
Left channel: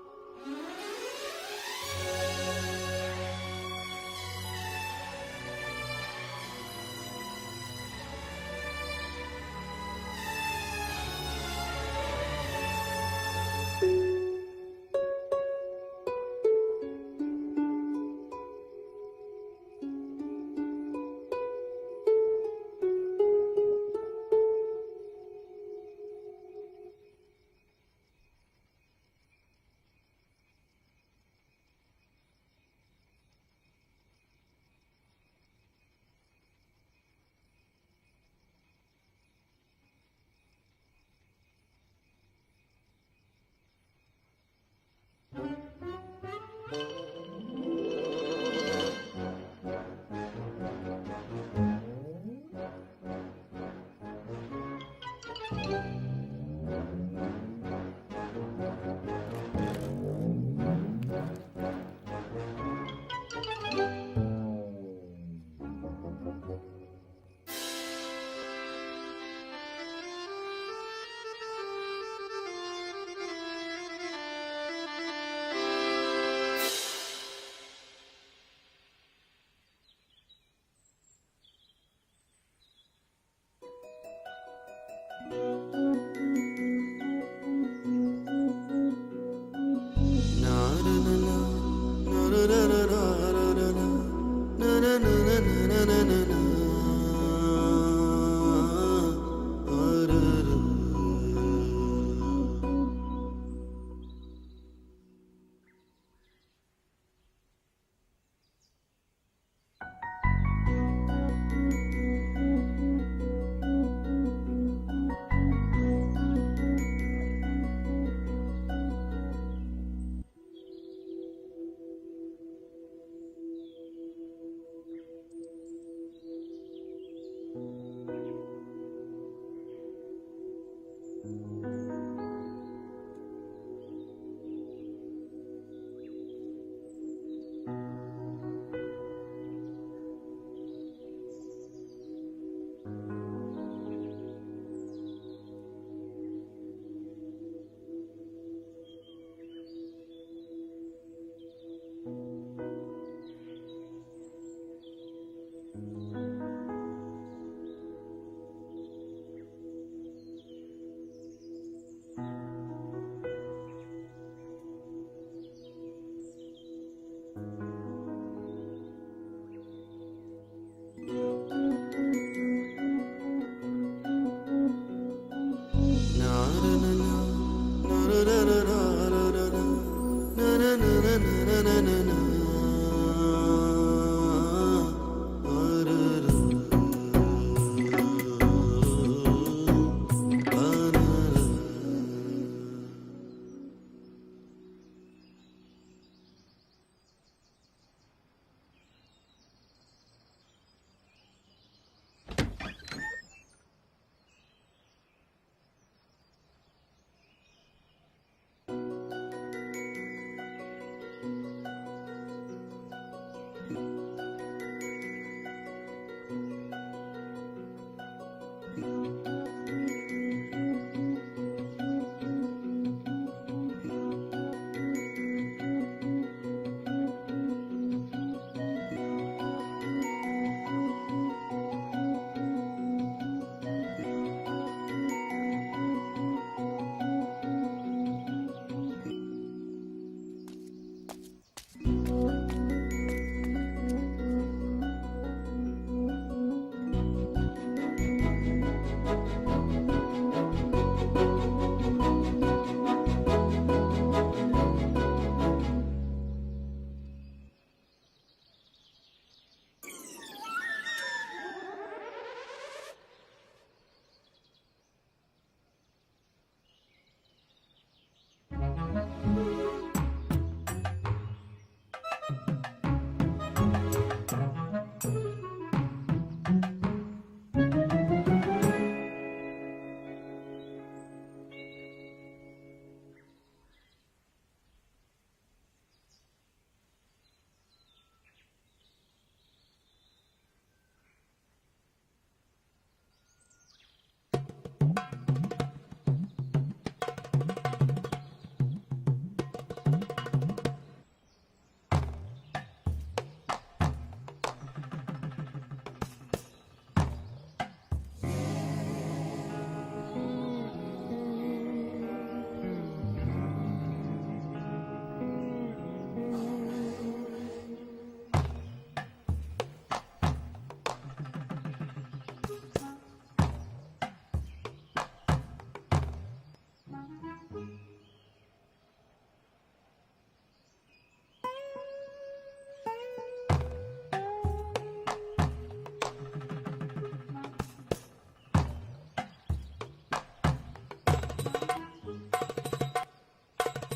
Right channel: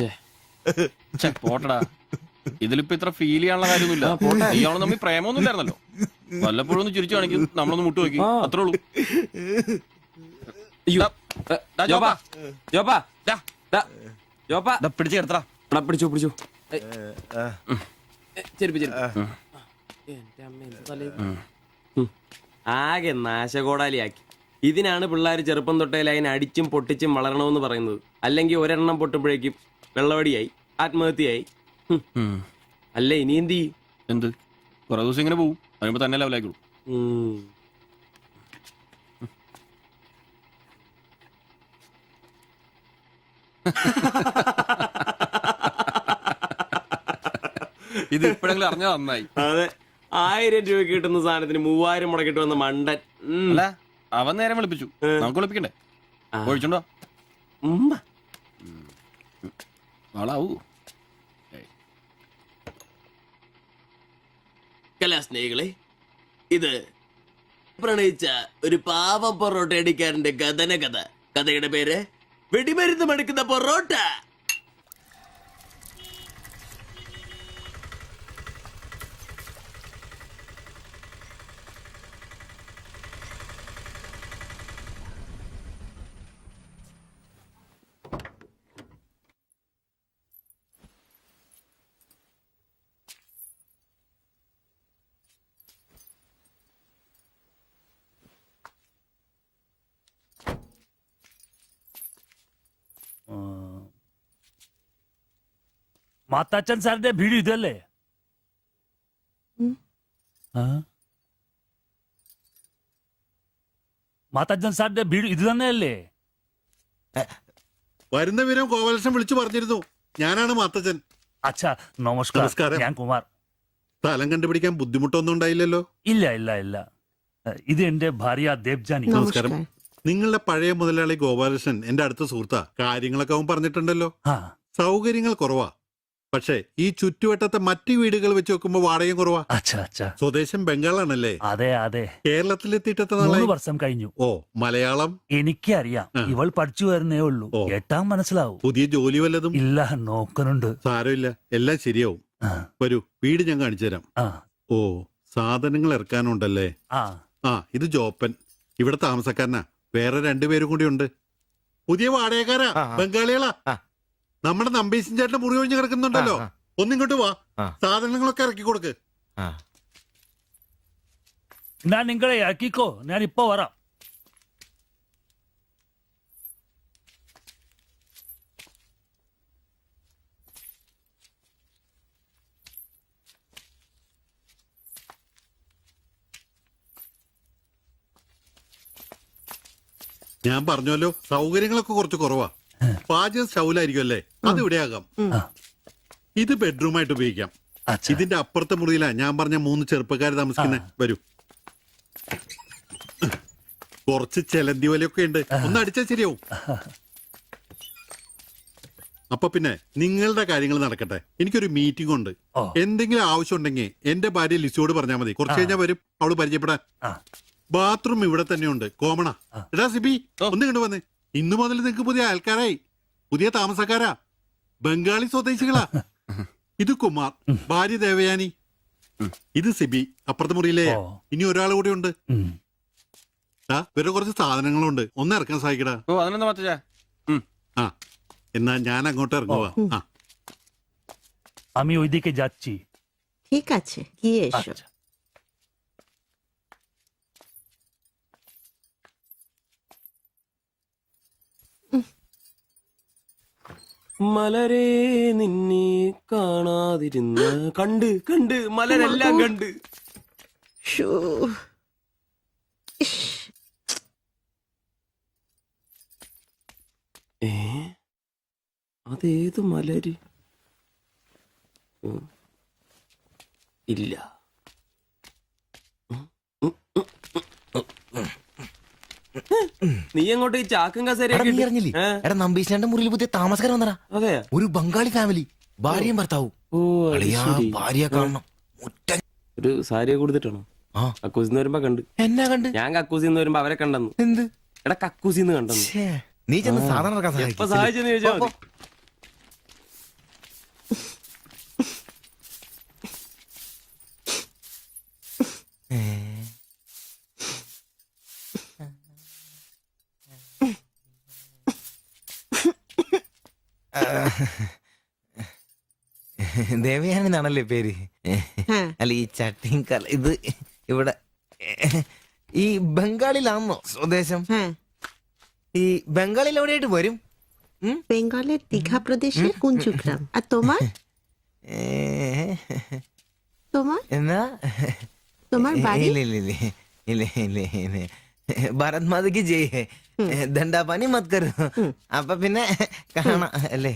പോട്ടടാ, ഇതിലിപ്പോ ഇത്ര ഫീൽ ചെയ്യാനുള്ള കാര്യമൊന്നുമില്ല. ഇയാള് തമ്മിൽ പ്രേമൊന്നും ഇല്ലായിരുന്നല്ലോ. വല്ലപ്പോഴും ഒന്ന് ചിരിച്ചു കാണിക്കും, നമ്മളൊന്ന് മുട്ടു നോക്കി, അത്രേ ഉള്ളൂ. പിടിച്ചു കിടത്തടാ. പിടിച്ചു പിടിച്ചു. ആകെ നാശകോടാലിയാക്കി. ഇതിനാണ് പിള്ളേർ ചെറുപ്പം തൊട്ടേ ലൈൻ അടിച്ചും പൊട്ടിച്ചും വളരണമെന്ന് പറയുന്നത്. അല്ലെങ്കിൽ ഒരെണ്ണം പൊട്ടുമ്പോഴേക്കും വെള്ളവടിയായി, ആത്മഹത്യയായി. അല്ല ഇനി എന്ത് ചെയ്യും? എന്ത് കുറെ ദിവസം ഇങ്ങനെ പോകും, അതിനുമ്പോ തന്നെ ലെവലായിക്കോളൂ. ഇത് ഇപ്പോഴെങ്കിലും അറിഞ്ഞാ നന്നായി. അതെ, 1000 രൂപ കിട്ടുന്ന സാധനത്തിന് 3000 മുടക്കിട്ട് വന്ന മണ്ടൻ. അല്ല, അവൻ നേരം വിളിപ്പിച്ചു, നമുക്ക് വിളിപ്പിക്കണ്ടേ? ഒഴിച്ചുണ്ടോ? ആളാവൂ. കലാസ്നേഹികളെ, ഇത് പ്രണയിച്ച ഒരു പാവ പൊറോട്ട അടിക്കാരന്റെ കഥന കഥ. കഥയുടെ പേര് വെടിമരുന്ന് മടുക്കുന്ന പൊറോട്ട. മാത്താച്ചൻ സാറിന്റെ വീട് ഇതല്ലേ? മാത്താച്ചൻ സാറിന്റെ വീട് ഇത് തന്നെയല്ലേ? വരുന്ന വിവരം കോവലക്ഷൻ വിളിച്ചു പറഞ്ഞിരുന്നു. ഞാനാണ് മാത്തച്ചൻ. അച്ഛാ നമസ്കാരം. ഞാൻ കുമാർ. സ്ഥലം കണ്ടുപിടിക്കാൻ ബുദ്ധിമുട്ടൊന്നും ഉണ്ടായില്ലല്ലോ? ഇല്ല ഇല്ല ഇല്ല. ഇത് എന്റെ ഭാര്യ ദേവ്ജാനി. നമസ്കാരം. നിങ്ങളുടെ പഴയ മുതലാളി ഗോപാലകൃഷ്ണൻ എന്റെ അടുത്ത സുഹൃത്താ. കാര്യങ്ങളൊക്കെ അവൻ പറഞ്ഞിട്ടുണ്ടല്ലോ. സൗകര്യങ്ങൾ കുറവാ, പക്ഷേ ഈ ചുറ്റുവട്ടത്തെ മറ്റു വീടുകൾ വെച്ച് നോക്കുമ്പോ വാടകയും കുറവാ. സ്വദേശം ബംഗാളാണല്ലേ? അതെ അതെ. കേരളത്തിലെത്തിയിട്ട് 3 വർഷം കഴിഞ്ഞു. ഓ, മലയാളം എനിക്കറിയാം. ഇവൾ പഠിച്ചു വരുന്നേ ഉള്ളൂ. എട്ടാം മനസ്സിലാവും. പുതിയ ജോലി വല്ലതും? ഇല്ല, നോക്കുന്നുണ്ട്. സാരമില്ല, എല്ലാം ശരിയാവും. വരൂ, വീട് ഞാൻ കാണിച്ചു തരാം. ഓ, സാധനങ്ങൾ ഇറക്കാനുണ്ടല്ലേ? ഇത് ജോപ്പൻ, ഇവിടെ താമസക്കാരനാ. വേറെ 2 പേരും കൂടി ഉണ്ട്. പുതിയ വാടകക്കാരാ, ബംഗാളികളാ. നമ്മുടെ നമ്പീശൻ ചേട്ടന്റെ മുറി ഒഴിഞ്ഞ് കിടക്കുന്നുണ്ടല്ലോ, ഒന്നിങ്ങോട്ട് വാ, സാധനങ്ങളൊക്കെ ഇറക്കി കൊടുക്ക്. ഞാൻ നിങ്ങളെ ഇറക്കിക്കോ, ഞാൻ ഇപ്പൊ വരാം. ഞാൻ പറഞ്ഞല്ലോ സൗകര്യങ്ങളൊക്കെ കുറച്ച് കുറവാ. പാചകം സ്റ്റൗലായിരിക്കും അല്ലേ? അത് ഇവിടെ ആകാം. ഇത് ബെഡ്റൂമായിട്ട് ഉപയോഗിക്കാം. ഇതിന്റെ അപ്പുറത്തെ മുറിയിലാ ഞാൻ പറഞ്ഞ 3 ചെറുപ്പക്കാർ താമസിക്കുന്നേ. വരൂ. കുറച്ച് ചെലന്തി വലയൊക്കെ ഉണ്ട്, ഒന്ന് അടിച്ചാൽ ശരിയാവും. അപ്പൊ പിന്നെ നിങ്ങളുടെ കാര്യങ്ങൾ നടക്കട്ടെ. എനിക്കൊരു മീറ്റിംഗ് ഉണ്ട്. എന്തെങ്കിലും ആവശ്യം ഉണ്ടെങ്കിൽ എന്റെ ഭാര്യ ലിസിയോട് പറഞ്ഞാൽ മതി. കുറച്ച് കഴിഞ്ഞാൽ വരും അവള് പരിചയപ്പെടാൻ. ബാത്റൂം ഇവിടെ തന്നെയുണ്ട്, കോമണാ. എടാ സിബി, ഒന്ന് കണ്ടു വന്നേ. ഇന്നു മുതൽ നിങ്ങൾക്ക് പുതിയ ആൾക്കാരായി, പുതിയ താമസക്കാരാ, ബംഗാളി സ്വദേശികളാ. ഇത് കുമാർ, ഭാര്യ ദേവയാനി. ഇത് സിബി, അപ്പുറത്തെ മുറിയിലെ. ഇനി ഒരാൾ കൂടി ഉണ്ട്. വേറെ കുറച്ച് സാധനങ്ങളുണ്ട്, ഒന്ന് ഇറക്കാൻ സഹായിക്കടാ. ആ, എന്നാ ഞാൻ അങ്ങോട്ട് ഇറങ്ങുവാ. আমি ওইদিকে যাচ্ছি। ঠিক আছে, গিয়ে এসো। മലരെ നിന്നെ കാണാതിരുന്ന് കണ്ട് കണ്ട് മലരെല്ലാം കണ്ട്. അതേത് മലര്? ഇല്ല. നീ അങ്ങോട്ട് ഈ ചാക്കും കസേരയൊക്കെ എടാ നമ്പീശന്റെ മുറിയിൽ പുതിയ താമസക്കാരൻ വന്നടാ. അതെ, ഒരു ബംഗാളി ഫാമിലി, ഭാര്യയും ഭർത്താവും. ഭാര്യ കാണണം. ഒരു സാരിയെ കൊടുത്തിട്ടാണോ? കക്കൂസിന്ന് വരുമ്പോ കണ്ട്. എന്നാ കണ്ട്? ഞാൻ കക്കൂസിന്ന് വരുമ്പോ അവരെ കണ്ടെന്നു. എന്ത്? എടാ കക്കൂസിന്ന് കണ്ടെന്നു. നീ ചെന്ന് സാധാരണ എപ്പോ സഹായിച്ചെന്ന് ചോദിച്ചാ മതി. ദേവയാനി എന്നാണല്ലേ പേര്? അല്ല ഈ ചട്ടിയും ഇത് ഇവിടെ ഈ ബംഗാളിലാണോ സ്വദേശം? ഈ ബംഗാളിൽ എവിടെയായിട്ട് വരും? বেঙ্গলের দীঘা প্রদেশের কুঞ্জুগ্রাম। আর তোমার? তোমার എന്നാ তোমার বাড়ি? ഭാരത് മാതയ്ക്ക് ജയ്. ദണ്ഡാപാനി മത് കരോ. അപ്പൊ പിന്നെ കാണാം അല്ലേ?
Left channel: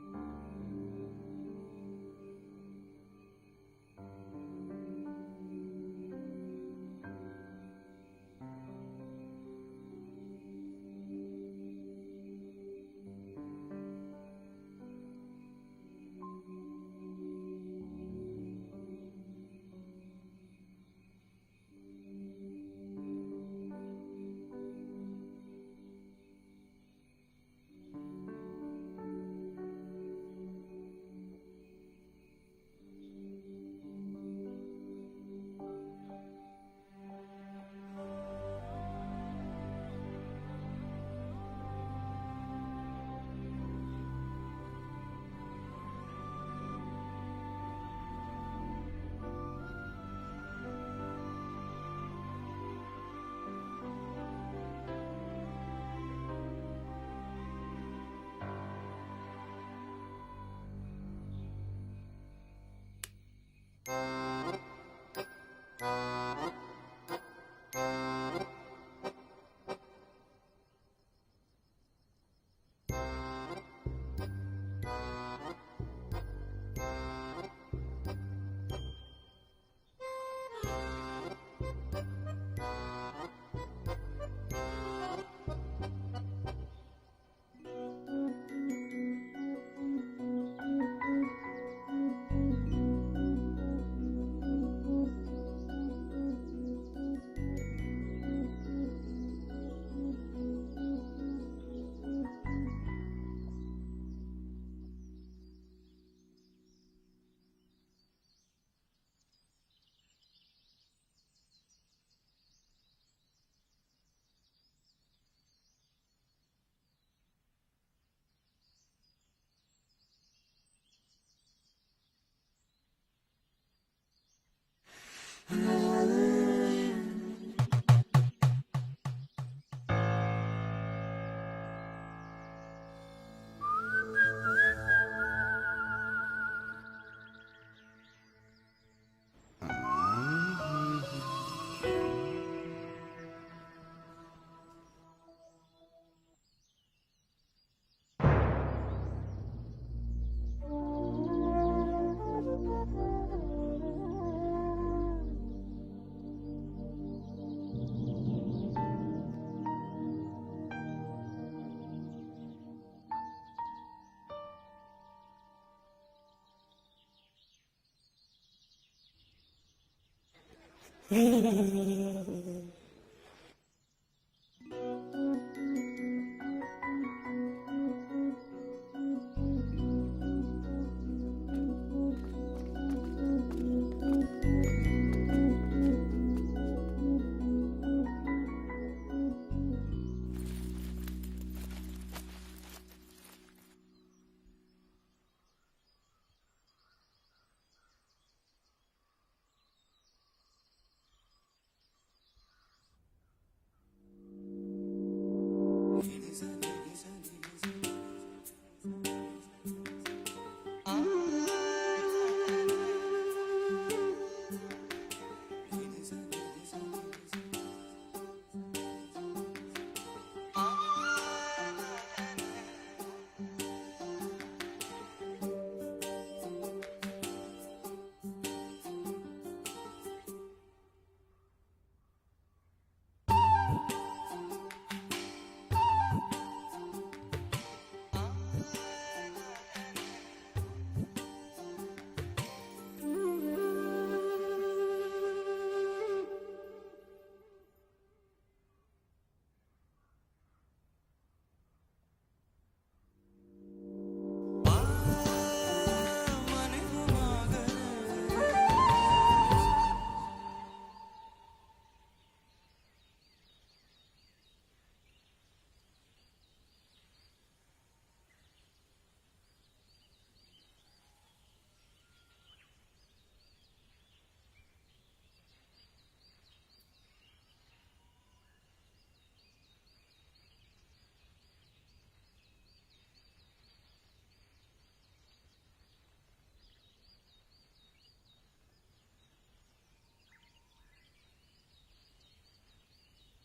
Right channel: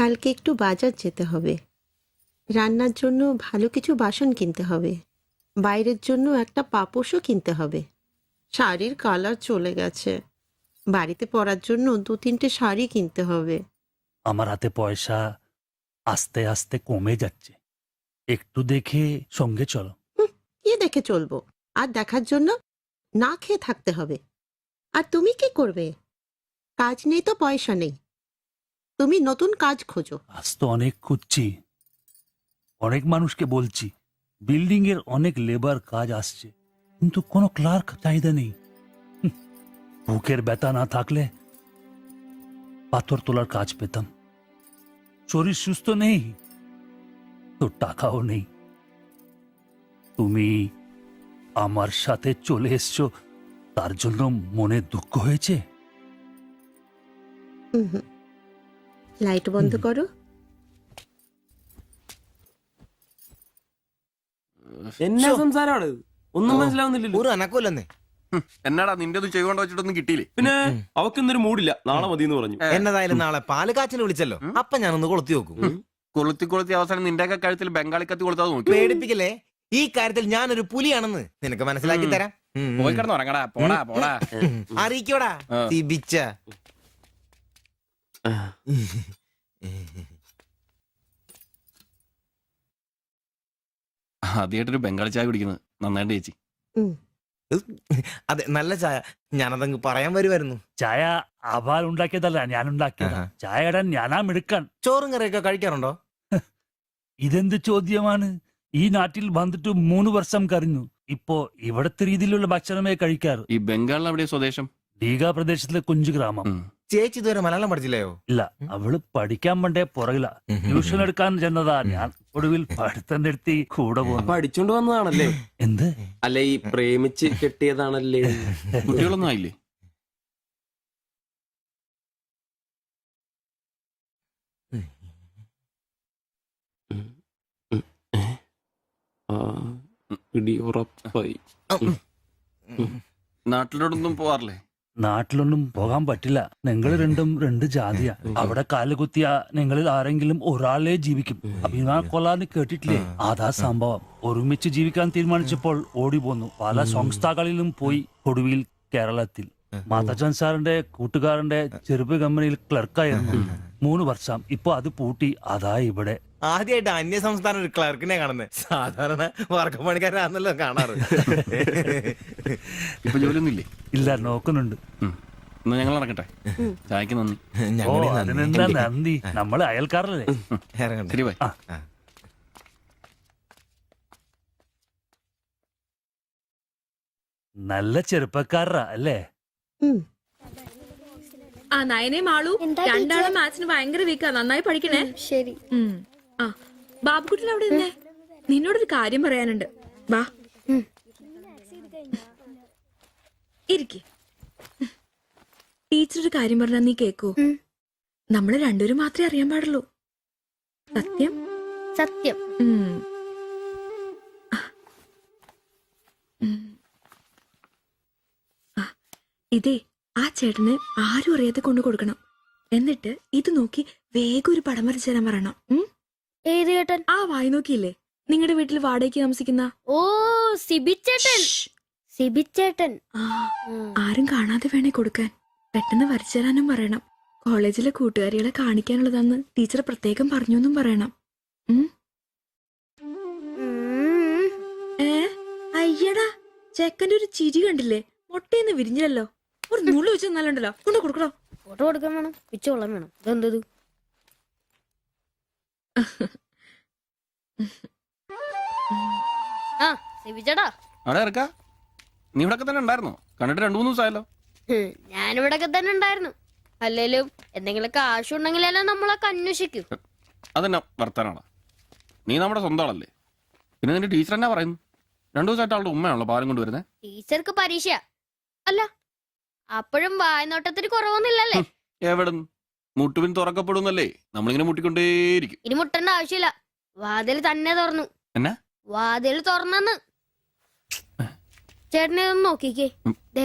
কালকে একটু বাজার যেতে হবে। রান্নার জন্য ভালো কিছু বাসন কিনতে হবে। বাইরের জন্য একটা পাপোশও কিনতে হবে। শাড়ির কালার চলে গেছে। বাড়িতে পরার জন্য 2-3টে শাড়ি কিনতে হবে। আমার হাতে পয়সা আস্তে আস্তে কমে যাচ্ছে, একটু দেখে সঙ্গে চলো। কি দেখে চলবো? আর দেখার জন্য না খেয়ে থাকতে হবে। আর তুমি কি করবে? কাজ নেই তো পয়সা নেই। তুমি নতুন কাজ খোঁজো। আজ তো অনেক খুঁজছি, অনেক মানুষকে বলছি, বিল্ডিং এর অনেক লেবার কাজ আসছে, কিন্তু কোনো ক্লার্ক চাহিদা নেই। বুকের ব্যথা না থাকলে পাথর তোলার কাজ পেতাম। শরীর সুস্থ নেই তো টাকাও নেই। তুমি আমার সাথে চলে এসছো, তার জন্য মনে দুঃখ হয়েছে? লাইট বন্ধ করো। എന്നാ സംസാരമാണ്? ഒന്നും മനസ്സിലാവുന്നില്ലല്ലോ. ഒരു അനക്കമില്ലെന്നേ. എന്നാടാ നിന്റെ ചെയ്തുകൊണ്ട് വെച്ചിട്ടൊന്നും കിട്ടിയില്ലേ? പിന്നെ അവക്കൊന്നൊരു മൂടില്ല, നാളെ മതി എന്ന് പറഞ്ഞു. എന്നതായാലും നാളെ പാല് കാച്ചിന് വിളിച്ചല്ലോ, അപ്പൊ ഞാനൊന്ന് കൊളുത്തി നോക്കും. കൊളുത്തി അവസാനം നിന്റെയൊക്കെ കഴുത്തിൽ ബംഗാളി കത്തി കൊളുത്താതെ നോക്കി. പേടിപ്പിക്കല്ലേ? ഈ കാര്യത്തിൽ ഞാനൊരു പുലിയാണെന്ന് നിനക്ക് മനസ്സിലാക്കി തരാം. പോയി കിടന്ന് ഉറങ്ങടാ. പോടാ പോടാ. അറിയിക്കോടാ തിബിച്ച. ആദ്യമായിട്ടൊരു ബംഗാളി ചായ കുടിക്കുന്നത് നന്നായിട്ട് ചേച്ചി. അതെ, നല്ല ചായ. ഞാനതങ്ങ് പറയാൻ വരുമായിരുന്നു. ചായ അപാൽ ഉണ്ടാക്കിയതല്ല, ഞാൻ ഉണ്ടാക്കിയതാ. ചായ ഇടാൻ ഞാനാ മിടുക്കാൻ. ചോറും കറിയൊക്കെ കഴിക്കാറുണ്ടോ? ഇതെന്ത് ചോദ്യമാണ്? ഈ നാട്ടിൽ വന്നിട്ട് 3 വർഷം കഴിഞ്ഞു. ഇപ്പോ ഇവിടത്തെ രീതിയിലുള്ള ഭക്ഷണമേ കഴിക്കാറ്. ഈ ബംഗാളിൽ എവിടെയാ സ്വദേശം? ദീഘ പ്രദേശത്തിലെ കുഞ്ചു ഗ്രാമം. ചേച്ചി ഇതുവരെ മലയാളം പഠിച്ചില്ലയോ? ഇല്ല, അവള് പഠിക്കാൻ വേണ്ടേ പുറകില. ട്യൂഷൻ എടുക്കാൻ ചെന്നതാ. ഞാൻ ഒടുവിൽ പഠിത്തം നിർത്തി കൂടെ പോകുന്നു. പഠിച്ചോണ്ട് വന്നതാണല്ലേ? എന്ത്? അല്ല, ഈ പ്രേമിച്ച് കെട്ടിയതാണല്ലേ? കുട്ടികളൊന്നും ആയില്ലേ? പിടി ഉറപ്പായി. നാട്ടിലോട്ടൊന്നും പോവാറില്ലേ? നാട്ടിലൊന്നും പോകാൻ പറ്റില്ല. നിങ്ങൾ രണ്ടും രണ്ട് ജാതിയാ. അവിടെ കാലുകുത്തിയ നിങ്ങളിൽ ആരെങ്കിലും ഒരാളെ ജീവിക്കും. അഭിമാന കൊല്ലാന്ന് കേട്ടിട്ടില്ലേ? അതാ സംഭവം. ഒരുമിച്ച് ജീവിക്കാൻ തീരുമാനിച്ചപ്പോൾ ഓടി പോന്നു. പല സംസ്ഥകളിലും പോയി. ഒടുവിൽ കേരളത്തിൽ മാതച്ചൻ സാറിന്റെ കൂട്ടുകാരന്റെ ചെറുപ്പ് കമ്പനിയിൽ ക്ലർക്കായിരുന്നു 3 വർഷം. ഇപ്പൊ അത് പൂട്ടി. അതാ ഇവിടെ. ആദ്യമായിട്ട് അന്യ സംസ്ഥാന ഒരു ക്ലർക്കിനെ കാണുന്നത്. സാധാരണ വർക്കപ്പണിക്കാരാണല്ലോ കാണാറ്. ഇപ്പൊ ജോലിയൊന്നും ഇല്ലേ? ഇല്ല, നോക്കുന്നുണ്ട്. എന്നാ ഞങ്ങൾ നടക്കട്ടെ. ചായക്ക് നന്ദി. ഓ, അതിനെന്താ നന്ദി, നമ്മള് അയൽക്കാരല്ലേ. ശരി ബൈ. നല്ല ചെറുപ്പക്കാരാ അല്ലേ? ആ നയനെ മാളു രണ്ടാളും മാത്സിന് ഭയങ്കര വീക്കാ. നന്നായി പഠിക്കണേ. ശരി. ആ ബാബുക്കുട്ടിൽ അവിടെ നിന്നേ, നിന്നോടൊരു കാര്യം പറയാനുണ്ട്. വാ ഇരിക്ക്. ടീച്ചർ ഒരു കാര്യം പറഞ്ഞാ നീ കേക്കൂ? നമ്മള് രണ്ടുപേരും മാത്രമേ അറിയാൻ പാടുള്ളൂ. സത്യം സത്യം. ഇതേ ആ ചേട്ടന് ആരും അറിയാതെ കൊണ്ടു കൊടുക്കണം. എന്നിട്ട് ഇത് നോക്കി വേഗം ഒരു പടം വരച്ചു തരാൻ പറയണം. ഏത് ചേട്ടൻ? ആ വായി നോക്കിയില്ലേ നിങ്ങളുടെ വീട്ടിൽ വാടകയ്ക്ക് താമസിക്കുന്ന? ഓ സിബിച്ചേട്ടൻ. സിബിച്ചേട്ടൻ. ആരും കാണാതെ വേണേ കൊടുക്കാൻ. പെട്ടെന്ന് വരച്ചു തരാനും പറയണം. കോളേജിലെ കൂട്ടുകാരികളെ കാണിക്കാനുള്ളതാന്ന് ടീച്ചർ പ്രത്യേകം പറഞ്ഞു എന്നും പറയണം. അയ്യടാ, ചെക്കന്റെ ഒരു ചിരി കണ്ടില്ലേ? മുട്ടയെന്ന് വിരിഞ്ഞല്ലോ. ഒരു നുള്ളു വെച്ച് നല്ലുണ്ടല്ലോ. കൊണ്ട് കൊടുക്കണോ? ഫോട്ടോ കൊടുക്കാൻ വേണം, പിച്ചോളം വേണം. ഇതെന്തത്? ആ സിബിച്ചേട്ടാ. അവിടെ ഇറക്കാ. നീ ഇവിടെ തന്നെ ഉണ്ടായിരുന്നോ? കണ്ടിട്ട് 2-3 ദിവസമായല്ലോ. ഞാനിവിടൊക്കെ തന്നെ ഉണ്ടായിരുന്നു. അല്ലേലും എന്തെങ്കിലും കാശുണ്ടെങ്കിലല്ലോ നമ്മളൊക്കെ അന്വേഷിക്കും. അതെന്നാ വർത്താനാണ്? നീ നമ്മുടെ സ്വന്തം ആളല്ലേ. പിന്നെ നിന്റെ ടീച്ചർ എന്നാ പറയുന്നു? 2 ദിവസമായിട്ട് അവളുടെ ഉമ്മയാണല്ലോ പാലും കൊണ്ടുവരുന്നത്. ടീച്ചർക്ക് പരീക്ഷ അല്ല, അപ്പോഴും വായനോട്ടത്തിന് കുറവൊന്നുമില്ലല്ലേ? എവിടെ മുട്ടുപിൻ തുറക്കപ്പെടുന്നല്ലേ? നമ്മളിങ്ങനെ മുട്ടിക്കൊണ്ടേയിരിക്കും. ഇനി മുട്ടേണ്ട ആവശ്യമില്ല. വാതിൽ തന്നെ തുറന്നു. എന്നാ വാതിൽ തുറന്നെന്ന്. ചേട്ടനെ ഒന്ന് നോക്കിക്കേ. ദേ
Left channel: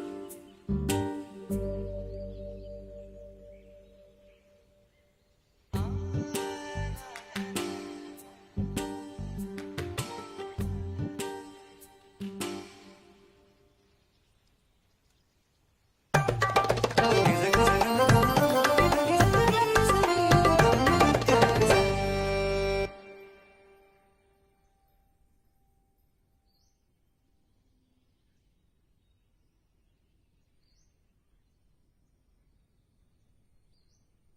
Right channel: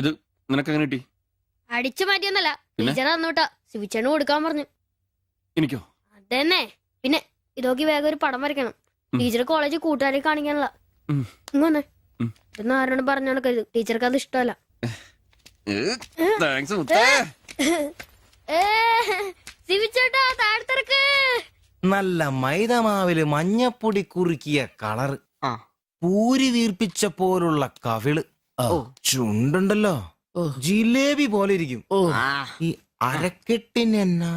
ഇത് നിനക്കെങ്ങനെ കിട്ടി? അടിച്ചു മാറ്റിയൊന്നല്ല, ടീച്ചർ തന്നൂട്ടാ. ശിവച്ചേട്ടന് കൊടുക്കാൻ പറഞ്ഞു. എനിക്കോ? തന്നെ. പിന്നെ ഇതൊക്കെ വേഗം ഒരു പടം വരയ്ക്കണം. ടീച്ചർ കോളേജിൽ കൂട്ടുകാരെ കാണിക്കാനുള്ള. ഇങ്ങനെ എന്ന് ആരോട് പറഞ്ഞു നടക്കരുത്. ടീച്ചർക്ക് അത് ഇഷ്ടമല്ല. നല്ല മൈദമാവില് മഞ്ഞപ്പൊടി കുറുക്കിയ കളറ്, പൂരി വീർപ്പിച്ച പോലുള്ള കവിള്, ചുണ്ടുണ്ടല്ലോ ജിലേബി പോലെ ഇരിക്കും. ഈ അരക്കെട്ടിന് എന്നാ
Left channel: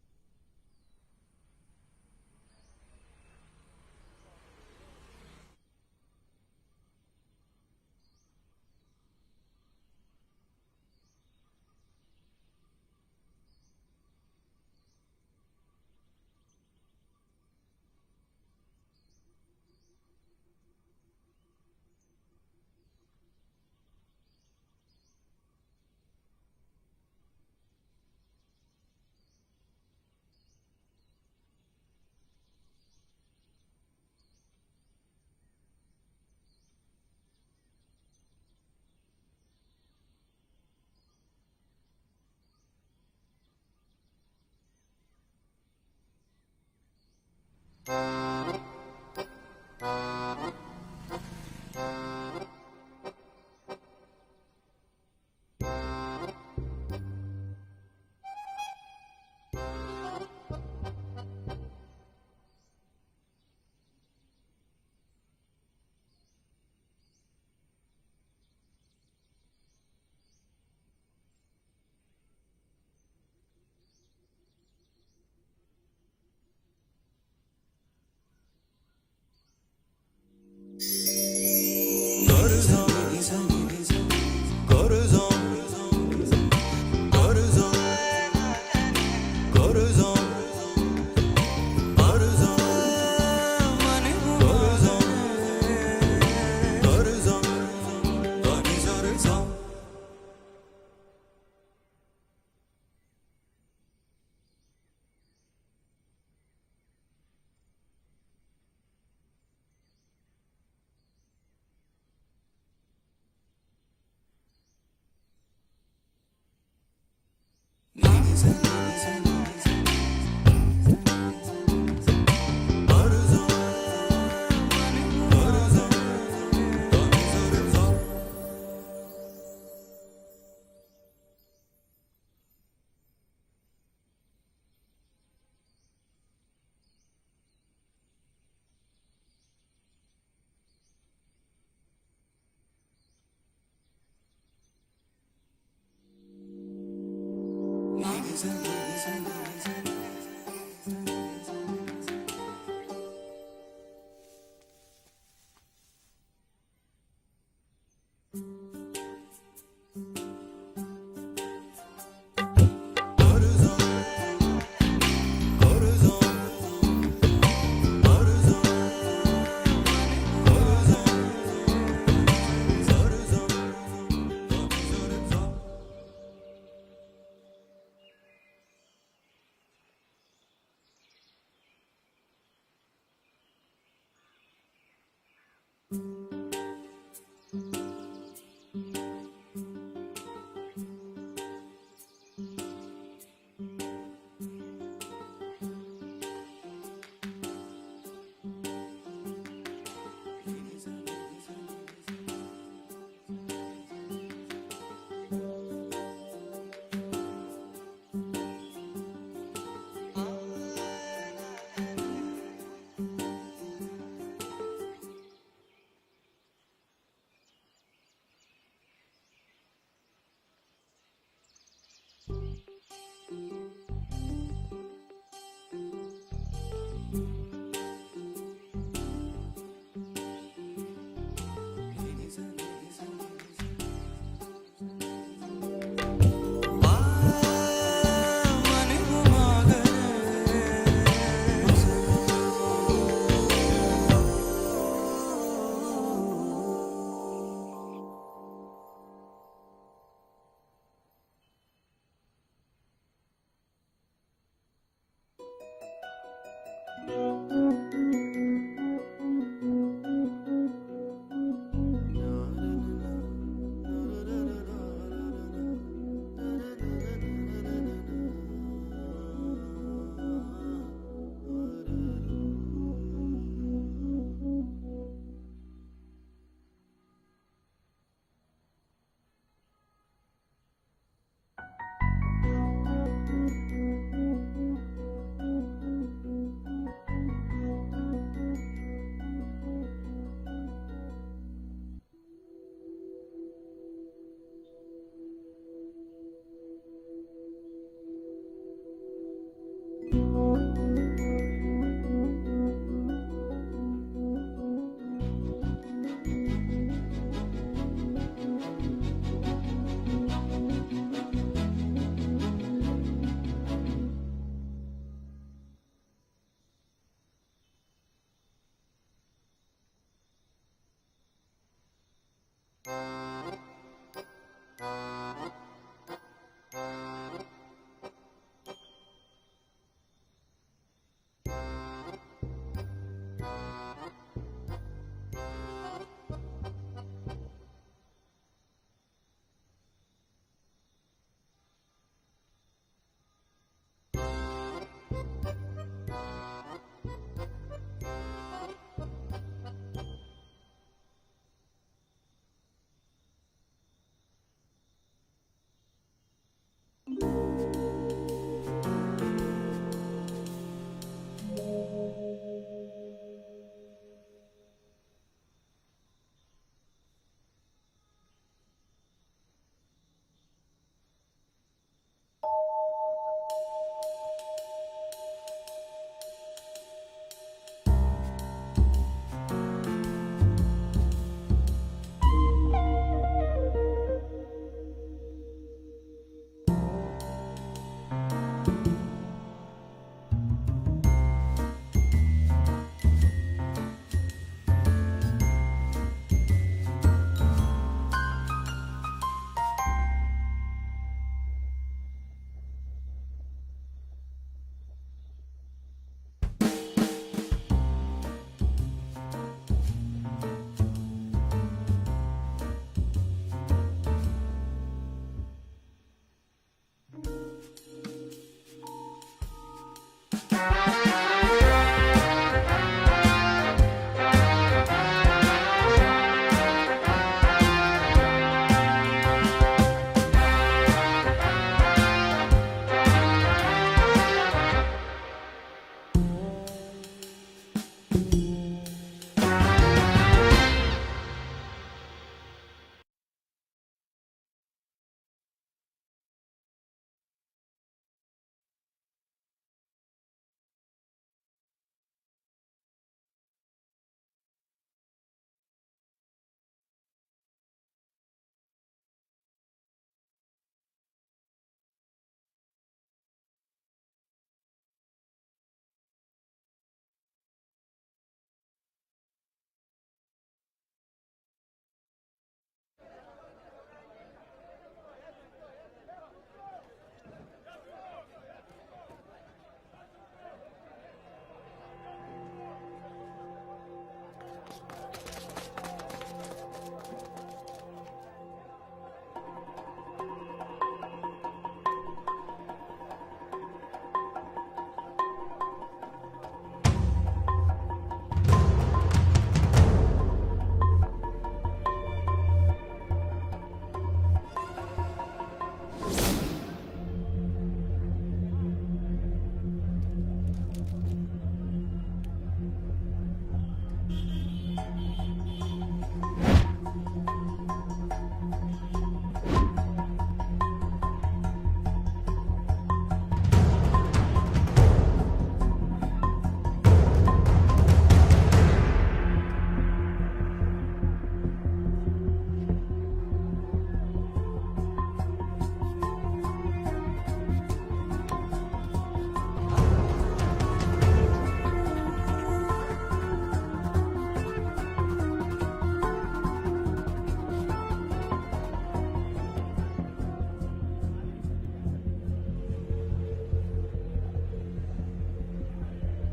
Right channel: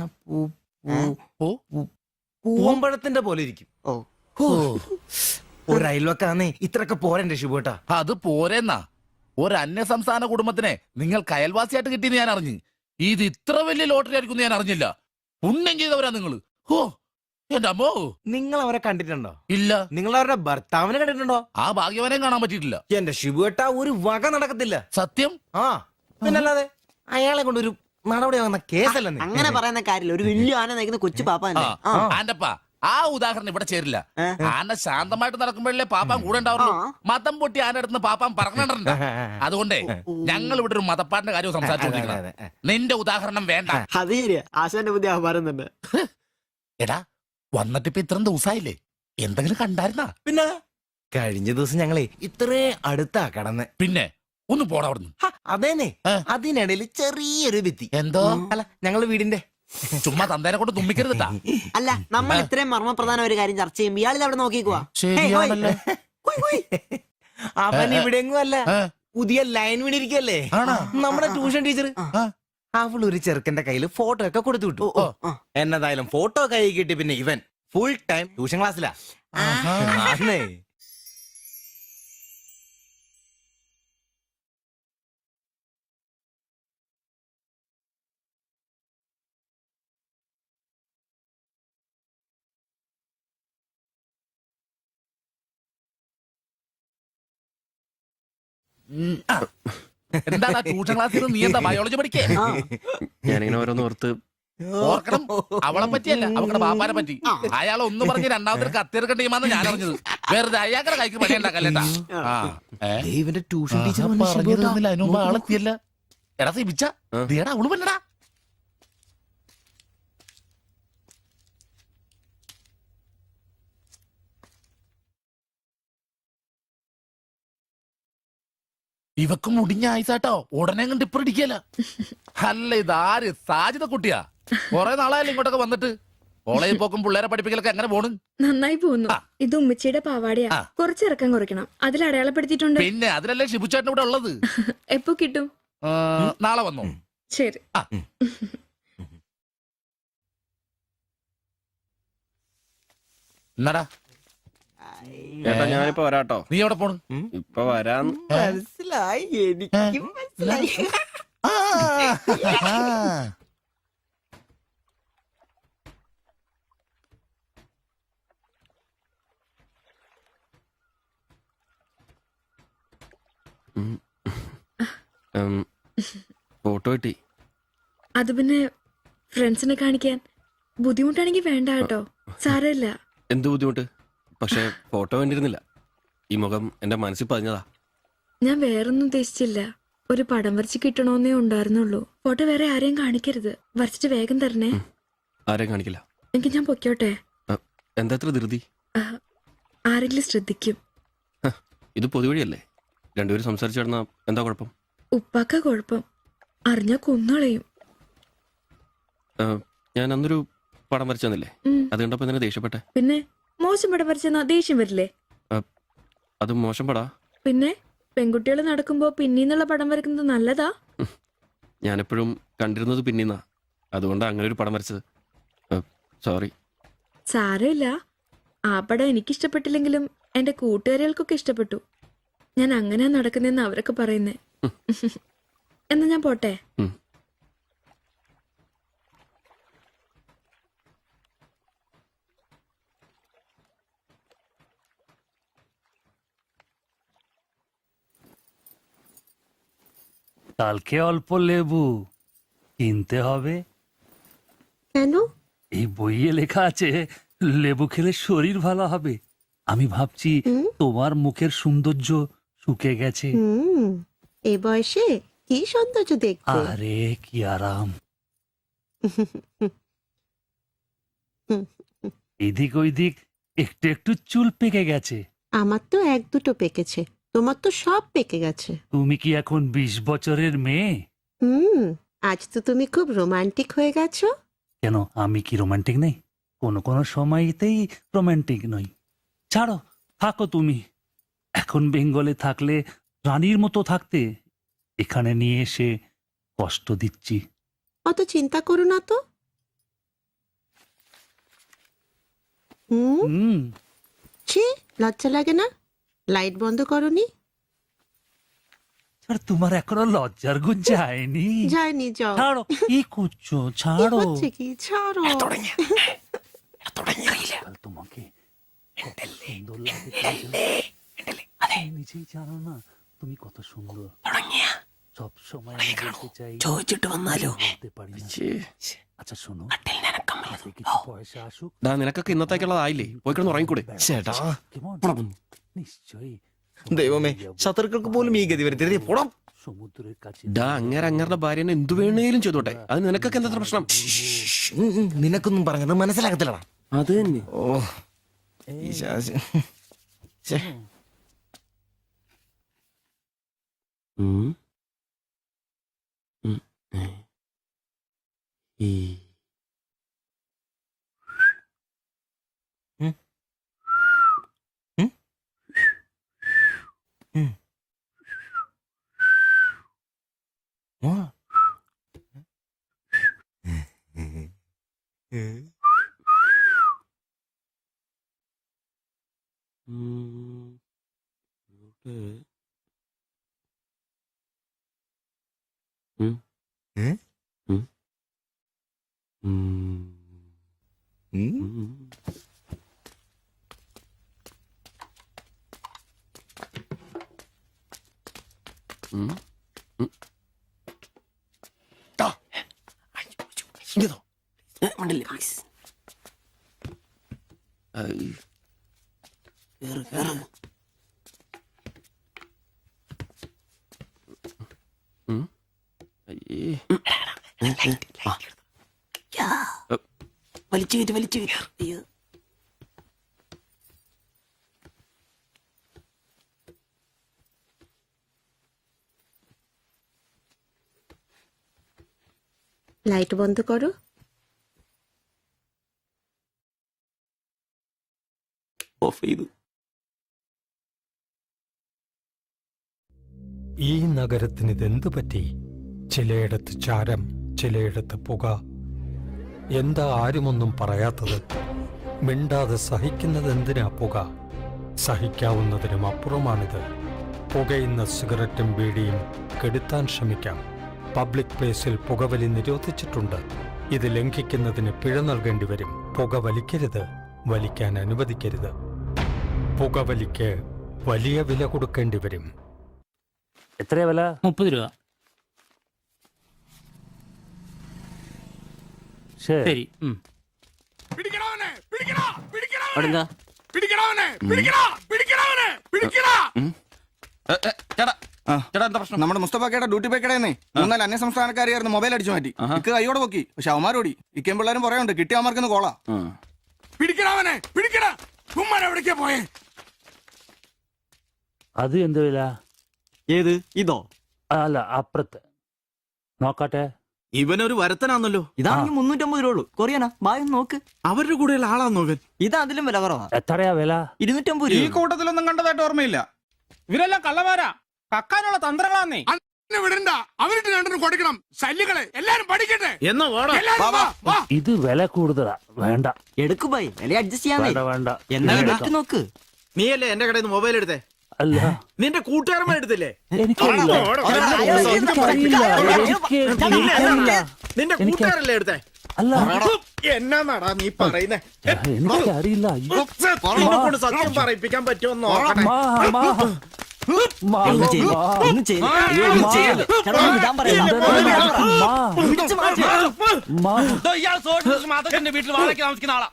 പൂവമ്പഴത്തിന്റെ പോലെ ഇരിക്കും. ഒരു അയൽവക്കാന്നേ ഇത്രയൊക്കെ പോരണ്ടേ ശിവട്ടാ? അത് പോരെന്നാ. ഒരു അന്യ സംസ്ഥാന കുടുംബത്തിനെ നിങ്ങൾക്ക് അയൽവാസിയായിട്ട് കിട്ടിയെന്ന് ഞാൻ അറിഞ്ഞു. ഇത് ഇത്ര വലിയ ലോട്ടറി ആയിരിക്കും ഞാൻ അറിഞ്ഞില്ല. പുണ്യം ചെയ്തവരാ നിങ്ങള്. ഓ എന്റെ അമ്മോ. നിങ്ങൾ അവരെ കണ്ടിട്ടുണ്ടോ? ഇല്ല. നിങ്ങൾ അവരുടെ ഭർത്താവിനെ കണ്ടിട്ടുണ്ടോ? ആ ഭാഗ്യവനെയും കാണാൻ പറ്റിയിട്ടില്ല. എന്റെ ശിവട്ടാ ഒരു വക നടക്കത്തില്ല. സത്യം. ആ പിന്നല്ലാതെ അയാളെ കൊണ്ട് ഒരു നടപടിയാകുന്ന കേസല്ല. അങ്ങനെ പറയുന്ന കാര്യമില്ല. ഒരു വലിയ ആന നയിക്കുന്ന കൊച്ചു പാപ്പ. ആന്റപ്പ ആ ഉദാഹരണം ഇവിടെ ചേരില്ല. ആന ശാന്തമായിട്ട് നടക്കുമ്പോഴല്ലേ പാപ്പാൻ കൂടെ ഉണ്ടാവുള്ളൂ. മതം പൊട്ടി ആന അടുത്ത് പാപ്പാൻ പറഞ്ഞിട്ടുണ്ട്. അതുകൊണ്ടേ ഞങ്ങൾ ഇവിടെ ഒരു മതപ്പാട്ടിന്റെ കാര്യം സംസാരിച്ചോണ്ടിരിക്കുന്നത്. നിന്റെ ഉദാഹരണം വേണ്ട. അത് ശരിയാ, ആശാന്റെ ബുദ്ധി പറയുന്നുണ്ട്. എടാ വന്നിട്ടിപ്പോ ഇത്രയും ദിവസമായില്ലേ, എന്തെങ്കിലും കണ്ടായിരുന്നാ? പിന്നെ കഴിഞ്ഞ ദിവസം ഞങ്ങളെ ഇത്രേ അടുത്താ കടന്ന്. പിന്നെ ഒന്ന് പോടാ അവിടുന്ന്. അതേനെ, അതിനിടയിൽ ചെറിയൊരു ഭിത്തി. എന്തോ അല്ല ഞങ്ങള് വീടിന്റെ ചുമ്മാ തന്തേനെ കൊണ്ട് തുമ്മിക്കരുതാ. അല്ല, നമ്മൾ ഇത്രയും മർമ്മപ്രധാന ഒരു കാര്യം ചർച്ച ചെയ്യുമ്പോൾ ഇയാളിത് അവിടെ നോക്കിക്കുവാ. ശരിയാണല്ലോ. അവൻ ഇവിടെങ്ങും അല്ല, പുതിയ ലൈൻ വീണിരിക്കല്ലേ നമ്മുടെ ട്യൂഷൻ ടീച്ചർ. അവൾ ഒരു ചെറുക്കന്റെ കയ്യിൽ ഫോട്ടോ ഒക്കെ കൊടുത്തു വിട്ടു. എന്നതായാലും ഫോട്ടോ കൈ കിട്ടി. പിന്നെ ഇവൻ ഫുൾ ടൈം ട്യൂഷൻ ക്ലാസ്സിലാ. എന്താണ് ട്യൂഷൻ ക്ലാസ്സിൽ നീ എന്താ ബയോളജി പഠിക്കേ? ഞാനിങ്ങനെ ഓരോന്ന് ഓർത്ത് ഓർക്കണം, അവളെ പറ്റിയല്ല, അവളുടെ പാപ്പാനെ പറ്റി. അയാൾ ഒന്ന് പറഞ്ഞ് രണ്ടാമത്തെ കത്തിയെടുക്കേണ്ട ടീമാന്ന് ഞാൻ അറിഞ്ഞത്. വെറുതെ അയാളുടെ കൈക്ക് പണി ഉണ്ടാക്കല്ലേട്ടാ. ഇവന്റെ ട്യൂഷൻ ടീച്ചർ അതിനു മുമ്പ് ആളെത്തിയല്ല. എടാ സിബിച്ച അവള് പറ്റടാ. ഇവക്ക് മുടിഞ്ഞ ആയിസാട്ടോ, ഉടനെ കണ്ട് ഇപ്പൊ ഇടിക്കല. അല്ല ഇതാര് സാജിത കുട്ടിയാ? കൊറേ നാളായാലും ഇങ്ങോട്ടൊക്കെ വന്നിട്ട്. കോളേജിൽ പോക്കും പിള്ളേരെ പഠിപ്പിക്കലൊക്കെ എങ്ങനെ പോണ്? നന്നായി പോകുന്നു. ഇത് ഉമ്മച്ചിയുടെ പാവാടയാ, കുറച്ച് ഇറക്കം കുറയ്ക്കണം. അതിൽ അടയാളപ്പെടുത്തിയിട്ടുണ്ട്. പിന്നെ അതിലല്ലേ ഷിബുച്ചേട്ടൻ ഇവിടെ ഉള്ളത്. എപ്പോ കിട്ടും? നാളെ വന്നോ? ശരി. എന്നാടാ ചേട്ടാ ഞാനിപ്പോ വരാട്ടോ. നീ എവിടെ പോണ്? ഇപ്പൊ വരാൻ മനസ്സിലായി, എനിക്കും മനസ്സിലായി. ഫോട്ടോ കിട്ടി. അത് പിന്നെ ഫ്രണ്ട്സിനെ കാണിക്കാൻ ബുദ്ധിമുട്ടാണെങ്കിൽ വേണ്ട കേട്ടോ, സാരമില്ല. എന്ത് ബുദ്ധിമുട്ട്? പക്ഷെ ഫോട്ടോ വേണ്ടിയിരുന്നില്ല. ഈ മുഖം എന്റെ മനസ്സിൽ പതിഞ്ഞതാ. ഞാൻ വേറൊന്നും ഉദ്ദേശിച്ചില്ല. ഒരു പടം വരച്ച് കിട്ടണോന്നേ ഉണ്ടായിരുന്നുള്ളൂ. ഫോട്ടോ വേറെ ആരെയും കാണിക്കരുത്. വരച്ചിട്ട് വേഗം തരണേ. ആരെയും കാണിക്കില്ല. എനിക്ക് ഞാൻ പൊക്കോട്ടെ? എന്താ ഇത്ര ധൃതി? ആരെങ്കിലും ശ്രദ്ധിക്കും. ഇത് പൊതുവഴിയല്ലേ, രണ്ടുപേരും സംസാരിച്ചു കിടന്നാ എന്താ കുഴപ്പം? ഉപ്പാക്ക കുഴപ്പം, അറിഞ്ഞാ കൊന്നുകളയും. ഞാൻ അന്നൊരു പടം വരച്ചു തന്നില്ലേ, അത് കണ്ടപ്പോ തന്നെ ദേഷ്യപ്പെട്ടെ. പിന്നെ മോശം പടം വരച്ചെന്നാ ദേഷ്യം വരില്ലേ? അത് മോശം പടാ. പിന്നെ പെൺകുട്ടികൾ നടക്കുമ്പോ പിന്നീന്നുള്ള പടം വരക്കുന്നത് നല്ലതാ. ഞാനെപ്പോഴും കണ്ടിരുന്നത് പിന്നീന്നാ, അതുകൊണ്ടാ അങ്ങനെ ഒരു പടം വരച്ചത്. സോറി. സാരമില്ല. ആ പടം എനിക്കിഷ്ടപ്പെട്ടില്ലെങ്കിലും എന്റെ കൂട്ടുകാരികൾക്കൊക്കെ ഇഷ്ടപ്പെട്ടു. ഞാൻ അങ്ങനെ നടക്കുന്നെന്ന് അവരൊക്കെ പറയുന്നേ. എന്നാ ഞാൻ പോട്ടെ. কালকে অল্প লেবু কিনতে হবে। কেন? এই বইয়ে লেখা আছে লেবু খেলে শরীর ভালো হবে। আমি ভাবছি তোমার মুখের সৌন্দর্য শুকে গেছে। এ বয়সে কি সৌন্দর্য দেখবো? আরে কি আরাম। এদিক ওইদিক একটু একটু চুল পেকে গেছে। আমার তো এক দুটো পেকেছে, তোমার তো সব পেকে গেছে। তুমি কি এখন 20 বছরের মেয়ে? আজ তো তুমি খুব রোমান্টিক হয়ে গেছো। কেন, আমি কি রোমান্টিক নেই? কোনো কোনো সময়তেই রোমান্টিক নই। ছাড়ো, থাকো তুমি। এখন বেঙ্গলে থাকলে রানীর মতো থাকতে, এখানে নিয়ে এসে কষ্ট দিচ্ছি। অত চিন্তা করো না তো। ছি, লজ্জা লাগে না? লাইট বন্ধ করনি? আর তোমার এখনো লজ্জার গুণ যায়নি? যায়নি, যাও। ছাড়ো, কি করছো? ছাড়ো। হচ্ছে কি? ছাড়ো। তোমাকে কত সুন্দর লাগে নিজেই জানো না তুমি কত সুন্দর। সবসময় আমি বলতে চাই ചോദിച്ചിട്ട് വന്നാലോ? বলতে পারি না। আচ্ছা শোনো, কিছু পয়সা আসুক। നിനക്കൊക്കെ ഇന്നത്തേക്കുള്ളതായില്ലേ? പോയി കിടന്ന് ഉറങ്ങിക്കൂടെ? ചേട്ടാ ദൈവമേ, ശത്രുക്കൾക്ക് പോലും ഈ ഗതി വരുത്തരുതേ. പോടാം. সমুদ্রের কাছে അങ്ങനെ അങ്ങരുടെ ഭാര്യനെ എന്തു വേണേലും ചെയ്തോട്ടെ, അത് നിനക്കൊക്കെ എന്താ പ്രശ്നം? നിനക്കൊന്നും പറഞ്ഞത് മനസ്സിലാകത്തില്ലടാ. അത് തന്നെ. ഓ ഈ ശാസി. ഛേ. লাইট বন্ধ করো। ഈ നഗരത്തിന് ഇതെന്തു പറ്റി? ചിലയിടത്ത് ചാരം, ചിലയിടത്ത് പുക. എന്താ ആരുമൊന്നും പറയാത്തത്? മിണ്ടാതെ സഹിക്കുന്നത് എന്തിനാ പുക? സഹിക്കാവുന്നതിനും അപ്പുറമാണിത്. പുകയുന്ന സിഗരറ്റും ബീഡിയും കെടുത്താൻ ശ്രമിക്കാം. പബ്ലിക് പ്ലേസിൽ പുകവലി നിരോധിച്ചിട്ടുണ്ട്. ഇത് ലംഘിക്കുന്നതിന് പിഴ നൽകേണ്ടി വരും. പുക വലിക്കരുത്, വലിക്കാൻ അനുവദിക്കരുത്. പുകവലിക്ക് വലിയ വില കൊടുക്കേണ്ടി വരും. എത്രയാ വില? 30 രൂപ. ശരി. നമ്മുടെ മുസ്തഫാക്കയുടെ ഡ്യൂട്ടി പേക്കടേന്നേ 3-4 അന്യ സംസ്ഥാനക്കാരെയായിരുന്നു മൊബൈൽ അടിച്ചു മാറ്റി. ഇക്ക് കൈയോടെ പൊക്കി. പക്ഷെ അവന്മാരോടി ഇക്കേം പിള്ളേരും പറയാനുണ്ട് കിട്ടിയ അവന്മാർക്കൊന്ന് കോളാ. അത് എന്ത് വില? ഏത് ഇതോ? അല്ല, അപ്പുറത്ത് നോക്കട്ടെ. ഇവനൊരു വരത്തനാന്നല്ലോ. ഇതാണെങ്കിൽ 350 രൂപ ഉള്ളൂ. കൊറിയനാ ബായ് നോക്ക്. അവരുടെ കൂടെയുള്ള ആളാന്നോ ഇവൻ? ഇത് അതിലും വില കുറവാ. എത്രയാ വില? 250 ഈ രൂപ. കൂട്ടത്തിലൊന്നും കണ്ടതായിട്ട് ഓർമ്മയില്ല. ഇവരെല്ലാം കള്ളമാരാ, കക്കാനുള്ള തന്ത്രങ്ങളാന്നേ. കൊടുക്കണം ശല്യങ്ങളെ എല്ലാരും പഠിക്കട്ടെ. എന്നോ ഇത് വില കൂടുതലാ. വേണ്ട, എടുക്കു ബായ്, വില അഡ്ജസ്റ്റ് ചെയ്യാന്നേ. വേണ്ട. എന്താ എടുത്ത് നോക്ക്. നീയല്ലേ എന്റെ കടയിൽ നിന്ന് മൊബൈൽ എടുത്തേ? അല്ല, നിന്റെ കൂട്ടുകാരന്മാർ എടുത്തില്ലേ? എനിക്കറിയില്ല. നിന്റെ കൂട്ടുകാരല്ലേ എടുത്തേ? അല്ല, എന്നാടാ നീ പറയുന്നേ? എനിക്കറിയില്ല. നിന്നെക്കൊണ്ട് സത്യം പറയിപ്പിക്കാൻ പറ്റുമെന്ന് നോക്കണേ. വീട്ടിൽ വാടകയ്ക്ക് താമസിക്കുന്ന ആളാ.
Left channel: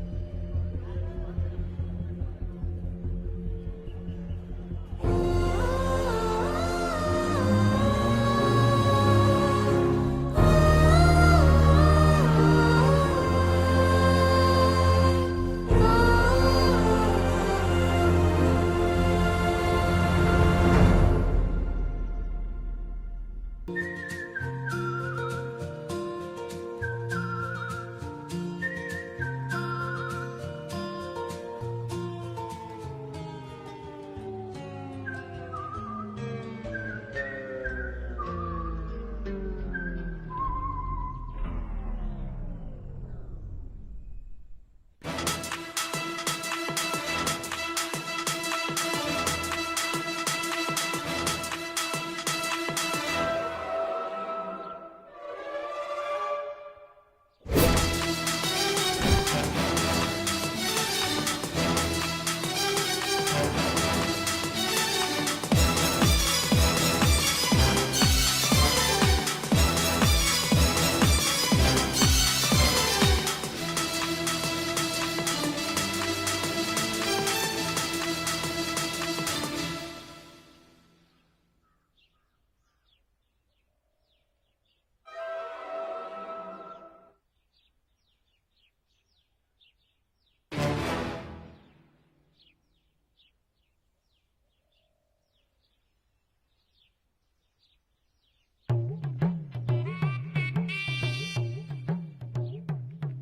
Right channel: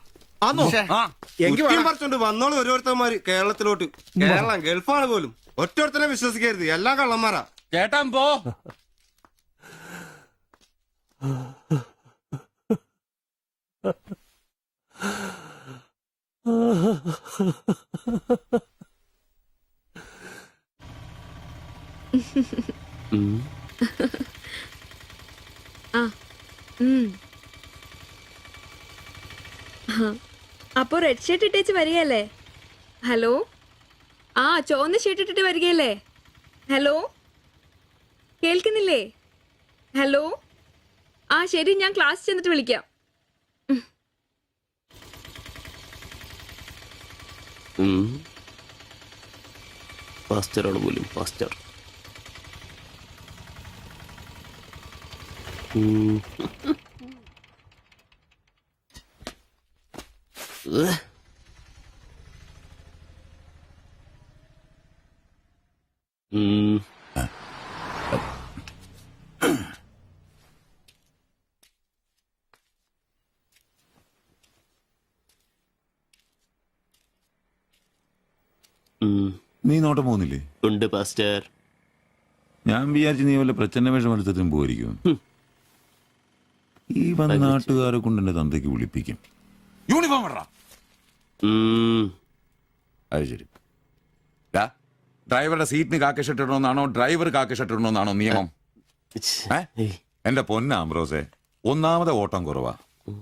വന്നോളൂ ഓരോരുത്തന്മാര് കേരളത്തിലോട്ട്. കേരളം ഗൾഫാണ് പോലും. ഒറ്റൊരുത്തനെ വിശ്വസിക്കരുത്, എല്ലാ കള്ളന്മാരാ. ചേട്ടാ പോ. അപ്പൊ റെഡ് ഷർട്ട് ഇട്ടേച്ച് വരികയല്ലേ? ഹലോ, ആ ചുവന്ന ഷർട്ട് ഇട്ടിട്ട് വരികയല്ലേ? ഹലോ, കേൾക്കുന്നില്ലേ? ഹലോ, ആ ശരി, ഞാൻ ക്ലാസ് ചെന്നിട്ട് വിളിക്കാം. നീ നോട്ടം പോകുന്നില്ലേ? ഉണ്ട് പാസ്റ്റർ. ഞാൻ വിചാരിച്ചു നീ വല്ല പ്രച്ഛന്ന വേഷം എടുത്തിട്ടും പോയിരിക്കും. ഈ വന്ന നാട്ടുകാരെ കൊണ്ട് എന്റെ തന്തയ്ക്ക് വിളിപ്പിക്കും. യൂണിഫോം ഇടറാ. അത് ശരി. ഡ്രൈവറുടെ സീറ്റിന് കാക്ക ഷർട്ട് ഇടണമെന്നാണോ ഡ്രൈവർ കാക്ക ഷർട്ട് ഇടണമെന്നാണോ നിയമം? എന്റെ പൊന്ന ആംബ്രോസേ, ഒന്നാമത്തെ ഓട്ടം കുറവാ.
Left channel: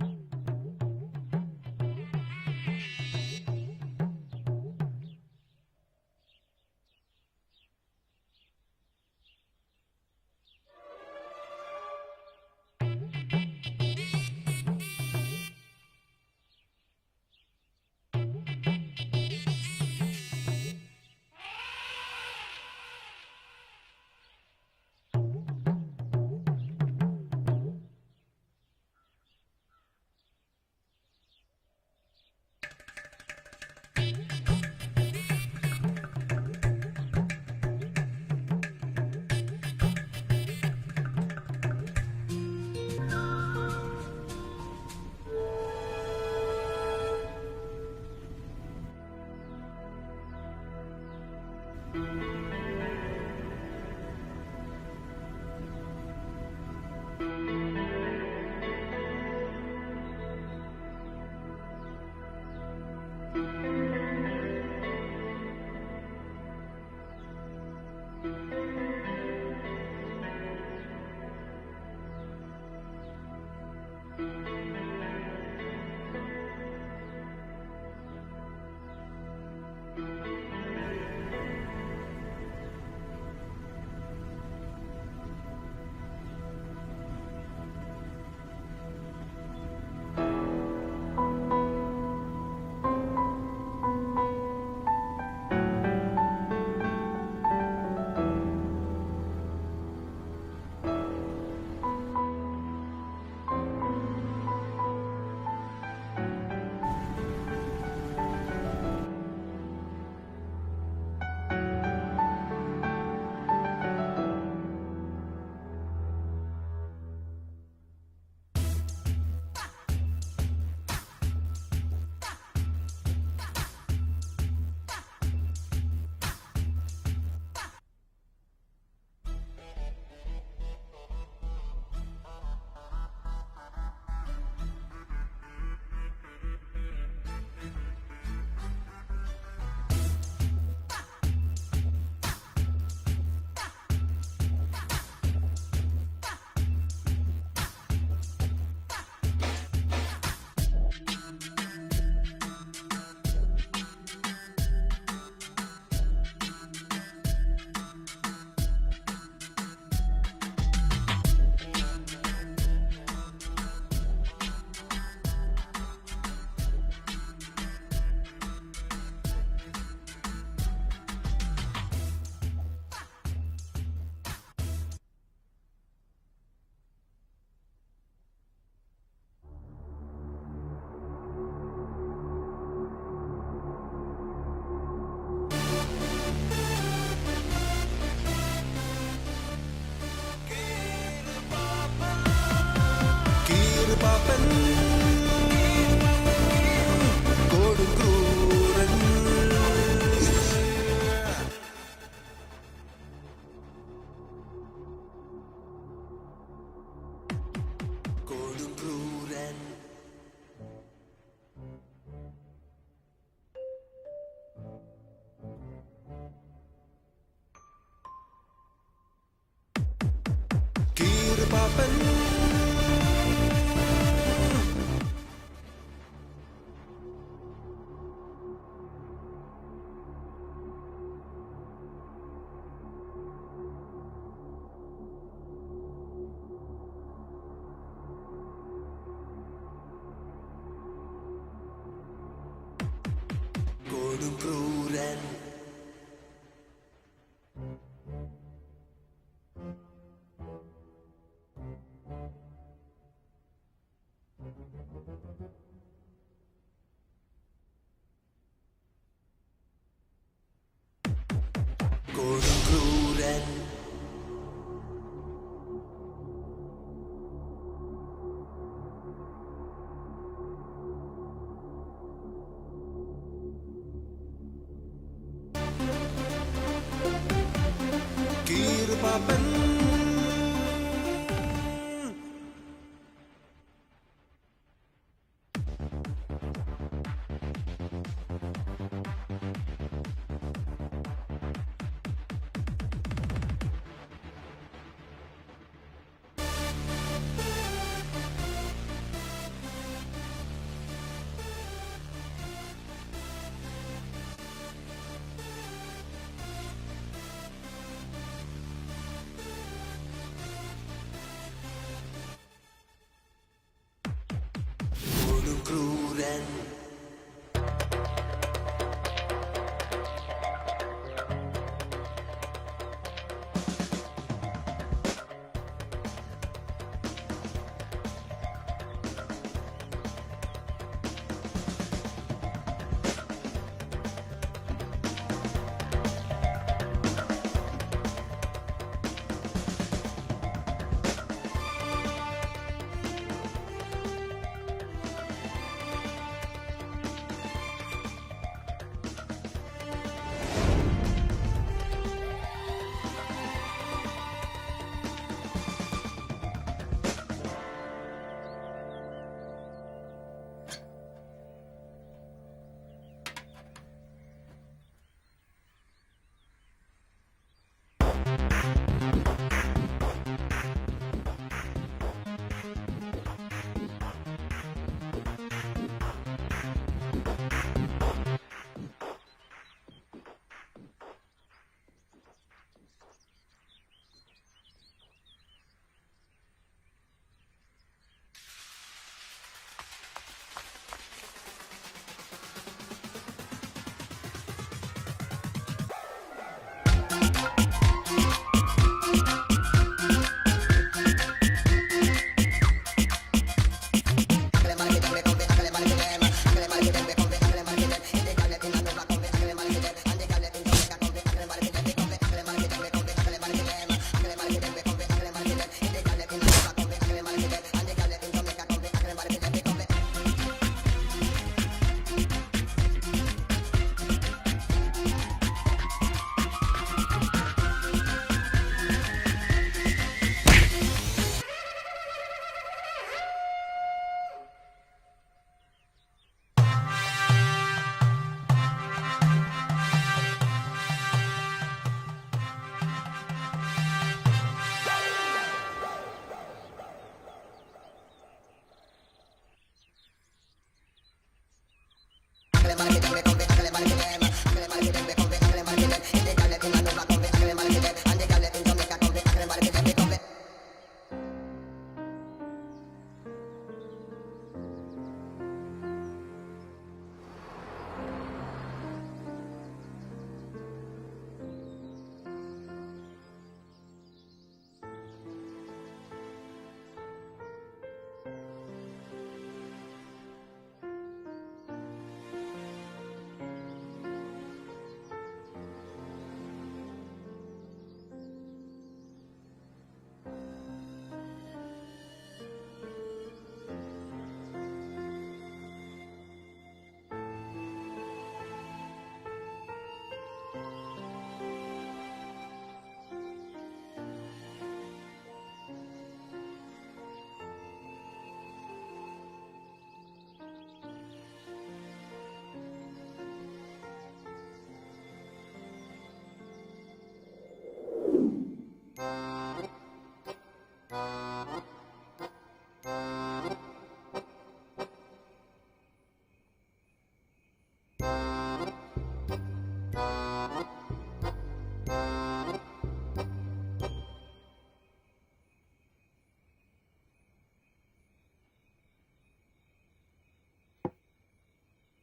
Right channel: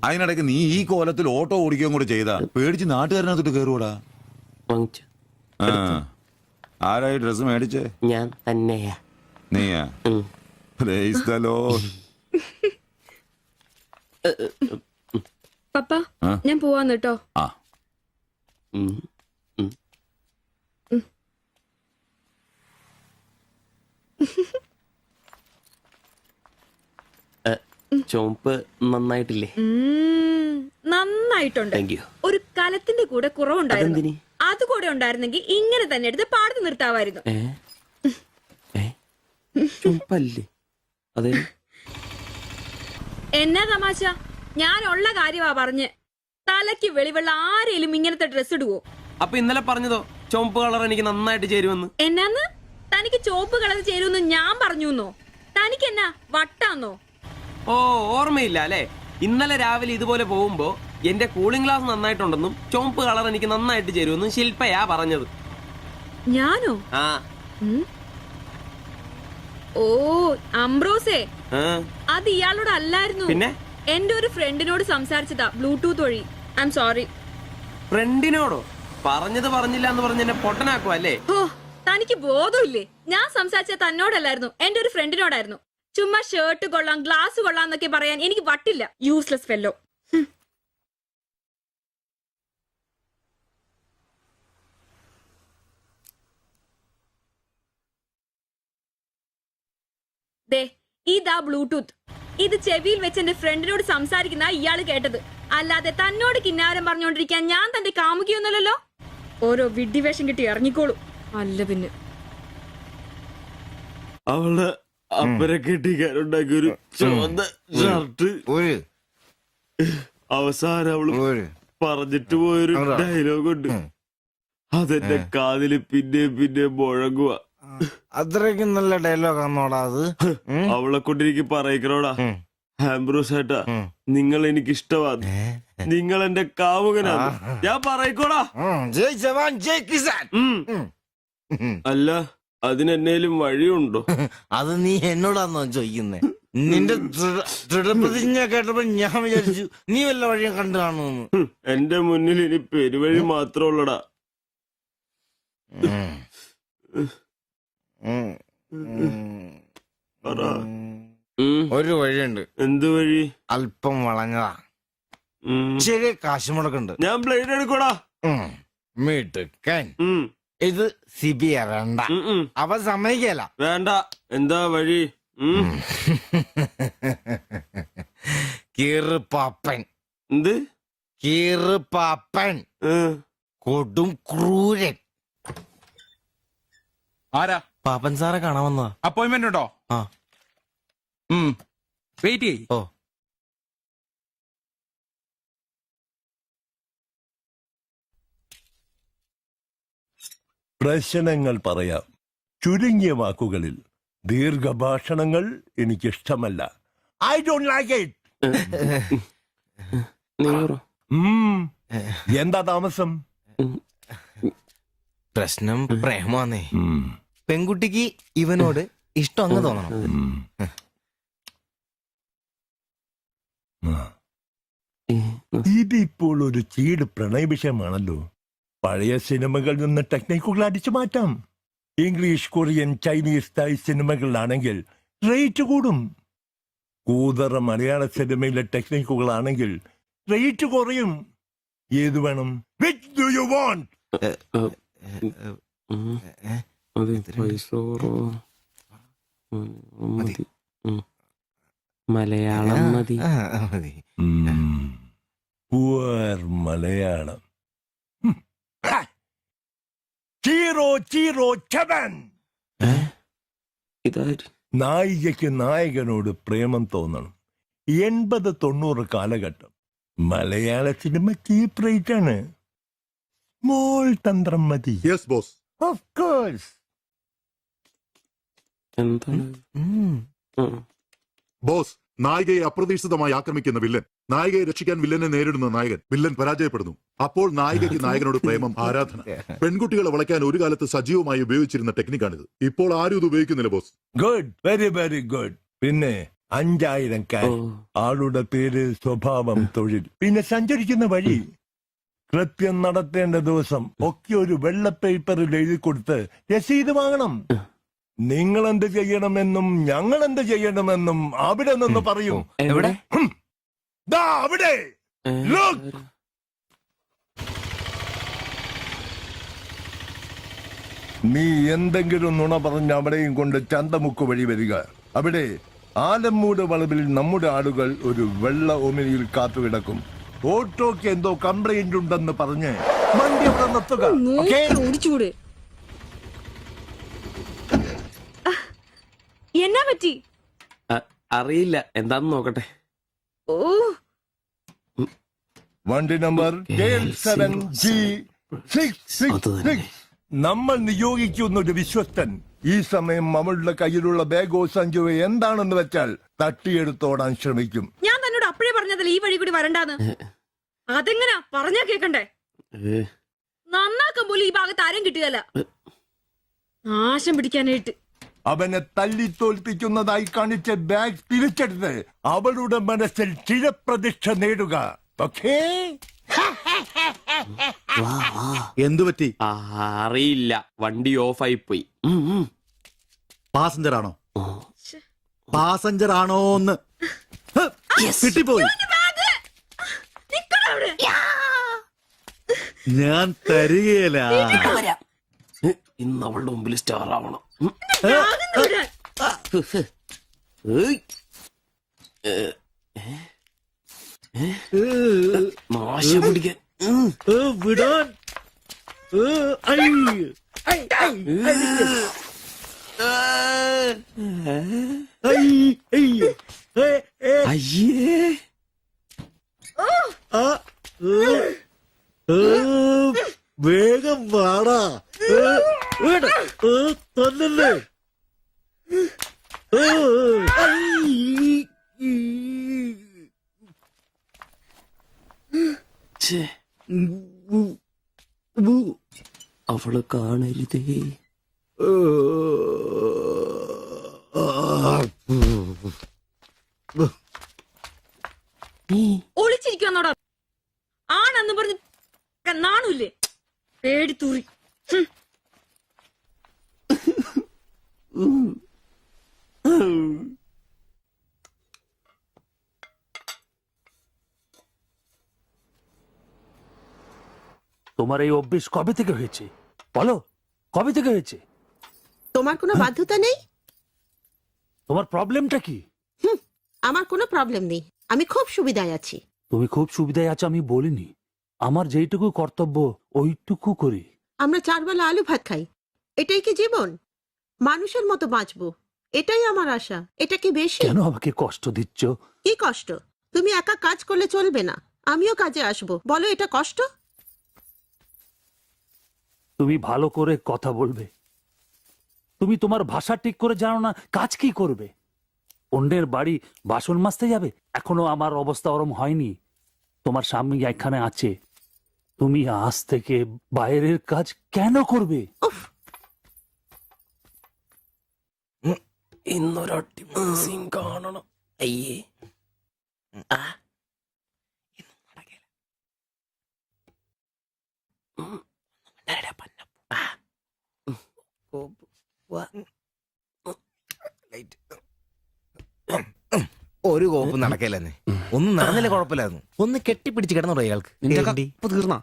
അതിനിടയ്ക്ക് നീ ഈ കോലത്തിൽ ഓട്ടോ ഓടിക്കുകയും കൂടി ചെയ്താ പേടിച്ച് നാട്ടുകാരനകത്തോട്ട് കയറുകൂടാ. ആരായി ഡ്രസ് മേടിച്ചേ? ഞാൻ തന്നെയാ. നീയാ? Price the Lord. പപ്പ, ഞാൻ പോവാന്ന് കേട്ടോ. ചോപ്പ് നന്നായിട്ടില്ലേ? നന്നായിട്ടുണ്ട്. ഒരു കലത്തിന്റെ കൂടെ കുറവുണ്ടായിരുന്നു. അത് കൂടെ ഉണ്ടായിരുന്നെങ്കിൽ ഇങ്ങനെ തന്നെ എടുത്ത് പാടത്ത് നിർത്താമായിരുന്നു. പല്ല് അതെ. എന്നാ തമാശ? ഞാൻ ഉള്ള കാര്യമാ പറഞ്ഞ്. തലയ്ക്ക് വെളിവുള്ള ആരെയും ഇങ്ങനത്തെ ഡ്രസ് ഇടുവോ? അപ്പൊ ഇന്നലെ പറഞ്ഞതോ ചുവപ്പ് കളർ എനിക്ക് നന്നായിട്ട് ചേരുമെന്ന്? എന്നാന്ന്? തനിക്ക് ചോപ്പ് കളർ ചേരുമെന്ന് ഞാൻ പറഞ്ഞുന്നോ? തനിക്ക് എന്നാ വട്ടാന്നോ? ഓ, ഓർമ്മയില്ല അല്ലേ? ഇന്നലെ രാവിലെ ഇതുപോലെ പോകുമ്പോ എന്റെ കൂളിംഗ് ഗ്ലാസ് നന്നായിട്ടുണ്ടെന്നും ചുവപ്പ് കളർ എനിക്ക് നന്നായിട്ട് ചേരുമെന്നും ശില്പയാ പറഞ്ഞത്. ഞാനോ? ആ. ഓ, അംബ്രോസേ, ആ. അത് ഇയാളോട് അല്ലായിരുന്നു. പിന്നെ എന്റെ ഒരു ഫ്രണ്ടിനോട് സംസാരിച്ചതാ ബ്ലൂടൂത്ത് വഴി. I'm sorry. ഫ്രണ്ടിനോടോ? പറഞ്ഞത് പറഞ്ഞില്ല എന്ന് പറഞ്ഞ് എന്നെ പൊട്ടനാക്കുവ അല്ലേ? ഓ, തനിക്ക് ബോധമില്ലേ? ഞാൻ സംസാരിച്ച തന്നോടല്ലായിരുന്നു, എന്റെ ഒരു ഫ്രണ്ടിനോടായിരുന്നു. ചുമ്മാ ഷർട്ട് കൊള്ളാം, ഗ്ലാസ് കൊള്ളാം എന്നൊക്കെ പറയാൻ എനിക്ക് പറ്റില്ല. Useless fellow. ഇതാ ബ്ലൂടൂത്ത്. ഇത് ചെവിയിൽ വെച്ച് എന്റെ ഫ്രണ്ടിനോട് സംസാരിക്കുന്ന ഇയാള് കേട്ടത്. അല്ലാതെ തന്നോട് കിന്നാരം പറഞ്ഞോണ്ടിരിക്കാൻ ഞാൻ തന്റെ കാമുകിയൊന്നുമല്ലല്ലോ. ഓരോ വിഡ്ഢിവേഷം കിട്ടി ഇറങ്ങിക്കോളൂ. അല്ല പിന്നെ അവള് അപ്പനെ കെട്ടിക്കാനുണ്ടാക്കിയ ഒരു ചുവന്ന ഷർട്ട് അവസാനം അവള് പറഞ്ഞിട്ട് പോയൊരു ഡയലോഗ് ഉണ്ട്. അതെന്റെ കാതില് പിന്നെ മുഴങ്ങുക. അത്രയ്ക്കും നല്ല ഡയലോഗ് ആണോടാ അത്? അവളെ കൊണ്ട് എനിക്ക് പറയിക്കണോടാ, ആംബ്രോസ് ഏട്ടാ, നിങ്ങൾ എനിക്ക് ഇഷ്ടമാണ്, നിങ്ങൾ എന്റെ കാമുകനാണ്, ഞാൻ പറയിക്കോടാ. അല്ല, അതിനെന്നേലും വഴിയുണ്ടോ? അത് നീ എന്നോടാന്നോ ചോദിക്കുന്നേ? നിന്റെ ദൃഢപ്രതിജ്ഞ കേട്ടപ്പോ ഞാൻ വിചാരിച്ചു നീ വല്ല വഴിയും കണ്ടു കാണുമെന്ന്. എന്റെ മുന്നിൽ ഇനി പെരുവഴി മാത്രമുള്ളടാ. ഒരു വഴിയുണ്ട്. എന്ത് വഴി? അല്പം വളഞ്ഞതാ, ശരി, കാശ് മുടക്കുണ്ട്. ഞാൻ ബ്ലേഡ് എടുക്കോടാ. മീട്ടുക്കൻ, ഇത് സിബി വേണ്ട. അവ സമ്മതിക്കല. വേണ്ട. എന്താ വഴി? കീറുപാപ്പൻ. എന്ത് കീറുപാപ്പൻ? കൊടും ക്രൂരൻ. ആരാ? പാപ്പൻ സാറെ കാണാൻ വന്ന. അപ്പോയിന്റ്മെന്റ് ഉണ്ടോ? ആ, വെയിറ്റ് ചെയ്യ്. ഓ, പ്രശ്നങ്ങൾ പറയാം ചുരുങ്ങിയ വാക്കുകളിൽ. ദീർഘഭാഷണങ്ങൾ എനിക്കിഷ്ടമല്ല. I don't like it. എന്താ താമസം? പ്രശ്നം പ്രേമാന്നേ. പെൺകുട്ടിക്ക് ഇവനോട് ഇഷ്ടം അങ്ങ് തോന്നണം. ഇതിപ്പോൾ ഒരു ചീട് പ്രണയ വിഷയമാണല്ലോ. പഴയ സിനിമകളിൽ നിന്ന് ടെക്നിക്കുകൾ അടിച്ചു മാറ്റാം. ഇംഗ്ലീഷ്, കൊറിയൻ, ചൈനീസ്, തായ് സിനിമകളിലാണെങ്കിൽ റേറ്റ് കൂടും. കൂതറ മലയാള സിനിമയിലെ ടെക്നിക്കുകളാണെങ്കിൽ റേറ്റ് കുറയും. ഏത് വേണം? Which do you want? Malayalam മതി. Poor മലയാളം. Chi Rho Chi Rho ചവൻ. നായികയ്ക്ക് നായകനോട് പ്രേമം തോന്നണം. 80-90 കാലഘട്ടം മലയാള സിനിമ ചീപ്പ് റേറ്റ് ആണ്. മോൾ തന്ത്രം മതി. Yes boss. Of course. Boss, നായികയെ അപ്രതീക്ഷിതമായി ആക്രമിക്കുന്ന വില്ലൻ, നായികയെ രക്ഷിക്കാൻ വില്ലനെ നേരിടുന്ന നായകൻ, വില്ലൻ പരാജയപ്പെടുന്നു. അപ്പോൾ നായികയ്ക്ക് നായകനോട് പ്രേമം, ആരാധന. പെൺകുട്ടികളെ വളയ്ക്കാൻ ഒരു കാലത്ത് സജീവമായി ഉപയോഗിച്ചിരുന്ന ടെക്നിക്കാണിത്. ഇപ്പോൾ ആരും ഇത് ഉപയോഗിക്കുന്നില്ല boss. Good, very very good. പിന്നെ 5000 കാശ്, ആളുടെ പേര്, സ്വഭാവം, തൊഴിൽ, പിന്നെ സഞ്ചരിക്കുന്ന വഴി, കൃത്യം നടത്തേണ്ട ദിവസം ഒക്കെ ഒരു വെള്ള പേപ്പറിൽ എഴുതി കൊടുത്ത് രസീത് വാങ്ങണം. നിങ്ങൾ എന്ത് ചെയ്യണമെന്നും ഞങ്ങൾ എന്ത് ചെയ്യണമെന്നും അവിടെ നിന്ന് പറയും. എവിടെ? ദാ അവിടെ. Look. നീ എന്തെങ്കിലും നുണ പറഞ്ഞ് അവിടെയും കൊണ്ട് ചന്തമുക്ക് വഴി വരിക. അവിടെ ആലമ്മൂട് വളവിൽ നമ്മുടെ ആളുകൾ ഒരു വെള്ള ഒമിനിയിൽ കാത്തുകിടക്കും. ഓട്ടോക്ക് എന്തോ കംപ്ലൈന്റ് ഉണ്ടെന്ന് പറഞ്ഞ് വണ്ടി ഇവിടെ നിർത്തുക. എന്നാ പറ്റി? അറിയില്ല, എന്താന്ന് നോക്കട്ടെ. ഓ, വണ്ടി നമ്പർ K7G666. നമ്മൾ നിയോഗിക്കുന്ന ഒരു വിശ്വസ്തൻ ഈ സമയം നമ്മളുടെ കയ്യിലുള്ള ബാഗോ സഞ്ചോ എന്താണെന്ന് വെച്ചാൽ തട്ടിയെടുത്തോടാൻ ശ്രമിക്കും. ഞാൻ തന്നോട് അപ്പഴേ പറഞ്ഞതല്ലേ ഈ വഴി കൂടി വരണ്ടാന്ന്. അതെങ്ങനാ പറഞ്ഞാ കേക്കണ്ടേ? നന്നാക്കാൻ പോലും ഈ ഭാഗത്ത് ആരും കിട്ടിയതല്ല. നാശം പിടിക്കാനായിട്ട് അവനെ തല്ലി തോൽപ്പിക്കുന്നതായി കാണിച്ച ബാഗ് തിരിച്ചെടുത്ത് അവളുടെ മനസ്സിൽ ചിരപ്രതിഷ്ഠ നേടുക. ഓക്കേ? എന്തു പറ്റി? അറിയില്ല, വണ്ടി ഓഫായി പോയി. പാസഞ്ചർ ആണോ? പാസഞ്ചർ ആണോന്ന് കിട്ടിപ്പോയി. ഞാൻ തരികയില്ല. ഇന്ന് അവളുടെ മുമ്പിൽ സ്റ്റാറാവണം. വേഗം വാടാ. കൊന്നല്ലേ? അവളെ കാണരുത്. ഒളിച്ചിരിക്കുന്നോടാ ആണെന്ന് പറഞ്ഞ് നാണില്ലേ? പേടിത്തൂറി. তোমার এই অভ্যেস কবে থেকে হয়েছে বলো? কবে থেকে হয়েছে? তোমার কোনো বাধ্যতা নেই? তোমার প্রবলেমটা কি? আমার কোনো প্রবলেম নেই, আমি খুব সুবিধায় আছি। তুমি খুব সুবিধায় আছো আমি বলিনি, আমার যেইটুকু কর্তব্য ওইটুকু করি। আমরা 4 বেলা আলু ভাত খাই, এটাই কি জীবন? মানুষের মতো বাঁচবো, এটাই আমার আশা। এটা কি বেশি? কেন আমাকে কষ্ট দিচ্ছ? কি কষ্ট? তুমি একা কাজ করলে চলবে না, আমিও কাজে আসবো। বলো এটা কষ্ট? তুমি ভালো করে কথা বলবে। তুমি তোমার ভাষা ঠিক করে জানো না, কাজ কি করবে? অন্যের বাড়ি বাসন মাজতে যাবে? এখনো আমার অবস্থা ওরম হয়নি। তোমার স্বামী এখানে আছে, তুমি আজ থেকে বাইরের কাজ কেন করবে? ഇന്നൊരൊട്ടി സീൻ കാണണം. അയ്യേ, ഒരു കോപ്പ് നടക്കില്ലെന്നേ. ഒന്നും നടന്നില്ല, കുഴപ്പമില്ലായിരുന്നു. ഒന്ന് കെട്ടിപ്പിടിച്ച് കിടന്നു ഇയാൾക്ക്. തീർന്നാ?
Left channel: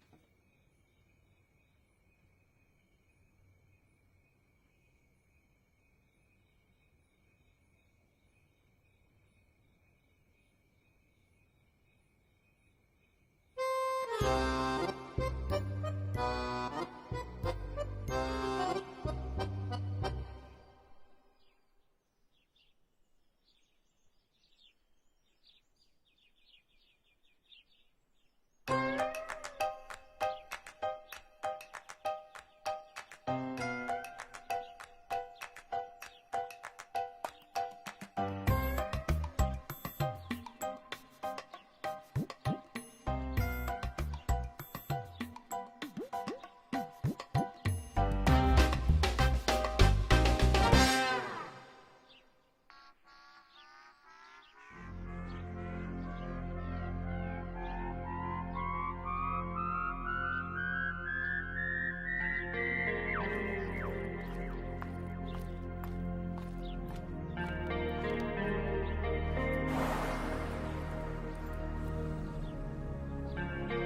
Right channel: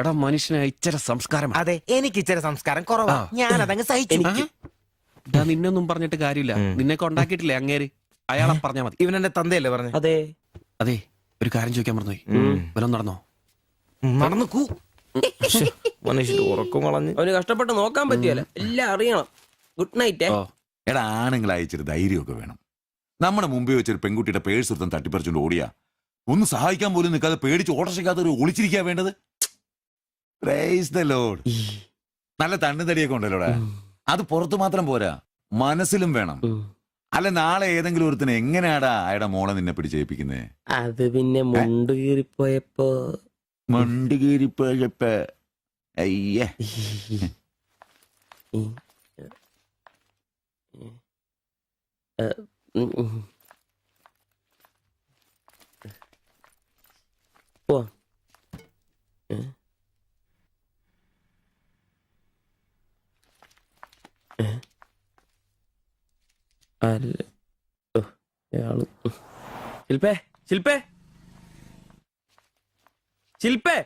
എടാ, മനുഷ്യന് ഇച്ചിരി സംസ്കാരം. അതെ, എനിക്ക് ഇച്ചിരി സംസ്കാരം കുറവാ, ഞാൻ അതങ്ങ് സഹിച്ചു. നിന്നൊന്നും പറഞ്ഞിട്ട് കാര്യമില്ല, നിന്നെ കൊണ്ടാക്കിയിട്ടില്ലേ അങ്ങേര്, അയാളെ പറഞ്ഞാ മതി. ഇവനെന്റെ തന്തയല്ലേ പറഞ്ഞു? അതെ അതെ. ഒരു കാര്യം ചോദിക്കാൻ മറന്നുപോയി, വല്ലതും നടന്നോ? നടന്നു. മനുഷ്യർ ഉറക്കം കളഞ്ഞ് അവന് കഷ്ടപ്പെട്ട് നോക്കാൻ പറ്റിയല്ല, എല്ലാം അറിയണം. Good night. എടാ, ആണുങ്ങൾ അയച്ചൊരു ധൈര്യമൊക്കെ വേണം. നമ്മുടെ മുമ്പേ വെച്ചൊരു പെൺകുട്ടിയുടെ പേഴ്സ് എടുത്തും തട്ടിപ്പറിച്ചുകൊണ്ട് ഓടിയാ ഒന്ന് സഹായിക്കാൻ പോലും നിൽക്കാതെ പേടിച്ച് ഓട്ടർഷയ്ക്കകത്ത് ഒരു ഒളിച്ചിരിക്കാൻ വേണ്ടത്. Praise the Lord. നല്ല തണ്ണുതടിയൊക്കെ ഉണ്ടല്ലോടാ, അത് പുറത്ത് മാത്രം പോരാ, മനസ്സിലും വേണം. അല്ല, നാളെ ഏതെങ്കിലും ഒരുത്തിന് എങ്ങനെയാടാ അയാളുടെ മോളെ നിന്നെ പിടിച്ചേൽപ്പിക്കുന്നേ? അത് പിന്നെ മുണ്ട് കീറിപ്പോയപ്പോ അയ്യേ. ശിൽപേ, ശിൽപേ, ശിൽപേ.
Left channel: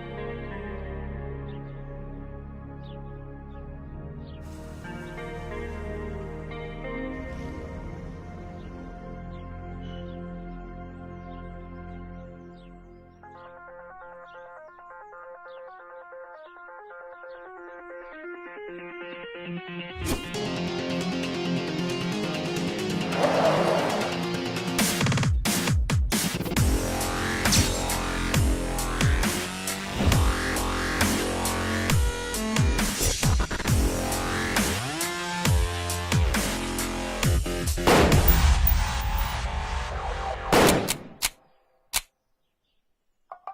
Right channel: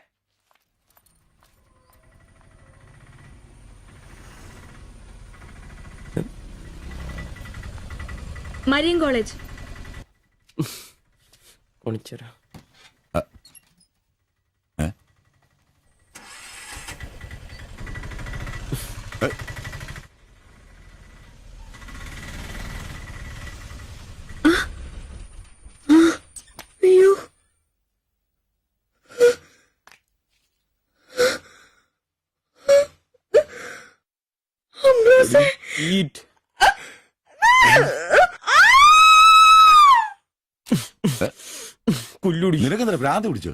Marian college. ഒളിച്ചോരാ. തല്ലൂടി. നിനക്കെന്താ ഭ്രാന്ത് പിടിച്ചോ?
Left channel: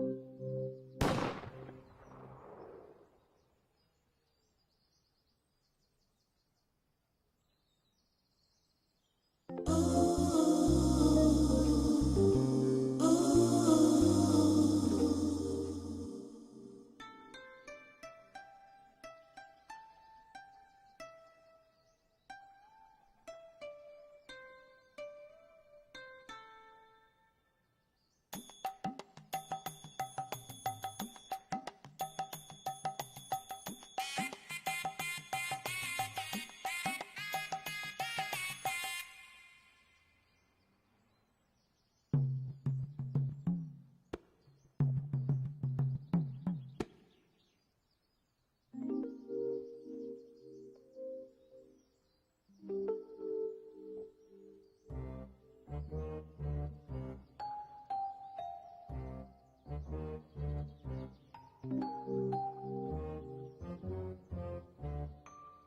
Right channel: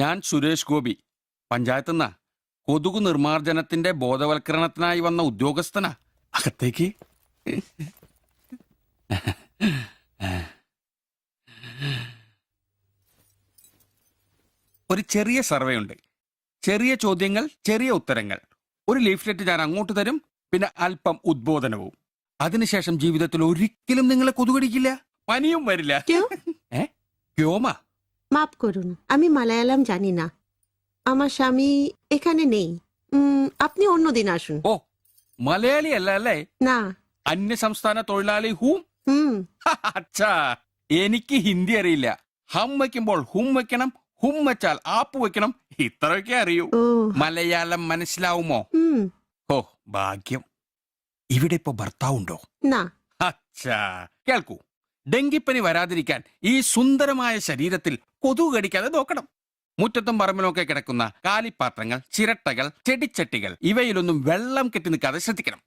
ഞാൻ സുരേഷ് ഗോപി, പഞ്ചായത്ത് നിന്നാ. കൊതുകു നിർമ്മാർജ്ജനത്തിന്റെ ബോധവൽക്കരണത്തിനായി വന്ന ഉദ്യോഗസ്ഥനാ. അകത്തേക്ക്. ഒരു ചെറിയ സർവേ ഉണ്ട്. ചെറിയ ചോദ്യങ്ങൾ, ചെറിയ ഉത്തരങ്ങൾ. ഒരു ലീഫ്ലെറ്റ് ഞാൻ അങ്ങോട്ട് തരും, പിന്നെ അല്പം ഉദ്ബോധനവും. അതിനുശേഷം ജീവിതത്തിൽ ഒരിക്കലും നിങ്ങളെ കൊതുകടിക്കില്ല, പനിയും വരില്ല. ക്യോമ? মাফ করুন, আমি মালায়ালাম জানি না। আমার স্বামী এখানে নেই। আপনি অন্যদিন আসুন। ഓ, മലയാളി അല്ല അല്ലേ? না। അന്യ സംസ്ഥാന തൊഴിലാളി ഹൂ? അച്ഛാ, എനിക്ക് ഹിന്ദി അറിയില്ല. ഹം വയ്ക്കുമ്പോൾ ഹും വെക്കണം, ഹും വെച്ചാൽ ആപ്പ് വെക്കണം, ഇത്രയൊക്കെ അറിയൂ. മലയാളം മനസ്സിലാവുമോ? ഓ, ഭാഗ്യം. ഇവിടെ ഇപ്പൊ ഭർത്താവുണ്ടോ? അച്ഛാ, കേൾക്കൂ. ഡെങ്കിപ്പനി വരാതിരിക്കാൻ ഈ സുന്ദരമായ ശരീരത്തിൽ കൊതുക് കടിക്കാതെ നോക്കണം. മുറ്റത്തും പറമ്പിലൊക്കെ കിടക്കുന്ന കാലിപ്പാത്രങ്ങൾ, ചിരട്ടകൾ, ചെടിച്ചട്ടികൾ ഇവയിലൊന്നും വെള്ളം കെട്ടി നിൽക്കാതെ ശ്രദ്ധിക്കണം.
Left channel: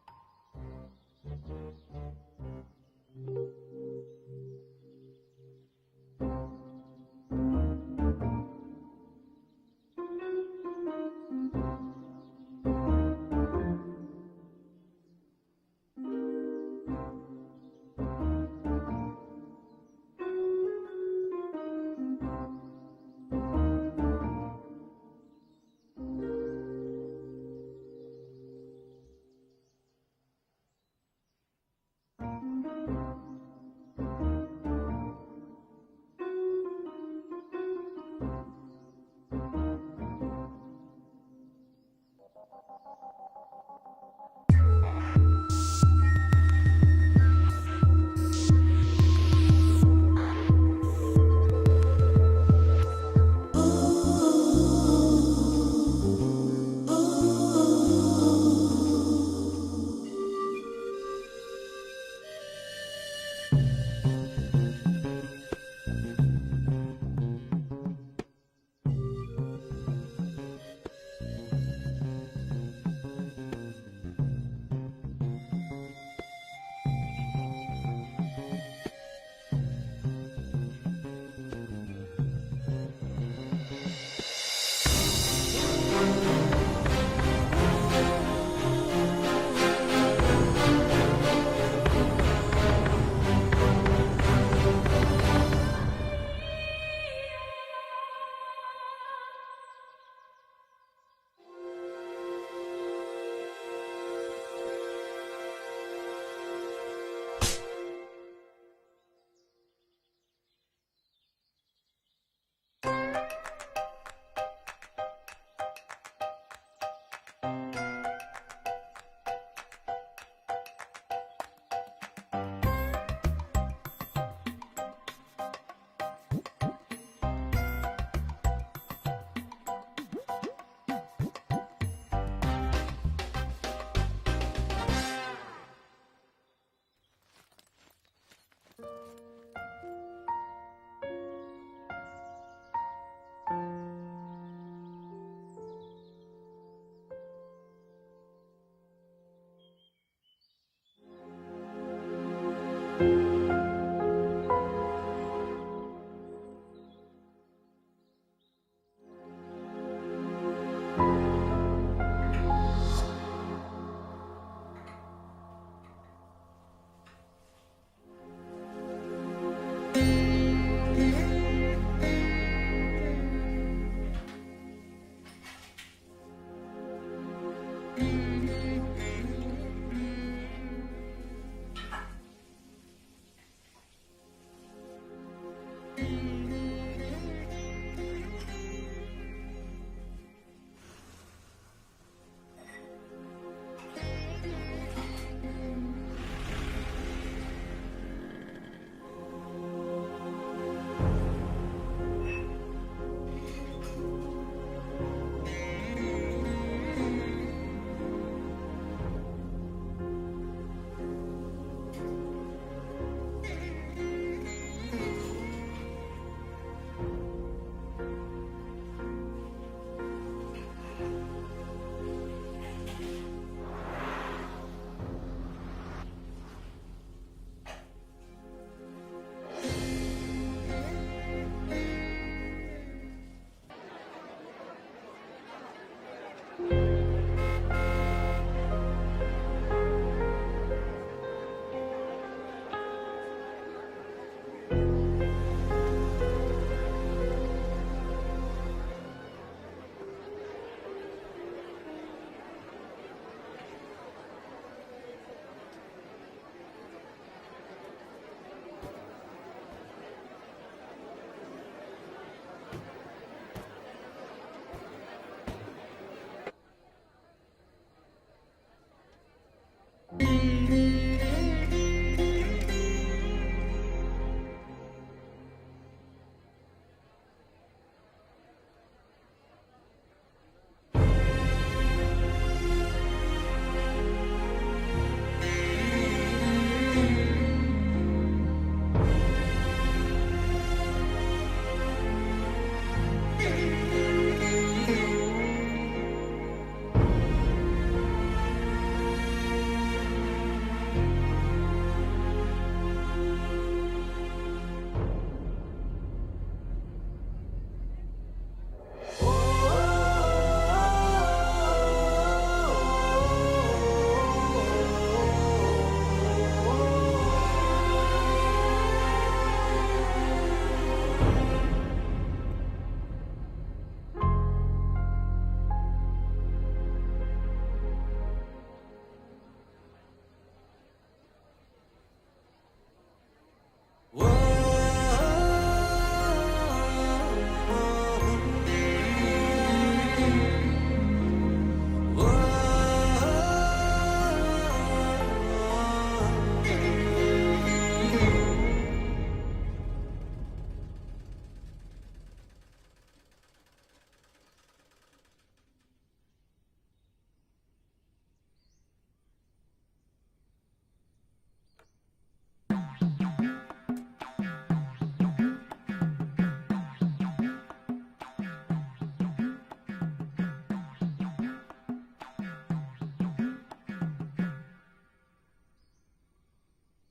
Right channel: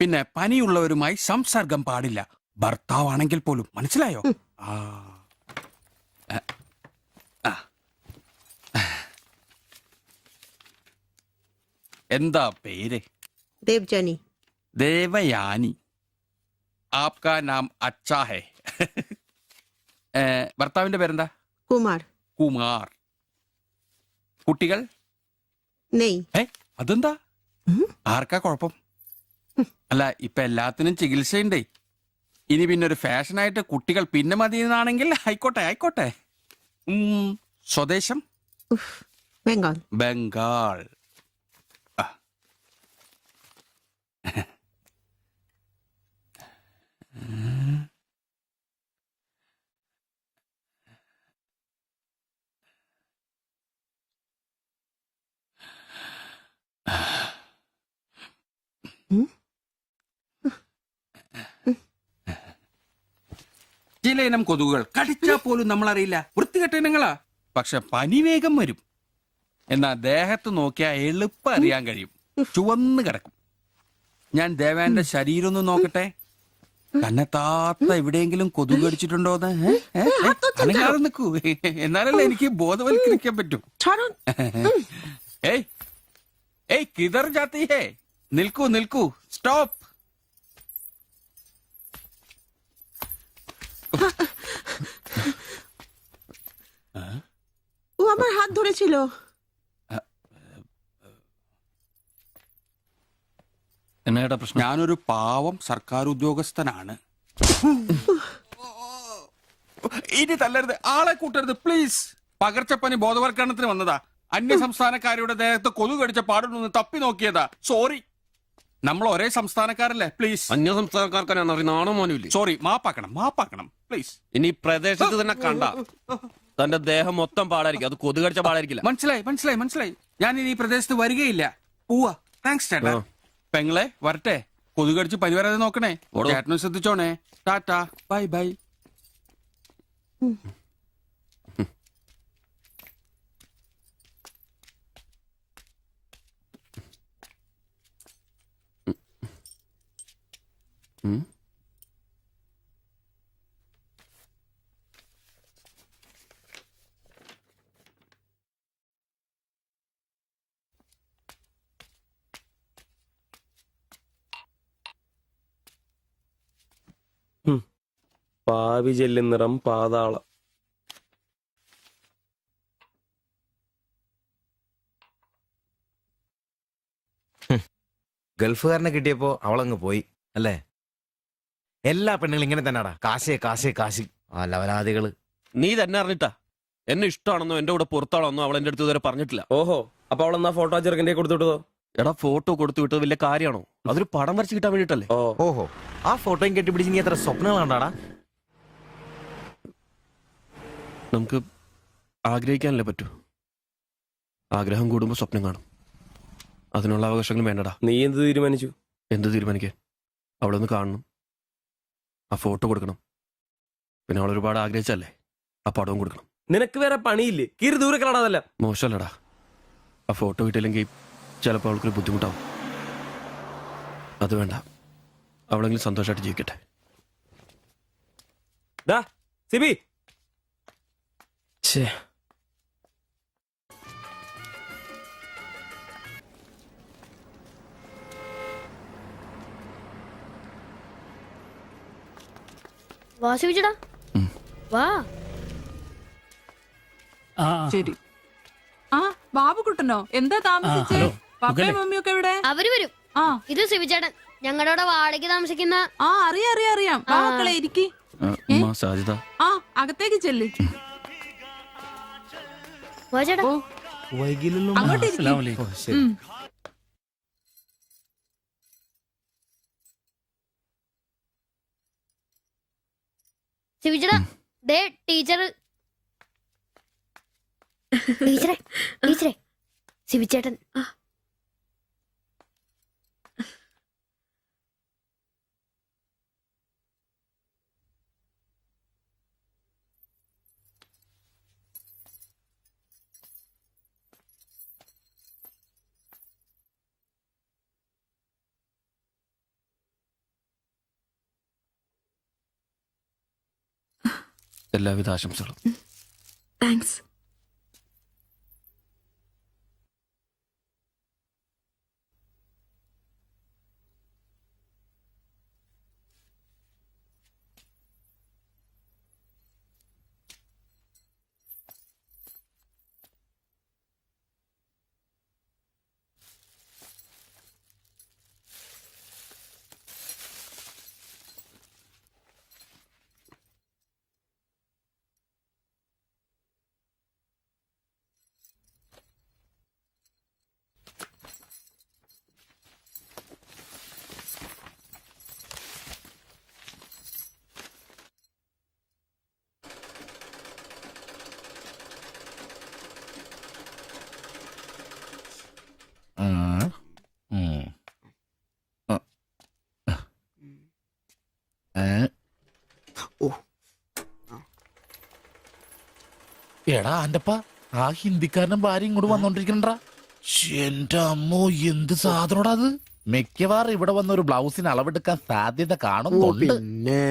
പിന്നെ പനിയുള്ളവരുമായി സംസർഗം പാടില്ല, ഭർത്താവാണെങ്കിൽ പോലും. മനസ്സിലായോ? എന്താ പേര്? ദേവ്ജാനി. ദേവയാനി. ആപ്കാ നാം അച്ഛാ ഹേ. ഭർത്താവിന്റെ പേരെന്താ? കുമാർ. കുമാർ. കുട്ടികൾ? അതെന്താ? ആർക്കാ കുഴപ്പം? അല്ല, ഇപ്പൊ എല്ലാത്തിനും ചികിത്സയുണ്ടേ. ഇനി പിന്നെ ഒരു ഫാഷനായിട്ട് കുട്ടികൾ പിന്നെ മതിയെന്നാണെങ്കിൽ ആയിക്കോട്ടെ ആയിക്കോട്ടെ. സ്വദേശം? ബംഗാൾ. ബംഗാൾ. ചില ഇനം കൊതുകുകൾ കടിച്ചാൽ പോലും നമ്മൾ അറിയില്ല, വൃത്തികെട്ട ഇനങ്ങളാ. പക്ഷെ പനി വേഗം വരും. എന്നാ ദേഹത്ത് നോക്കിയാൽ എളുപ്പം അറിയാൻ കഴിയും, ചുവന്ന് കിടക്കും. ഞാൻ ദേവാന്റെ ശരീരം ഒന്ന് നോക്കട്ടെ. കന്നത്താത്ത എവിടെയെങ്കിലും കൊതുക് കടിച്ചിട്ടുണ്ടോന്ന്? അനങ്ങാതെ നിൽക്കൂ, എന്നാലല്ലേ എനിക്ക് ബോധവൽക്കരിക്കാൻ പറ്റും. കിതർ ജാത്തി ഹേ. നിൽക്കൂ നിൽക്കൂ, സ്റ്റോപ്പ്. ও আমার হাত ধরেছিল। എന്നാ പ്രശ്നം? ഞാനൊരു പാവം സർക്കാർ ഉദ്യോഗസ്ഥനാണ്. ഇനി തല്ലരുത്, ആളെ കൂട്ടരുത് പ്ലീസ്. പകർച്ചപ്പനി ബോധവൽക്കരണത്തിന് വന്നതാ. അന്യ സംസ്ഥാനക്കാരുടെ ദേഹത്ത് കൊതുക് കടിച്ച പാടുണ്ടെന്ന് തപ്പി നോക്കിയതാ. സോറി. നമ്മൾ ഒരേ സംസ്ഥാനക്കാരല്ലേ, പ്ലീസ്. അന്യ സംസ്ഥാനക്കാർക്കാണ് നാണോ മോനുമില്ല. സോറി, മാപ്പാക്കണം മാപ്പാക്കണം പ്ലീസ്. ഇനി പ്രദേശത്ത് തന്നെ കണ്ട തന്റെ ദേഹം മൊത്തം പാടായിരിക്കും, അത് കൊതുക് കടിച്ച പാടായിരിക്കില്ല. മനസ്സിലായി മനസ്സിലായി മനസ്സിലായി. ഞാൻ ഇനി ഈ പ്രദേശത്ത് വരികയില്ല. പോവാ. താങ്ക്സ് ചേട്ടാ. പെങ്ങളെ വരട്ടെ. കൊതുക് കടിച്ച് പനി വരാതെ നോക്കണേ. ചേട്ടനും ശ്രദ്ധിച്ചോണേ. Tata, bye bye. പാവി ചെല്ലുന്നിറം പാതാളം. ഗൾഫുകാരനെ കിട്ടിയപ്പോ അവളങ്ങ് പോയി അല്ലേ? എല്ലാ പെണ്ണുങ്ങളും ഇങ്ങനെ തന്നെടാ, കാശേ കാശേ കാശ്. ആ ലവലാദികള്. നീ തന്നെ അറിഞ്ഞിട്ടാ എന്നെ ഇഷ്ടമാണെന്നോ എന്റെ കൂടെ പുറത്താണെന്നോ അവൾ എന്റെ അടുത്ത് ഇതുവരെ പറഞ്ഞിട്ടില്ല. ഓഹോ, അപ്പൊ അവളെന്നാ ഫോട്ടോ ചെറുക്കൻ്റെ കൊടുത്തു വിട്ടതോ? എടാ, ഫോട്ടോ കൊടുത്തു വിട്ടത് വലിയ കാര്യമാണോ? അതൊരു പടം വരച്ച് കിട്ടാൻ വേണ്ടിട്ടല്ലേ. ഓഹോ, ആ ഫോട്ടോയും കെട്ടിപ്പിടിച്ച് നീ എത്ര സ്വപ്നങ്ങളാണ്ടാടാ? നമുക്ക് ആഗ്രഹിക്കാനല്ലേ പറ്റൂ. ആഗ്രഹം കൂടുമ്പോ സ്വപ്നം കാണും. അതിനുള്ള അവകാശങ്ങൾ വേണ്ടടാ. നീ എന്ത് തീരുമാനിച്ചു? എന്ത് തീരുമാനിക്കേ? അവളൊന്ന് കാണണം, ആ ഫോട്ടോ കൊടുക്കണം, പിന്നെ അവൾ ഒരുപാട് ആഗ്രഹിച്ചല്ലേ ആ പടവും കൊടുക്കണം. നിനക്ക് വേറെ പണിയില്ലേ? കീറി ദൂരെ കളാതല്ല. മോശമല്ലടാ, ആ ഫോട്ടോ കിട്ടിയില്ലെങ്കിൽ ചിലപ്പോൾ അവൾക്കൊരു ബുദ്ധിമുട്ടാവും. അത് വേണ്ട, അവളെങ്കിലും സന്തോഷമായിട്ട് ജീവിക്കട്ടെ. സിബി ഛേ, വാ സിബിച്ചേട്ടാ, വാ. ശരി. ആ ബാബുക്കുട്ടനോ, എന്താ താമസിച്ചേ? പപ്പയും മമ്മിയൊക്കെ എവിടെ? അവര് വരും. ഇത് സിബിച്ചേട്ടൻ, ഞങ്ങളുടെ വാടകയ്ക്ക് താമസിക്കുന്ന. ആ അറിയാം അറിയാം അറിയാം. മക്കളെ ഇരിക്കി. സാജിദ, ആ അകത്തേക്ക് ചെല്ല്. വാ ചേട്ടാ. അങ്ങോട്ട് ഇരിക്ക്. സിബിച്ചേട്ടാ, ദേ ടീച്ചർ. ടീച്ചറെ, ടീച്ചറെ, സിബിച്ചേട്ടൻ. എല്ലാവിധ ആശംസകളും. താങ്ക്സ്. എടാ ആന്റപ്പ, ആ ഹിന്ദിക്കാരനും ഭാര്യ ഇങ്ങോട്ട് വന്നോണ്ടിരിക്കണ്ടാ. എന്റെ അമ്മോ, എന്ത് സാധനോടാ അത്. മിക്കവാറും ഇവിടെ വന്ന ഒരു ബ്ലൗസിന് അളവെടുക്കാൻ സാധ്യത കാണുന്നുണ്ട്. പിന്നെ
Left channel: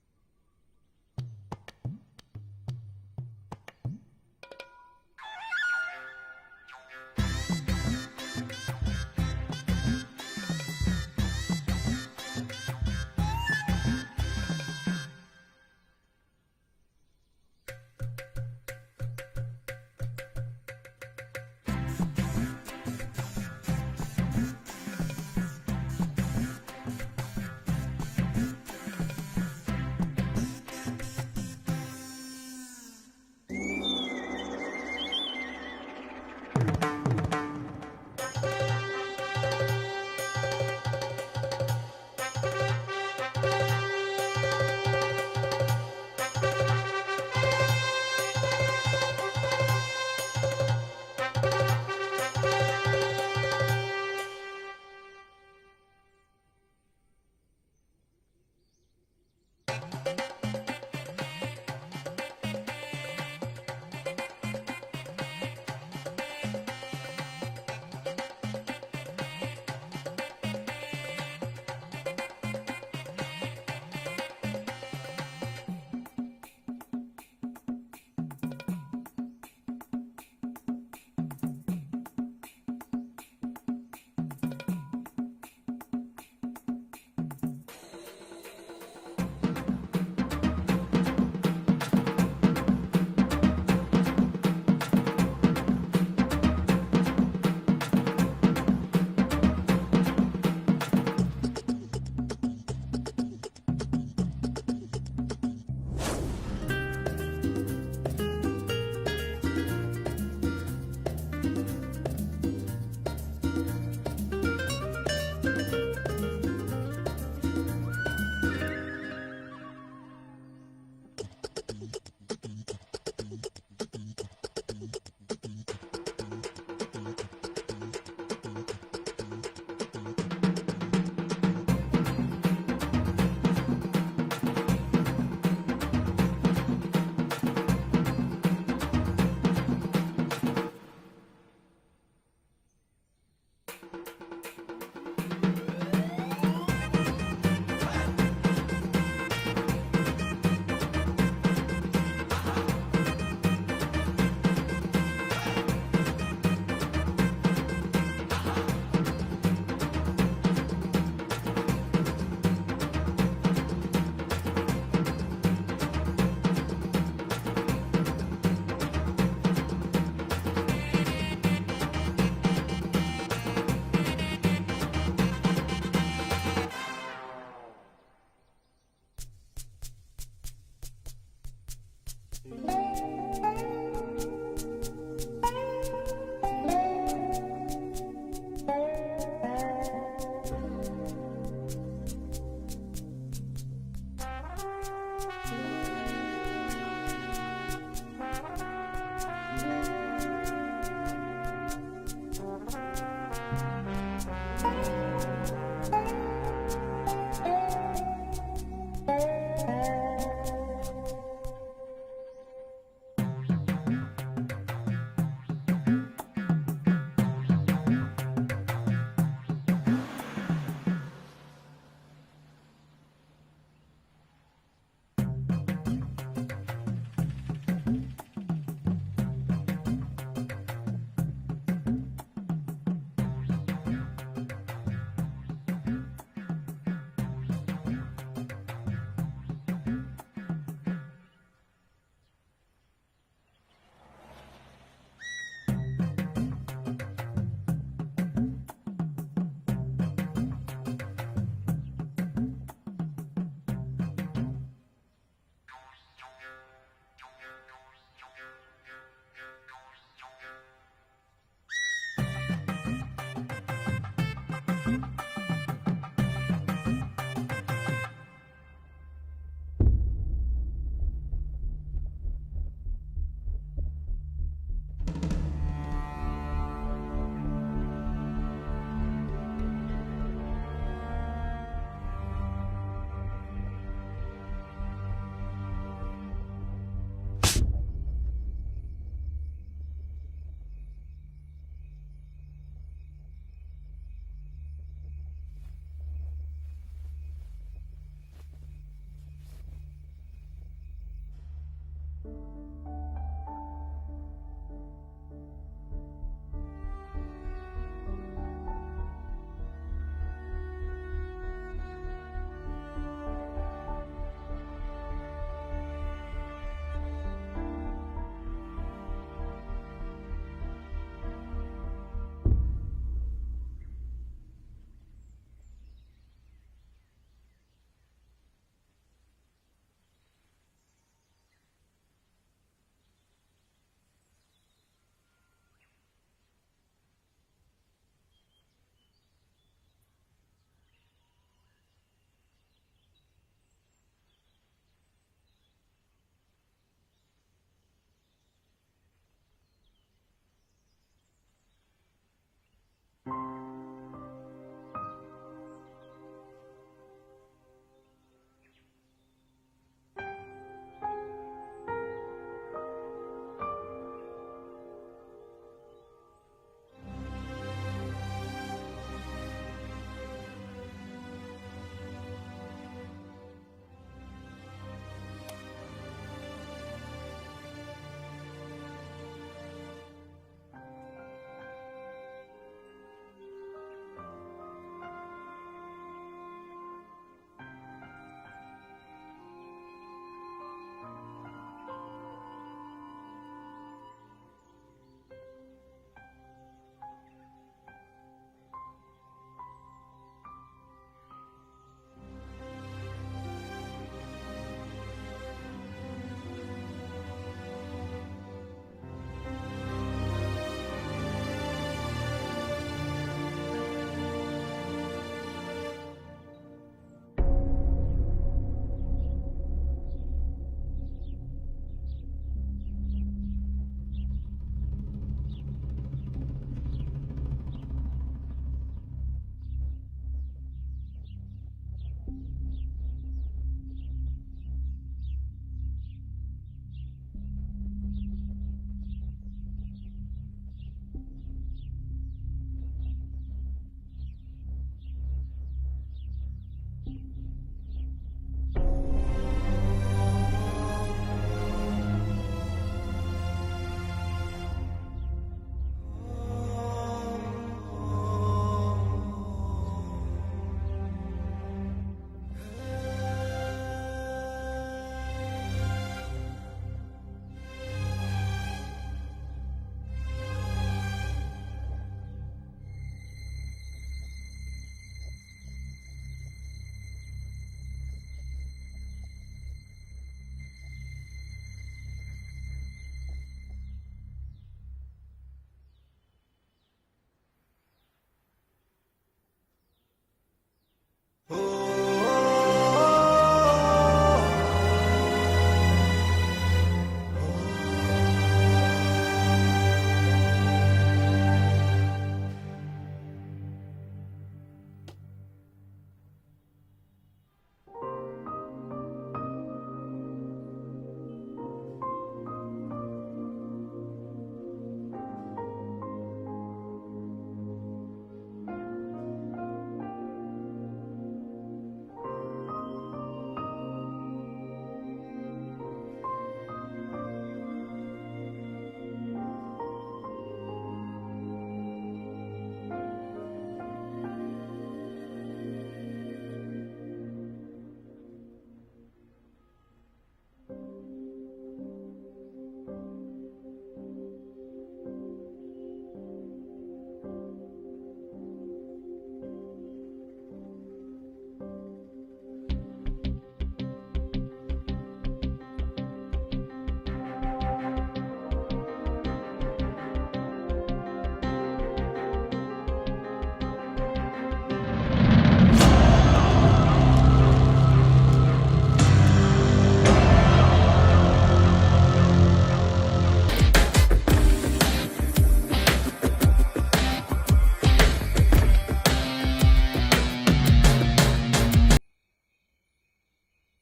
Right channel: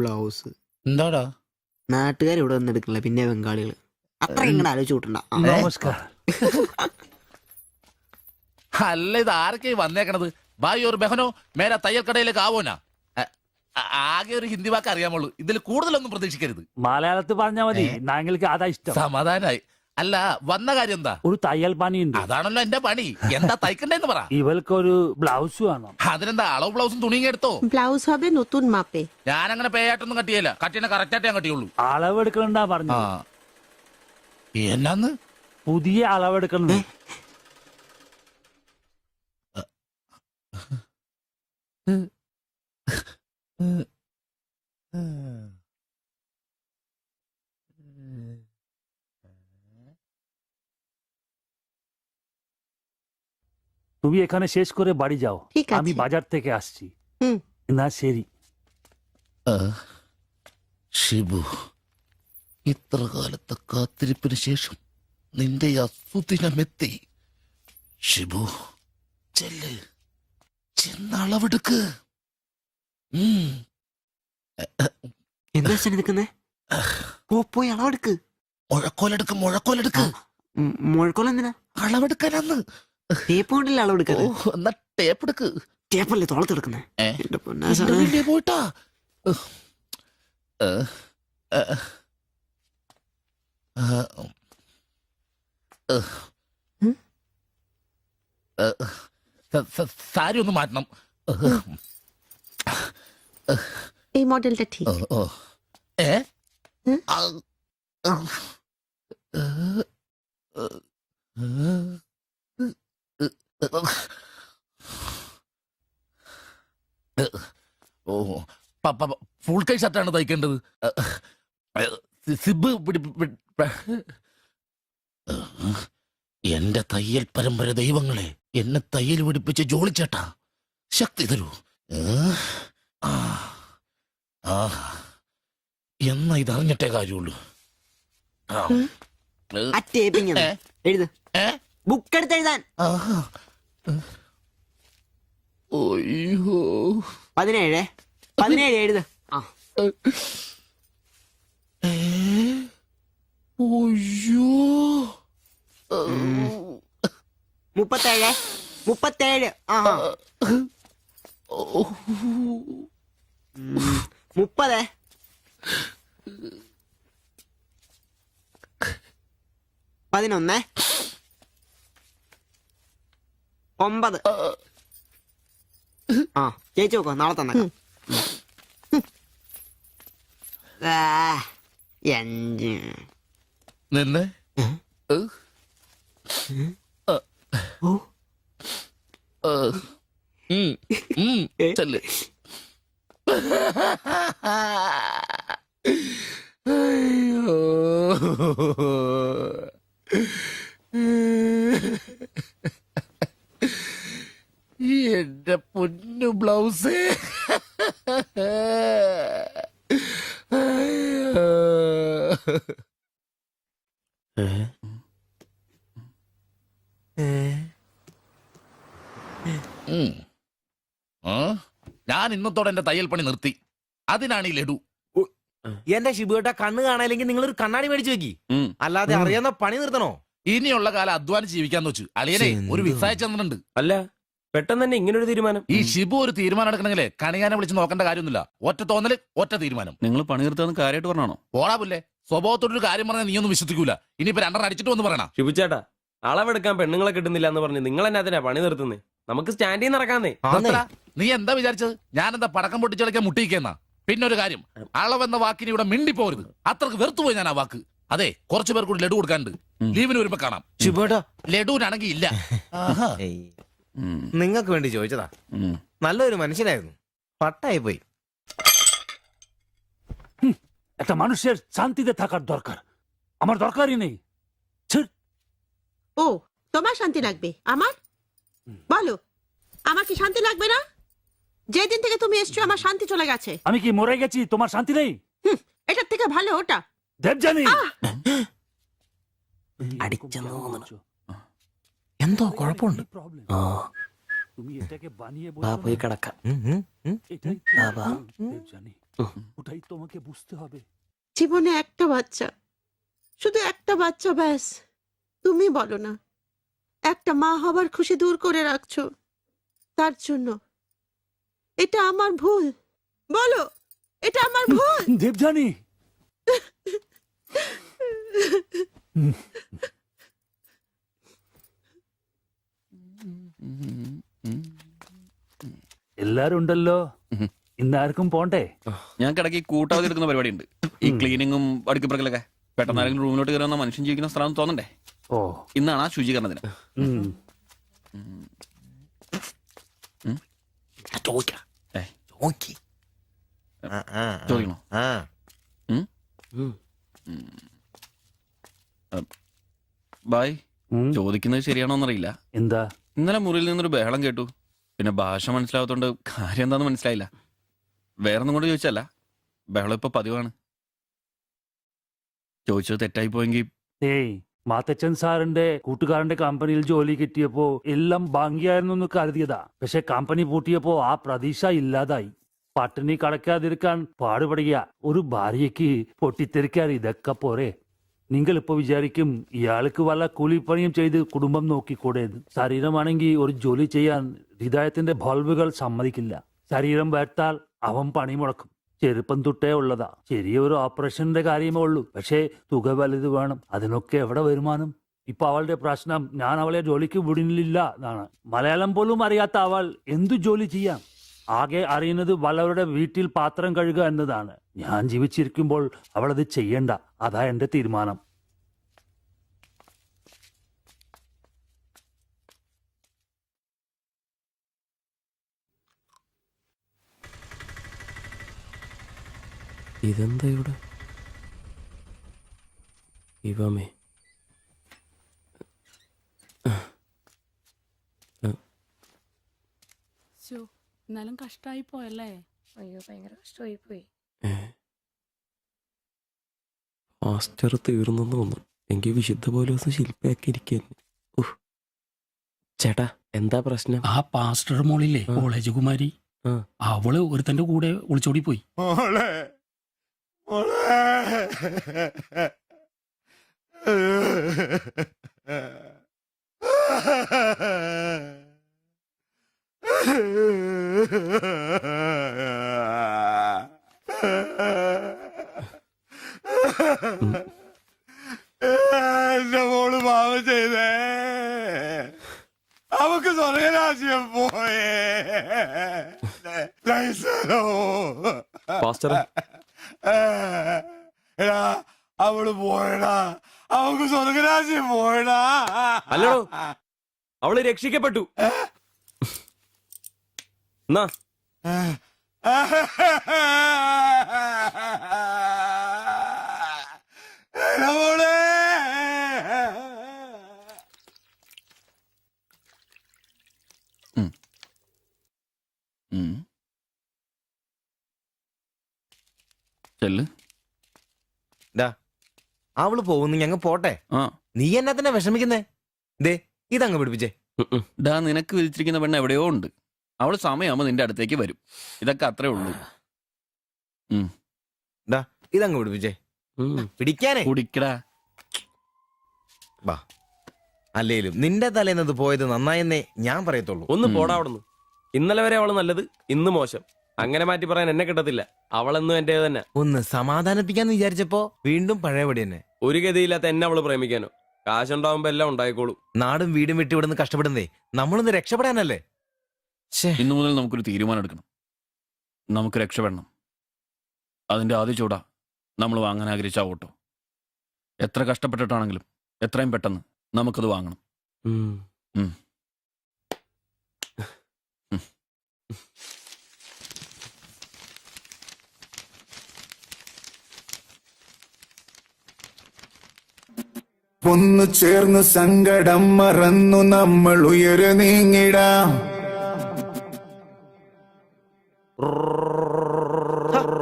ബ്ലൗസ് എന്താടാ, നാട്ടുകാർ ഇവിടെ വന്ന് എടുക്കില്ല, പിന്നെ ബംഗാളികൾ. അത്ര ഇങ്ങനെ ആലോചിച്ച് കൂട്ടണ്ട. അല്ല, ഇത് ആരൊക്കെ വന്നേക്കണത്? ഭായി ഒരു ബഹനോ മേലെ തയ്യൽ കടയിലേക്ക് ആവോനാ. ആകെ ഒരു ഹിന്ദി വാക്ക് അറിയാമുള്ളൂ, ഇതിൽ കൂടുതലൊന്നും പ്രതീക്ഷിക്കരുത്. മലയാളത്തിൽ പറഞ്ഞാൽ മതി, ഞങ്ങൾക്ക് അതാ ഇഷ്ടം. സമാധാനായി. അല്ല, വന്ന കാര്യം എന്താ? ഒരു തയ്യൽ പണിയുണ്ട്. അതാണല്ലോ എന്റെ പണി. എന്താ തയ്ക്കണ്ടേന്ന് പറ. ഇവൾക്കൊരു ബ്ലൗസ് വേണം. അതിനെന്താ, അളവ് ബ്ലൗസും തുണിയും എടുത്തോ? ব্লাউজ হবে নতুন মাপে। ഞാനങ്ങനെ പേയായിട്ടൊന്നും കട്ടിയല്ല, കട്ടിനെ കറക്റ്റായിട്ട് ഞാൻ കട്ടിയുള്ളൂ. അളവെടുക്കണ്ടാ പറഞ്ഞു. എന്നാന്ന്? പുതിയ അളവെടുക്കണ്ട. তুমি এখানে শেষ করে বাড়ি যাও, আমি বাজার থেকে আসছি। না ശരി. ഷിബു, ഇത്ര കാലത്തെ കാത്തിരിപ്പിന് ശേഷം നിന്റെ അസുദിനമെത്തി. ഷിബു, ചെല്ല്, ചെന്നളവെടുക്ക്. എന്താ നിൽക്കുന്നേ? പോയി അളവെടുക്ക്. മുഴക്കോലെടുക്ക്, മുഴക്കോലെടുക്ക്. മുഴക്കോൽ എന്തിനാ? അളവെടുക്കാനാന്ന്. ടേപ്പ് കൊണ്ടല്ലേ അളവെടുക്കാറ്? എന്നാ ടേപ്പ് എടുക്ക്. ടേപ്പല്ലേ തോളത്തെടുക്കുന്നേ? പോയിട്ടാ. സാരി ഒന്ന് മാറ്റണം. এই মডেলটা ঠিক। ഫുൾ കൈ ഷർട്ടാണ് തയ്ക്കേണ്ടത്. സിബ് എന്റെ തയ്യൽ പരമ്പര ദൈവങ്ങളെ, എന്നെ തയ്യൽ പിടിപ്പിച്ച് ജോളിച്ചേട്ടാ, ശക്തി തരൂ. എന്നാ ഇത് അറിഞ്ഞിട്ടേ കാര്യമുള്ളൂ. ബുക്ക് എടുത്ത് എഴുതാൻ. 17 എഴുത്. 37. ആഹാ. 30. 11. 9. ആ ചേച്ചി നോക്കോ, നാളെ തന്നെ. 5. നിന്ന് ചെല്ല്. എന്റെ പൊന്നു ബ്ലൗസ്. ഞാൻ ഇന്നത്തോടെ എന്റെ തയ്യൽ പണി നിർത്തി. അതിനാണ് ഈ ലഡു. എന്റെ ശിബുവേട്ട കണ്ണ് കാണാനില്ലെങ്കിൽ നിങ്ങൾ ഒരു കണ്ണാടി മേടിച്ചു വെക്കി. അല്ലാതെ അറിയാവുന്ന പണി നിർത്തണോ? ഇനിയുള്ള കാലം അധ്വാനിച്ച് ജീവിക്കാന്ന് വെച്ചു. അളിയനെ ഒരു വിസ അയച്ചെന്നിട്ടുണ്ട്. അല്ല, പെട്ടെന്ന് തന്നെ ഇങ്ങനെ ഒരു തീരുമാനം. ഈ ഷിബു ഒരു തീരുമാനം എടുക്കണമെങ്കിലേ കണിയാനെ വിളിച്ച് നോക്കേണ്ട കാര്യമൊന്നുമില്ല. ഒറ്റ തോന്നല്, ഒറ്റ തീരുമാനം. നിങ്ങൾ പണി നിർത്താന്ന് കാര്യമായിട്ട് പറഞ്ഞാണോ? പോടാ പുല്ലേ, സ്വഭാവത്തോടൊരു കാര്യം പറഞ്ഞാൽ നീ ഒന്നും വിശ്വസിക്കൂല. ഇനിയിപ്പോ 2 അടിച്ചിട്ട് വന്ന് പറയണം. ശിബുച്ചേട്ടാ, അളവെടുക്കാൻ പെണ്ണുങ്ങളെ കിട്ടുന്നില്ല എന്ന് പറഞ്ഞ് നിങ്ങൾ തന്നെ അതിനാ പണി നിർത്തുന്നേ. നമുക്ക് സ്റ്റാൻഡിൽ നടക്കാന്നേ. നീ എന്താ വിചാരിച്ചത്? ഞാനെന്താ പടക്കം പൊട്ടിച്ചടക്കാൻ മുട്ടിയിക്കുന്ന? പിന്നെ ഒരു കാര്യം, അളവെന്ന വാക്കിന് ഇവിടെ മിണ്ടിപ്പോരുത്. അത്രക്ക് വെറുത്തുപോയി ഞാൻ ആ വാക്ക്. അതെ, കുറച്ചു പേർ കൂടി ലഡു കൊടുക്കാനുണ്ട്. ലീവിന് വരുമ്പോ കാണാം. ശിബുവേട്ടാ, ലഡുവിനാണെങ്കിൽ ഇല്ല. നിങ്ങൾക്ക് വേണ്ടി ചോദിച്ചതാ. നല്ലൊരു മനുഷ്യനായിരുന്നു, പട്ടായി പോയി. একটা মানুষের শান্তিতে থাকার দরকার, আমার দরকারই নেই। ও তোমার শান্তি লাগবে? আমার বলো, আমার কি শান্তি লাগবে না? যেদিন থেকে তুমি এসছো আমার শান্তি চলে গেছে। আমি কি মরে গেছি? তোমার শান্তি নেই? এটার থেকে ভালো ওটা। দেবজানি, എന്തോ കുഴപ്പമുണ്ട്. তুমি এটাকে বানিয়ে പോയി കിടക്കാം. ওটাই তোমাকে বুঝতে হবে। জীবনে একটা বাচ্চা, শুধু একটা বাচ্চা, ব্যাস। তুমি বলো না, একটা মা হবার খুশি দূর করে রাখছো, তার জন্য এটা আমার ভুল? বলো, এটা আমার ভুল? দেবজানি, എല്ലാരും ഉണ്ടല്ലോ, ഇന്നാർക്കും പോണ്ടേ? ഞങ്ങൾക്ക് ഇടയ്ക്ക് കൂട്ടാതെ എടുക്കുന്ന പരിപാടി ഉണ്ട്. ഈ ക്ലീനിങ്ങും അടുക്കിപ്പറക്കലൊക്കെ. പെട്ടെന്ന് ആരെങ്കിലും റൂമിലോട്ട് കയറുന്ന മനുഷ്യൻ ജീവിക്കുന്ന സ്ഥലം തോന്നണ്ടേ? ഓ, ഇന്നാണ് ആ ശുചീകരണ ദിനം. ചോദിക്കണോ? ബായ്, ചോദിക്കുന്നത് ശരിയാണോന്നറിയില്ല. എന്താ? ഇന്നലെ മുറിയിൽ നിന്നൊരു ബഹളം കേട്ടു. പിന്നെ ഭാഷ മനസ്സിലാവാത്തോണ്ട് കാര്യം എന്താന്ന് മനസ്സിലായില്ല. വേറൊന്നും കൊണ്ട് ചോദിച്ചല്ല, ബഹളം ഇപ്പൊ പതിവാണ്. ചോദിച്ചത് തെറ്റായി പോയെങ്കിൽ. ഏയ്, മാത്തച്ചൻ സാറിന്റെ കൂട്ടുകാരന്റെ കമ്പനിയിൽ ജോലി കിട്ടിയപ്പോ എല്ലാം ഭംഗിയായിരുന്നു എന്ന് കരുതിയതാ. പക്ഷെ കമ്പനി പൂട്ടിയപ്പോ ആ പ്രതീക്ഷ ഇല്ലാതായി. പട്ടിണി കടക്കാതിരിക്കാൻ പാടുപെടുക. ഒരു ഭാര്യയ്ക്ക് പൊട്ടിത്തെറിക്കാൻ ഇതൊക്കെ പോരെ? നിങ്ങൾ ഇപ്പൊ വിചാരിക്കും ഇയാൾക്ക് വല്ല കൂലിപ്പണിയും ചെയ്ത് കുടുംബം നോക്കിക്കൂടേന്ന്. ശരീരമാണെങ്കിൽ ഒരു ജോലി ചെയ്യാൻ ഹൃദയത്തിന്റെ ബൾബുകൾ സമ്മതിക്കില്ല. ശരീരം വേർത്താൽ അവൻ പണി മുടക്കും. ചെറുപ്പം തൊട്ടേ ഉള്ളതാ. ചെറിയൊരു ഓപ്പറേഷന്റെ കാര്യമേ ഉള്ളൂ, പക്ഷേ തുക വലുത് വേണം. അതിനൊക്കെ എവിടെ വരുമാനം? ഇപ്പൊ അവളുടെ പ്രശ്നം ഞാൻ അവളെ ജോലിക്ക് വിടുന്നില്ല എന്നാണ്. മലയാളം പോലും അറിയാത്ത അവൾ എന്തു ജോലി ചെയ്യാം? ആകെ അറിയുന്നത് വല്ലവരുടെ വീട്ടിൽ പാത്രം കഴുകുക എന്നതാണ്. ഞാൻ ജീവിച്ചിരിക്കുമ്പോൾ അവളത് ചെയ്യണ്ട. അതാ എന്റെ തീരുമാനം. ഇതെന്താ ഇവിടെ? ഇവമേ എന്നാലും കഷ്ടായി പോയല്ലേ? അയ്യോ, ഭയങ്കര കഷ്ടമായി പോയി. മാസ്റ്റർ തീർന്നെന്ന് തോന്നുന്നു. എങ്കിൽ വിശുദ്ധ പോലെ ദിവസം ശില്പയാക്കി ഇരിക്കുന്നു. ചേട്ടാ എന്താ പ്രശ്നം? ആ പാസ്റ്റർ മോളില്ലേ കോളേജ് കുമാരി, അവള് ഒരുത്തന്റെ കൂടെ ഒളിച്ചോടി പോയി. എന്റെ മോള് പാവം ചെയ്തേ, അവക്ക് സ്വർഗരാജ്യം പോയേ. എടാ അവള് പോയടാ, അവക്ക് സ്വർഗരാജ്യം പോയടാ. അല്ലടോ, അവള് രക്ഷിക്കപ്പെട്ടു. എന്നാ അവള് പോകുന്നു, ഞങ്ങ പോട്ടെ. നീ എന്നാ തന്നെ വിഷമിക്കുന്നേ? ദേ ഇതങ്ങ് പിടിപ്പിച്ചേ. ഡാ, നിനക്ക് വിളിച്ചിരിക്കുന്ന പെണ്ണ് എവിടെയോ ഉണ്ട്. അവള് സമയമാകുമ്പോ നിന്റെ അടുത്തേക്ക് വരും. ഇതൊക്കെ അത്രേ ഉള്ളൂ. ഇതങ്ങ് പിടിപ്പിച്ചേ. പിടിക്കാനേ കുടിക്കടാ. അല്ലേലും നിന്റെ തലേന്നത് പോയത് നന്നായെന്നേ ഞാൻ പറയത്തുള്ളൂ. ഒന്ന് പോടാ അവിടുന്ന്. ഇന്നലെ വരെ അവള് നല്ലത്, ഇന്ന് മോശം. അങ്ങനെ മാറ്റി പറയാൻ എന്നെ കിട്ടത്തില്ല. അവളെന്നും എന്റെ തന്നെ. ഒന്ന് സമാധാനിപ്പിക്കാന്ന് വിചാരിച്ചപ്പോ വീണ്ടും പഴയപടി തന്നെ. ഒരു ഗതിയില്ലാത്ത എന്നെ അവള് പ്രേമിക്കാനോ? കാശുണ്ടാവുമ്പോ എല്ലാം ഉണ്ടായിക്കോളൂ. നാടും വീടും വിട്ട് ഇവിടുന്ന് കഷ്ടപ്പെടുന്നേ നമ്മളൊന്ന് രക്ഷപ്പെടാനല്ലേ. ഇന്നു മുതൽ നമുക്കൊരു തീരുമാനം എടുക്കണം. നമുക്ക് രക്ഷപ്പെടണം. അതിന്റെ ആദ്യ ചൂടാ നമ്മൾ വാങ്ങാൻ ആഗ്രഹിച്ച ഓട്ടോ. എത്ര കഷ്ടപ്പെട്ടിട്ടാണെങ്കിലും എത്രയും പെട്ടെന്ന് നമുക്കത് വാങ്ങാം. ഒന്നു ചേർന്ന് സങ്കടം മറന്നു നമ്മൾ ഉയരെ നീങ്ങിടാം.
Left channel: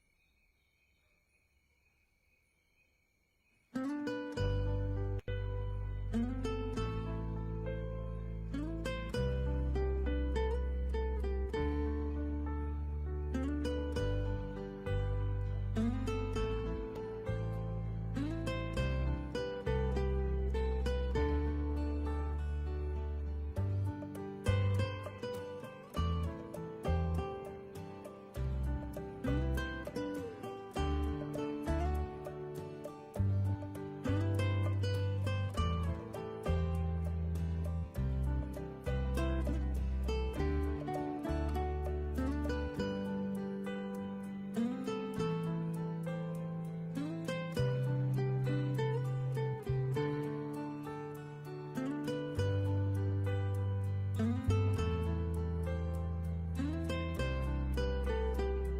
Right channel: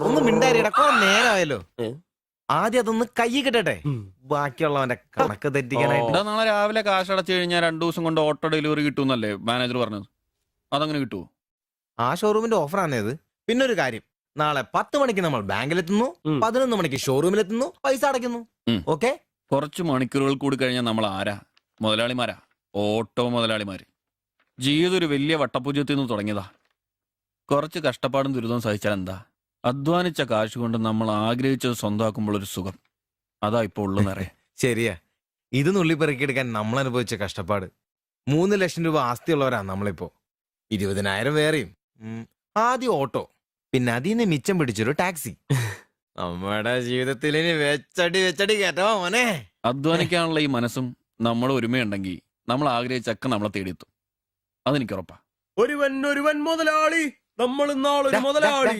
ഒന്ന് മിണ്ടാരിടക്കോ, നേരമായല്ലോ. ആദ്യം അതൊന്ന് കൈ കിട്ടട്ടെ, ബാക്കിയുള്ളവന്റെ കണക്ക് തെറ്റിക്കാനായിട്ട്. നാളെ രാവിലെ കാശ് അടച്ചു കഴിഞ്ഞാൽ 2 ദിവസം കൊണ്ട് ഓട്ടോ ഡെലിവറി കിട്ടുമെന്നല്ലേ മാനേജർ പറഞ്ഞത്? അതങ്ങനെ കിട്ടുമോ? ആ ഷോറൂമിന്റെ ഓഫറാണേത്. പിന്നെ ഒരു കാര്യം, നാളെ 10 മണിക്ക് നമ്മൾ ബാങ്കിലെത്തുന്നു, 11 മണിക്ക് ഷോറൂമിലെത്തുന്നു, പൈസ അടയ്ക്കുന്നു. ഓക്കെ? കുറച്ച് മണിക്കൂറുകൾ കൂടി കഴിഞ്ഞാൽ നമ്മൾ ആരാ? മുതലാളിമാരാ, ഓട്ടോ മുതലാളിമാര്. ജീവിതം ഒരു വലിയ വട്ടപൂജ്യത്തിൽ നിന്ന് തുടങ്ങിയതാ. കുറച്ച് കഷ്ടപ്പാടും ദുരിതവും സഹിച്ചാൽ എന്താ? അധ്വാനിച്ച കാശ് കൊണ്ട് നമ്മൾ ആഗ്രഹിച്ചത് സ്വന്തമാക്കുമ്പോൾ ഒരു സുഖം, അതാ ഇപ്പൊ ഉള്ളു നിറയെ. ശരിയാ, ഇത് നുള്ളിപ്പെറുക്കിയെടുക്കാൻ നമ്മൾ അനുഭവിച്ച കഷ്ടപ്പാട്. 3 ലക്ഷം രൂപ ആസ്തിയുള്ളവരാ നമ്മളിപ്പോ. 20,000 വേറെയും. ആദ്യം ഓട്ടോ, പിന്നെ അതിന് മിച്ചം പിടിച്ചൊരു ടാക്സി. നമ്മുടെ ജീവിതത്തിൽ വെച്ചടി കേട്ടോ മോനെ. അധ്വാനിക്കാനുള്ള ഈ മനസ്സും നമ്മൾ ഒരുമയുണ്ടെങ്കിൽ നമ്മൾ ആഗ്രഹിച്ചൊക്കെ നമ്മളെ തേടിയെത്തും. അതെനിക്ക് ഉറപ്പാ. ഒരുവൻ മുതലാളി, നമ്മൾ നാളൊരു മുതലാളി.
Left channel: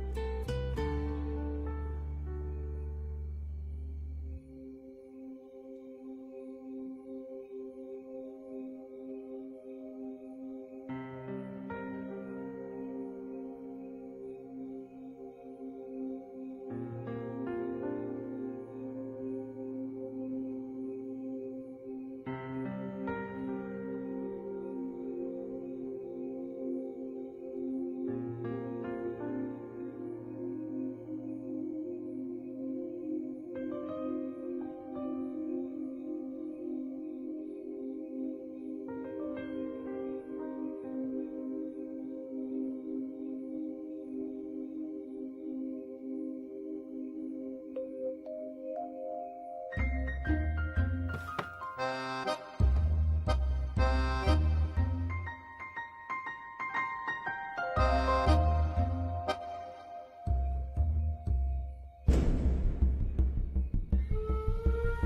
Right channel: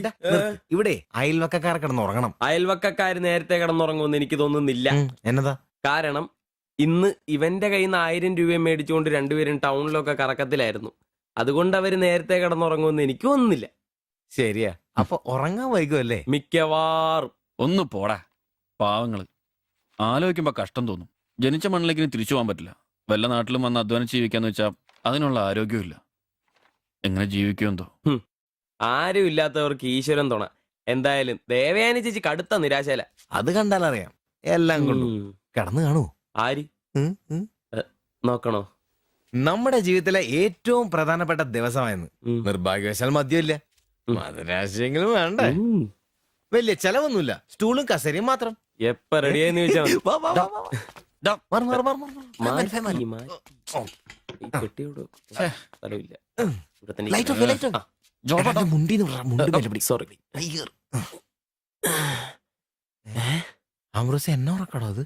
ഇവിടെ അയൽവക്കക്കാർ കിടന്നുറങ്ങണം. അയൽവക്കക്കാര് നേരത്തെ കിടന്നുറങ്ങുമെന്ന് എനിക്ക് തോന്നുന്നില്ല. എന്നതാ കാരണം ഇന്ന് ഇവന്റെ കയ്യിൽ നിന്ന് 1000 രൂപ മേടിച്ചുകൊണ്ട് രണ്ടുപേരും ടൗണിലൊക്കെ കറക്കത്തിലായിരുന്നു. അതുകൊണ്ട് അവര് നേരത്തെ കിടന്നുറങ്ങുമെന്ന് എനിക്ക് തോന്നുന്നില്ല. ശരിയാ, അപ്പൊ ഉറങ്ങാൻ വൈകുമല്ലേ? മിക്കവാറും. ഒന്ന് പോടാ പാവങ്ങള്. ആലോചിക്കുമ്പോ കഷ്ടം തോന്നും. ജനിച്ച മണ്ണിലേക്ക് തിരിച്ചു പോകാൻ പറ്റില്ല. വല്ല നാട്ടിലും വന്ന് അധ്വാനിച്ച് ജീവിക്കാന്ന് വെച്ചാൽ അതിനുള്ള ആരോഗ്യമില്ല. എങ്ങനെ ജീവിക്കുമെന്തോ. ആരും ഇല്ലാത്തവർക്ക് ഈശ്വരൻ തുണ. എന്തായാലും ദേവയാനി ചേച്ചി കടുത്ത നിരാശയില. അത് കണ്ടാലറിയാം. എല്ലാം കൊണ്ടും കിടന്നു കാണൂ. ആര് നോക്കണോ? നമ്മുടെ ജീവിതത്തിലെ ഏറ്റവും പ്രധാനപ്പെട്ട ദിവസമായിരുന്നു. നിർഭാഗ്യവശാൽ മദ്യമില്ല. മധുരാശയെങ്കിലും വേണ്ട. വലിയ ചെലവൊന്നുമില്ല, സ്റ്റൂളും കസേരയും മാത്രം. എപ്പ റെഡിയായെന്ന് ചോദിച്ചാ എന്നെ ഉറക്കടോ അത്?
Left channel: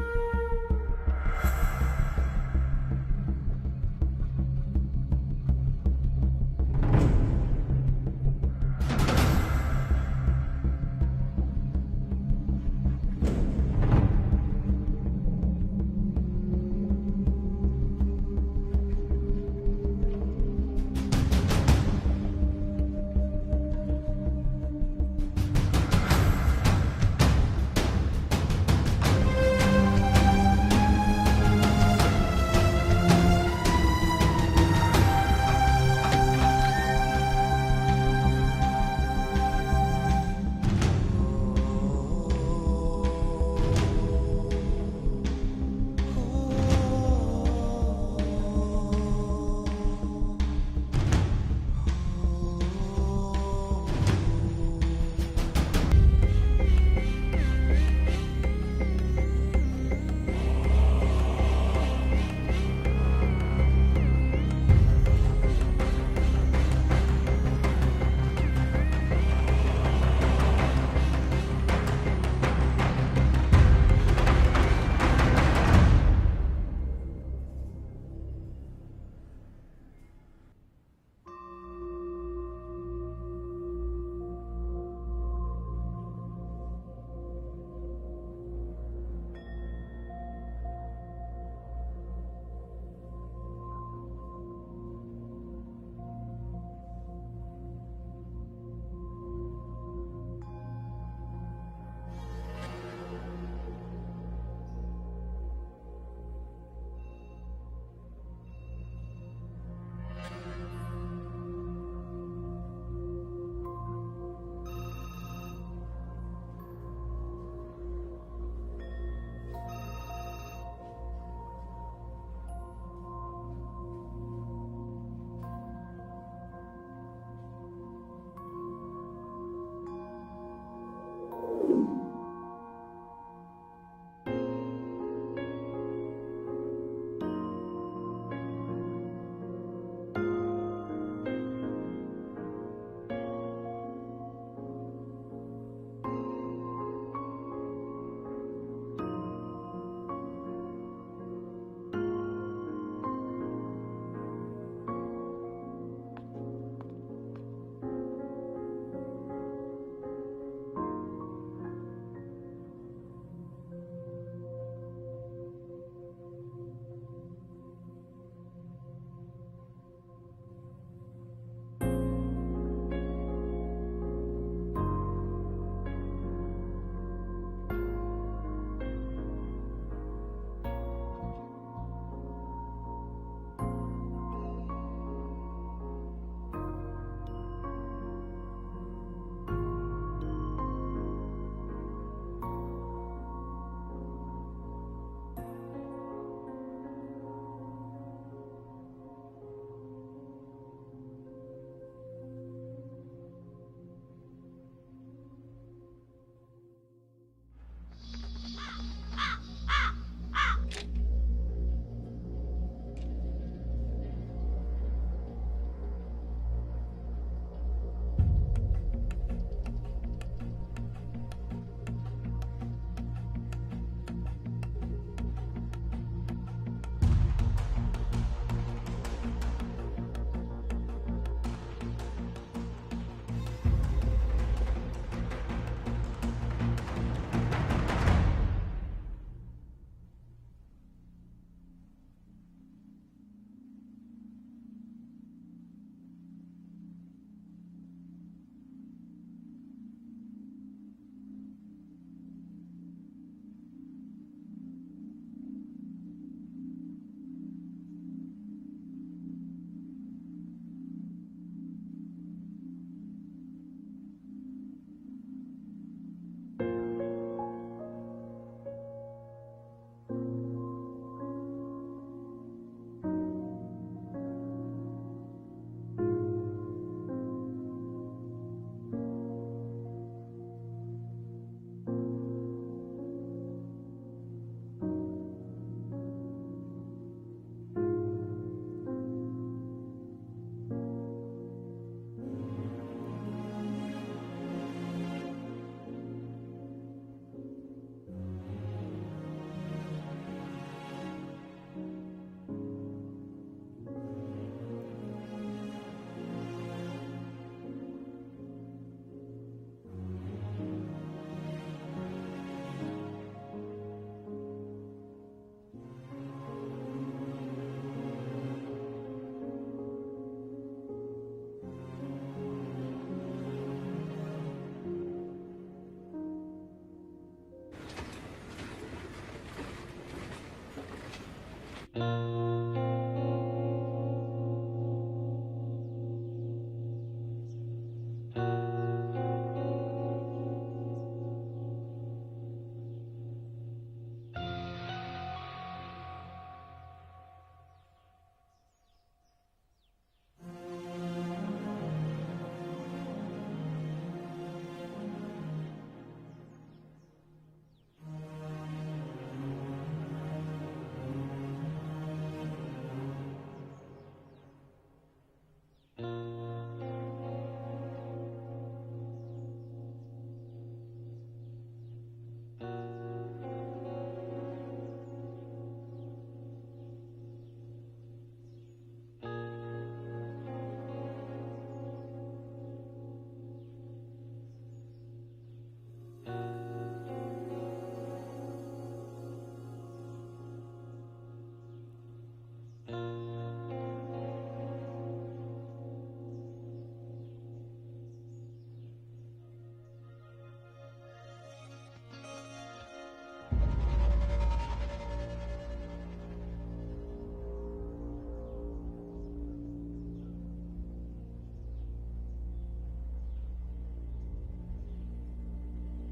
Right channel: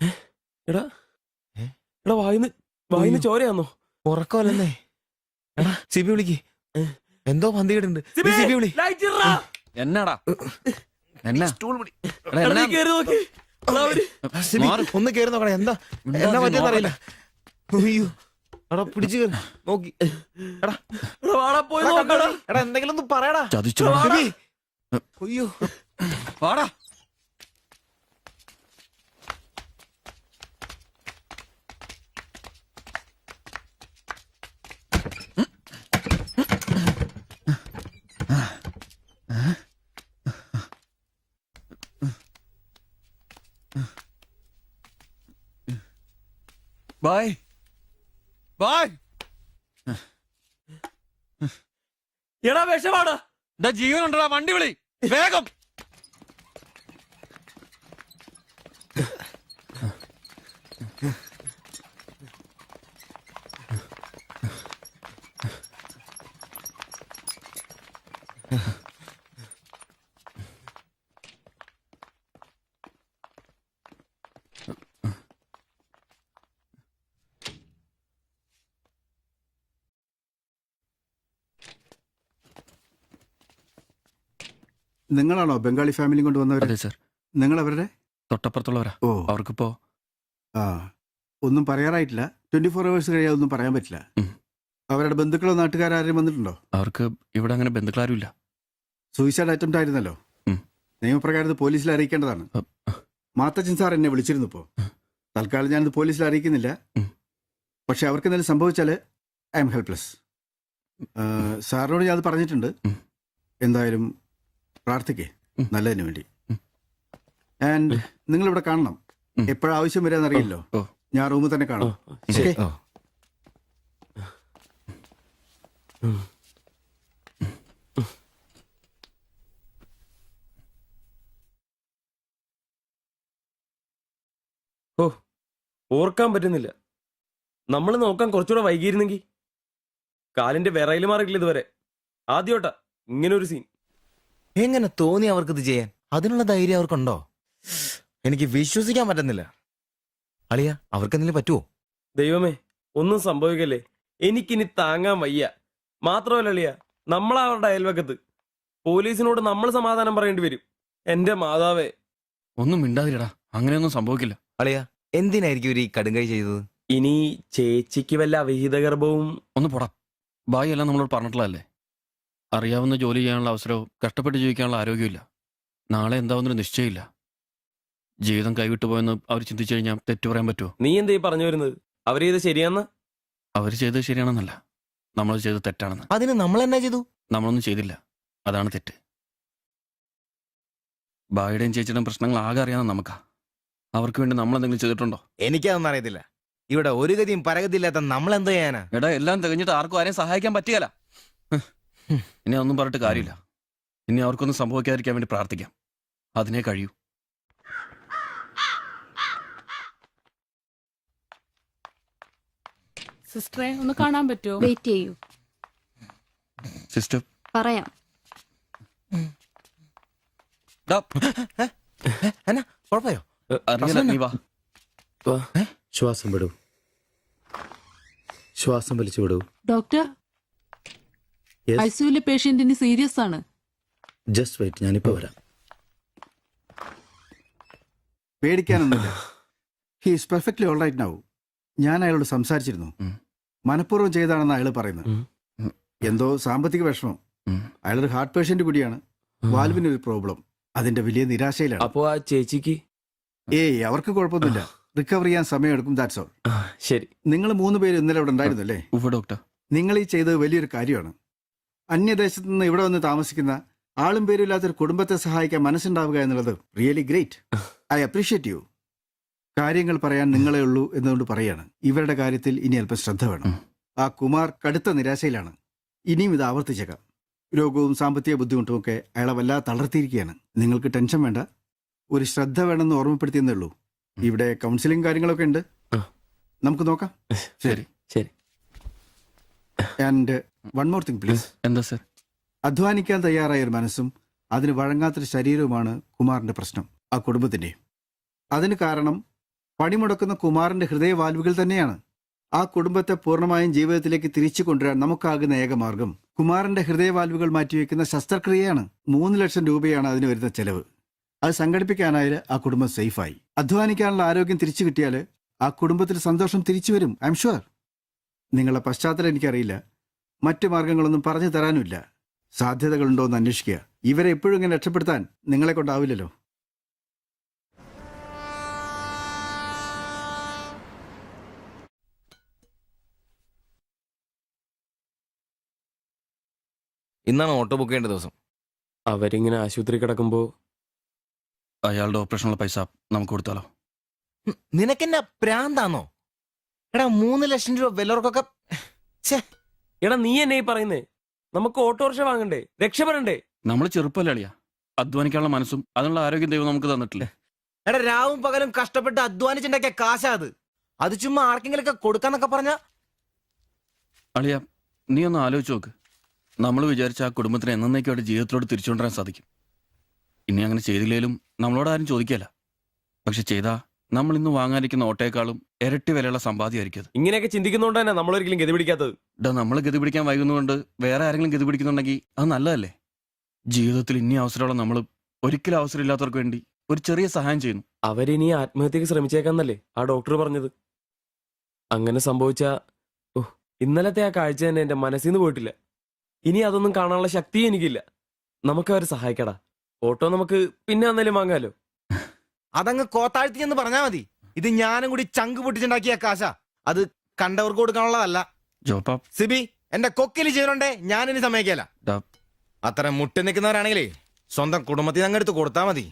വായിന്ന് ചോരയാന്നോ? ഉറക്കമല്ലെന്നേ. എടാ സിബി വിളിക്ക്, എന്തോ പന്തികേടുണ്ട്. സിബി വിളി. എന്നാടാ ഒന്ന് കേറി നോക്കണേ. എന്താ എന്നാ പറ്റിയെന്നറിയില്ല. അയ്യോ എടാ പിടിച്ചു കയറി നോക്കി. എടാ എന്തെങ്കിലും ഒന്ന് പറയടാ. അയ്യോ വാടാ. എടാ വിഷമാടാ, ജീവനുണ്ടാ, വണ്ടി വിളി വേഗം. നിങ്ങളാണോ ബംഗാളി ഫാമിലി കൊണ്ടുവന്നവർ? അതെ സർ. നിങ്ങൾ അവരുടെ തൊട്ടപ്പുറത്തുള്ളവരാ. ഓ, അവർക്കിപ്പോ ആ ഒന്നും പറയാറായിട്ടില്ല. 24 hours കഴിയാതെ ഒന്നും പറയാൻ പറ്റില്ല. അവരുടെ ബന്ധുക്കളോ നാട്ടുകാരും വന്നിട്ടുണ്ടോ? അവർക്ക് ഇവിടെ അങ്ങനെ ബന്ധുക്കളാരും ഇല്ല. സൂയിസൈഡ് അറ്റംപ്റ്റ് ആയിരുന്നല്ലോ. നിയമപ്രകാരം പോലീസിൽ അറിയിക്കേണ്ടതാണ്. മാത്തച്ചൻ സാർ എന്നെ വിളിച്ചിരുന്നു. ഇപ്പോൾ തൽക്കാലം ഞാനിത് പോലീസിൽ അറിയിക്കുന്നില്ല. പക്ഷെ അവർക്ക് എന്തെങ്കിലും സംഭവിച്ചാൽ ഐ എം ഹെൽപ്ലെസ്. സാറിനോട് ഞാൻ അത് പറഞ്ഞിട്ടുണ്ട്. എന്തായാലും പ്രാർത്ഥിക്കേ നല്ലതിന് വേണ്ടി. ആൻഡ് നിങ്ങൾ ഇവിടെ കാണണം. എപ്പോഴും ആവശ്യം വരാന്നറിയില്ലോ. ഞാൻ റൂമിൽ തന്നെ കാണാം. ഓ, ഓർക്കാൻ പറ്റുന്നില്ല. നമ്മൾ നോക്കാൻ കുറച്ചുകൂടെ വൈകിയിരുന്നെങ്കിൽ. കാലിന്റെ വിറയിൽ മാറിയില്ല ഇതുവരെ. ആദ്യോട്ടാ ഇങ്ങനെ ഒരു സീൻ. എങ്ങനെ തോന്നി അവർക്കിത് ചെയ്യാൻ? അതിനുള്ള ധൈര്യം അവർക്കുണ്ടോ? എനിക്ക് വിശ്വസിക്കാൻ പറ്റുന്നില്ല. അളിയ, അവർക്ക് എന്തെങ്കിലും പറ്റുമോ? ദൈവമേ, ഒന്നും സംഭവിക്കല്ലേ. എനിക്കിനി താങ്ങാൻ വയ്യ. മാത്രമല്ല അളിയ, നമ്മളവരുടെ അയൽവക്കത്ത്. പോലീസിനോട് നമ്മൾ സമാധാനം പറയേണ്ടി വരും. എന്റെ മാതാവേ. ഒന്നും മിണ്ടാതിരടാ, അങ്ങനെയൊന്നും സംഭവിക്കില്ല. അളിയ, എന്തിനായിരിക്കും ഒരു ഈ കടുങ്കൈ ചെയ്തത്? ഇനി ചേച്ചിക്ക് വല്ല അവിഹിത ഗർഭവും. ഒന്ന് പോടാ. ബായി എല്ലാം നമ്മളോട് പറഞ്ഞിട്ടുള്ളതല്ലേ. അറിയാവുന്ന ജോലി ചെയ്യാനുള്ള അവസരവും കഷ്ടപ്പെട്ട് ജീവിക്കാനുള്ള ആരോഗ്യമില്ല. നാളെ എന്താവുന്നൊരു നിശ്ചയമില്ല. ജീവിതം കൈവിട്ടു പോയെന്ന് അവർ ചിന്തിച്ചു കഴിഞ്ഞാൽ തെറ്റു പറയാൻ പറ്റുമോ? നീ എന്തേ പറഞ്ഞു വരുന്നത്? അവർ ചെയ്ത് ശരിയാന്ന്? അവർ ചെയ്തത് ശരിയാണെന്നല്ല, നമ്മൾ ചെയ്തത് തെറ്റാണെന്ന്. അതിന് നമ്മൾ എന്നാ ചെയ്തു? നമ്മളൊന്നും ചെയ്തില്ല, അതാണ് തെറ്റ്. ബായുടെയും ചേച്ചിയുടെയും പ്രശ്നങ്ങൾ ആകെ അറിയാവുന്ന നമുക്കാ. അവർക്ക് വേണ്ടി നമ്മൾ എന്തെങ്കിലും ചെയ്തിട്ടുണ്ടോ? എനിക്കതൊന്നും അറിയത്തില്ല. ഇവിടെ ഒരു ഗതിയും പരഗതിയില്ലാത്ത നമ്മൾ എന്തോ ചെയ്യാനാ? എടാ, എല്ലാം തികഞ്ഞിട്ട് ആർക്കും ആരെയും സഹായിക്കാൻ പറ്റിയല്ല. ഇനി ഒന്നും പറഞ്ഞിട്ട് കാര്യമില്ല. ഇനി അവർക്കൊന്നും സംഭവിക്കാതിരിക്കാൻ വേണ്ടി പ്രാർത്ഥിക്കാം. അതിനെ കഴിയൂ. സിസ്റ്ററെ ഒന്ന് കാണാൻ പറ്റുമോ? വെയിറ്റ് ചെയ്യൂ, സിസ്റ്റർ. പറയാം. അറിയില്ല, നീ വാ. ശ്വാസം വിടൂ, ശ്വാസം വലിച്ചു വിടൂ. ഡോക്ടർ, ഐസിയുലെ പേഷ്യന്റിന് സീരിയസ് ആണ്. ജസ്റ്റ് വെയിറ്റ്, ഞാനിപ്പോ വരാം. പേടിക്കാനൊന്നുമില്ല. He is perfectly all right now. ഞാൻ അയാളോട് സംസാരിച്ചിരുന്നു. മനഃപൂർവ്വം ചെയ്താണെന്ന് അയാൾ പറയുന്നത്. എന്തോ സാമ്പത്തിക വിഷമം. അയാളൊരു ഹാർട്ട് പേഷ്യന്റ് കൂടിയാണ്. വാൽവിന് ഒരു പ്രോബ്ലം. അതിന്റെ വലിയ നിരാശയിലാണ്. അപ്പോ ആ ചേച്ചിക്ക്? ഏയ്, അവർക്ക് കുഴപ്പമൊന്നുമില്ല. റിക്കവർ ചെയ്യാൻ സമയമെടുക്കും. That's all. ശരി. നിങ്ങൾ 3 പേര് ഇന്നലെ ഇവിടെ ഉണ്ടായിരുന്നല്ലേ? ഡോക്ടർ, നിങ്ങൾ ഈ ചെയ്തത് വലിയൊരു കാര്യമാണ്. അന്യദേശത്ത് നിന്ന് ഇവിടെ വന്ന് താമസിക്കുന്ന ആളും പേരും ഇല്ലാത്തൊരു കുടുംബത്തെ സഹായിക്കാൻ മനസ്സുണ്ടാവുക എന്നുള്ളത് really great. I appreciate you. കാര്യങ്ങൾ പറയാൻ നിങ്ങളെ ഉള്ളൂ എന്നുകൊണ്ട് പറയാണ്. ഇവരുടെ കാര്യത്തിൽ ഇനി അല്പം ശ്രദ്ധ വേണം. ആ കുമാർ കടുത്ത നിരാശയിലാണ്. ഇനിയും ഇത് ആവർത്തിച്ചേക്കാം. രോഗവും സാമ്പത്തിക ബുദ്ധിമുട്ടും ഒക്കെ അയാളെ വല്ലാതെ തളർത്തിയിരിക്കുകയാണ്. നിങ്ങൾക്ക് ടെൻഷൻ വേണ്ട. ഒരു ശ്രദ്ധ വേണമെന്ന് ഓർമ്മപ്പെടുത്തിയെന്നേ ഉള്ളൂ. ഇവിടെ കൗൺസിലിംഗ് കാര്യങ്ങളൊക്കെ ഉണ്ട്. നമുക്ക് നോക്കാം. ശരി ശരി. And one more thing please. എന്താ സർ? അധ്വാനിക്കാൻ തയ്യാറായ ഒരു മനസ്സും അതിന് വഴങ്ങാത്തൊരു ശരീരവുമാണ് കുമാറിന്റെ പ്രശ്നം, ആ കുടുംബത്തിന്റെ. അതിന് കാരണം പണിമുടക്കുന്ന കുമാറിന്റെ ഹൃദയവാൽവുകൾ തന്നെയാണ്. ആ കുടുംബത്തെ പൂർണ്ണമായും ജീവിതത്തിലേക്ക് തിരിച്ചു കൊണ്ടുവരാൻ നമുക്കാകുന്ന ഏക മാർഗം കുമാറിന്റെ ഹൃദയവാൽവുകൾ മാറ്റിവെക്കുന്ന ശസ്ത്രക്രിയയാണ്. 3 ലക്ഷം രൂപയാണ് അതിന് വരുന്ന ചെലവ്. അത് സംഘടിപ്പിക്കാനായാൽ ആ കുടുംബം സേഫായി. അധ്വാനിക്കാനുള്ള ആരോഗ്യം തിരിച്ചു കിട്ടിയാൽ ആ കുടുംബത്തിൽ സന്തോഷം തിരിച്ചു വരും. I am sure. നിങ്ങളുടെ പശ്ചാത്തലം എനിക്കറിയില്ല. മറ്റു മാർഗങ്ങളൊന്നും പറഞ്ഞു തരാനുമില്ല. സാധ്യതകളുണ്ടോ എന്ന് അന്വേഷിക്കുക. ഇവരെ എപ്പോഴും ഇങ്ങനെ രക്ഷപ്പെടുത്താൻ നിങ്ങളെ കൊണ്ടാവില്ലല്ലോ. ഇന്നാണ് ഓട്ടോ ബുക്ക് ചെയ്യേണ്ട ദിവസം. അവരിങ്ങനെ ആശുപത്രി കിടക്കുമ്പോ അയാളുടെ ഓപ്പറേഷനുള്ള പൈസ നമുക്ക് കൊടുത്താലോ? നിനക്കെന്നാ പ്രാന്താന്നോ? എടാ 3 ലക്ഷം രൂപ വല്ലവർക്കൊക്കെ എടാ നീ എന്നെ ഈ പറയുന്നേ? നമുക്ക് ഓട്ടോറിക്ഷ വാങ്ങണ്ടേ, രക്ഷപ്പെടണ്ടേ? നമ്മൾ ചെറുപ്പല്ലേ അളിയാ, അധ്വാനിക്കാനുള്ള മനസ്സും അതിനുള്ള ആരോഗ്യം ദൈവം നമുക്ക് തന്നിട്ടില്ലേ? എടാ രാവും പകലും കഷ്ടപ്പെട്ട് അധ്വാനിച്ചുണ്ടാക്കിയ കാശാ അത് ചുമ്മാ ആർക്കെങ്കിലും ഒക്കെ കൊടുക്കാന്നൊക്കെ പറഞ്ഞ അളിയ, നീ ഒന്ന് ആലോചിച്ച് നോക്ക്. നമ്മൾ വിചാരിച്ച ആ കുടുംബത്തിന് എന്നേക്കായിട്ട് ജീവിതത്തിലോട് തിരിച്ചുകൊണ്ടുവരാൻ സാധിക്കും. ഇനി അങ്ങനെ ചെയ്തില്ലേലും നമ്മളോട് ആരും ചോദിക്കല്ല. പക്ഷെ ചെയ്താ നമ്മൾ ഇന്ന് വാങ്ങാനിരിക്കുന്ന ഓട്ടേക്കാളും ഇരട്ടി വിലയുള്ള സമ്പാദ്യമായിരിക്കും. ഇങ്ങനെയൊക്കെ ചിന്തിക്കുന്നോണ്ട് തന്നെ നമ്മളൊരിക്കലും ഗതി പിടിക്കാത്തത്. നമ്മൾ ഗതി പിടിക്കാൻ വൈകുന്നതുകൊണ്ട് വേറെ ആരെങ്കിലും ഗതി പിടിക്കുന്നുണ്ടെങ്കിൽ അത് നല്ലതല്ലേ? ജീവിതത്തിൽ ഇനി അവസരമുള്ള നമ്മൾ ഒരിക്കലും അവസരം ഇല്ലാത്തവർക്ക് വേണ്ടി ഒരു ചെറിയ സഹായം ചെയ്യുന്നു. അവരിനി ആത്മഹത്യക്ക് ശ്രമിച്ചേക്കാന്നല്ലേ ആ ഡോക്ടർ പറഞ്ഞത്? അങ്ങനെ സംഭവിച്ച ഇന്നലത്തെ ആ കാഴ്ച തന്നെ എന്റെ മനസ്സിൽ നിന്ന് പോയിട്ടില്ല. ഇനി അതൊന്നും കാണാനുള്ള ശക്തിയും എനിക്കില്ല. നമുക്ക് അവരെ സഹായിക്കടാ. ഓട്ടോ നമുക്ക് പിന്നെ അന്നേലും വാങ്ങാലോ. അതങ്ങ് കോത്താഴ്ത്തി എന്ന് പറഞ്ഞാ മതി. ഇത് ഞാനും കൂടി ചങ്ക് പൊട്ടിച്ചുണ്ടാക്കിയ കാശ. അത് കണ്ടവർക്ക് കൊടുക്കാനുള്ളതല്ല. സിബി, എന്റെ കൊക്കില് ജീവനുണ്ടേ ഞാൻ ഇനി സമ്മതിക്കല. അത്ര മുട്ടി നിൽക്കുന്നവരാണെങ്കിലേ സ്വന്തം കുടുംബത്തിൽ അങ്ങ് എടുത്ത് കൊടുത്താ മതി.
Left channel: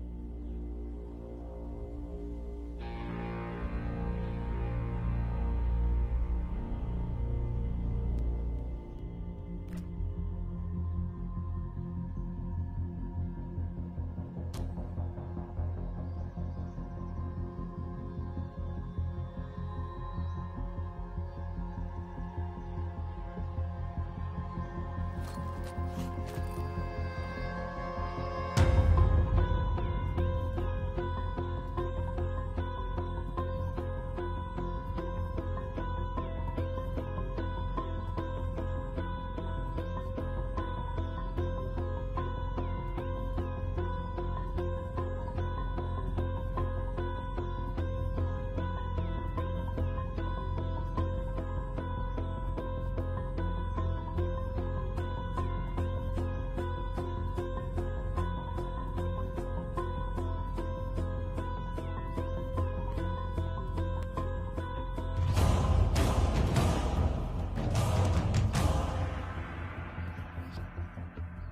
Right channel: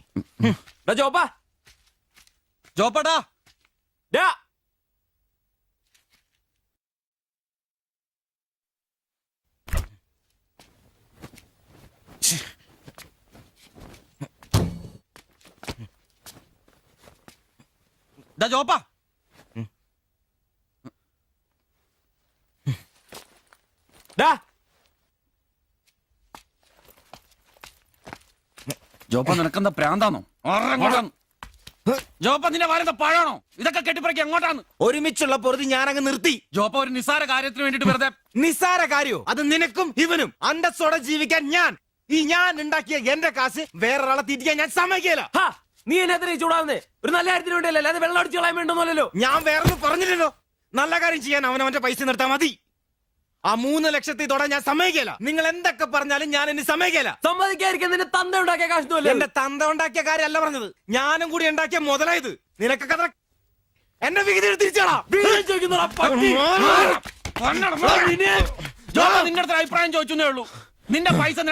ജോപ്പാടാ ജോപ്പാ, ജോപ്പ നിനക്കെന്താ പ്രാന്താണോ? ജോപ്പ നിന്റെ വാരെന്താ പഴാണോ? ഇതൊക്കെ കെട്ടിപ്പറക്കി എങ്ങോട്ടാണ്? ഒരുമിച്ചുള്ള പൊറുതി ഞാൻ അങ്ങ് നിർത്തി. ജോപ്പ ഒരു നിസ്സാര കാര്യത്തിന് വേണ്ടിട്ട് വെറുതെ. നിസ്സാര കാര്യോ? അത് നിനക്കും ഇവനും അന്തസ്സോടെ ജീവിക്കാൻ ഞാൻ ഉണ്ടാക്കിയ എന്റെ കാശ് വേറൊരാളെ തീറ്റിക്കാൻ ഞാൻ സമ്മതിക്കില്ല. നീ എന്നെ ചൂടാവുന്നേ? ഒരു നല്ല കാര്യത്തിന് വേണ്ടിയല്ലേ, അല്ലാതെ വെള്ളം അടിച്ചു കളയാൻ വേണ്ടല്ലോ. ഞാൻ വേറെ പറഞ്ഞില്ലല്ലോ. നല്ല കാര്യം ചെയ്യാൻ അവനവന്റെ പൈസ നിർത്താൻ മതി. ആ 3 ലക്ഷത്തിൽ തൊടാൻ ഞാൻ സമ്മതിക്കില്ല. നിങ്ങൾ എന്തൊക്കെ പറഞ്ഞാലും ഞാൻ എന്നെ സമ്മതിക്കില്ല. സമ്മതിക്കാതിരിക്കാൻ നിന്റെ തന്ത ഉണ്ടാക്കിയ കാശ്. എന്റെ തന്ത ഉണ്ടാക്കിയ കാര്യമല്ല പറഞ്ഞത്, ഞാനും കൂടി ഉണ്ടാക്കിയ മുതലായത്. നിനക്കൊക്കെ എന്റെ വിഹിതം തിരിച്ചാടാ. നിന്റെ അടുത്ത് അഭിപ്രായം ചോദിച്ചേ ഉള്ളൂ. നിന്റെ പൈസ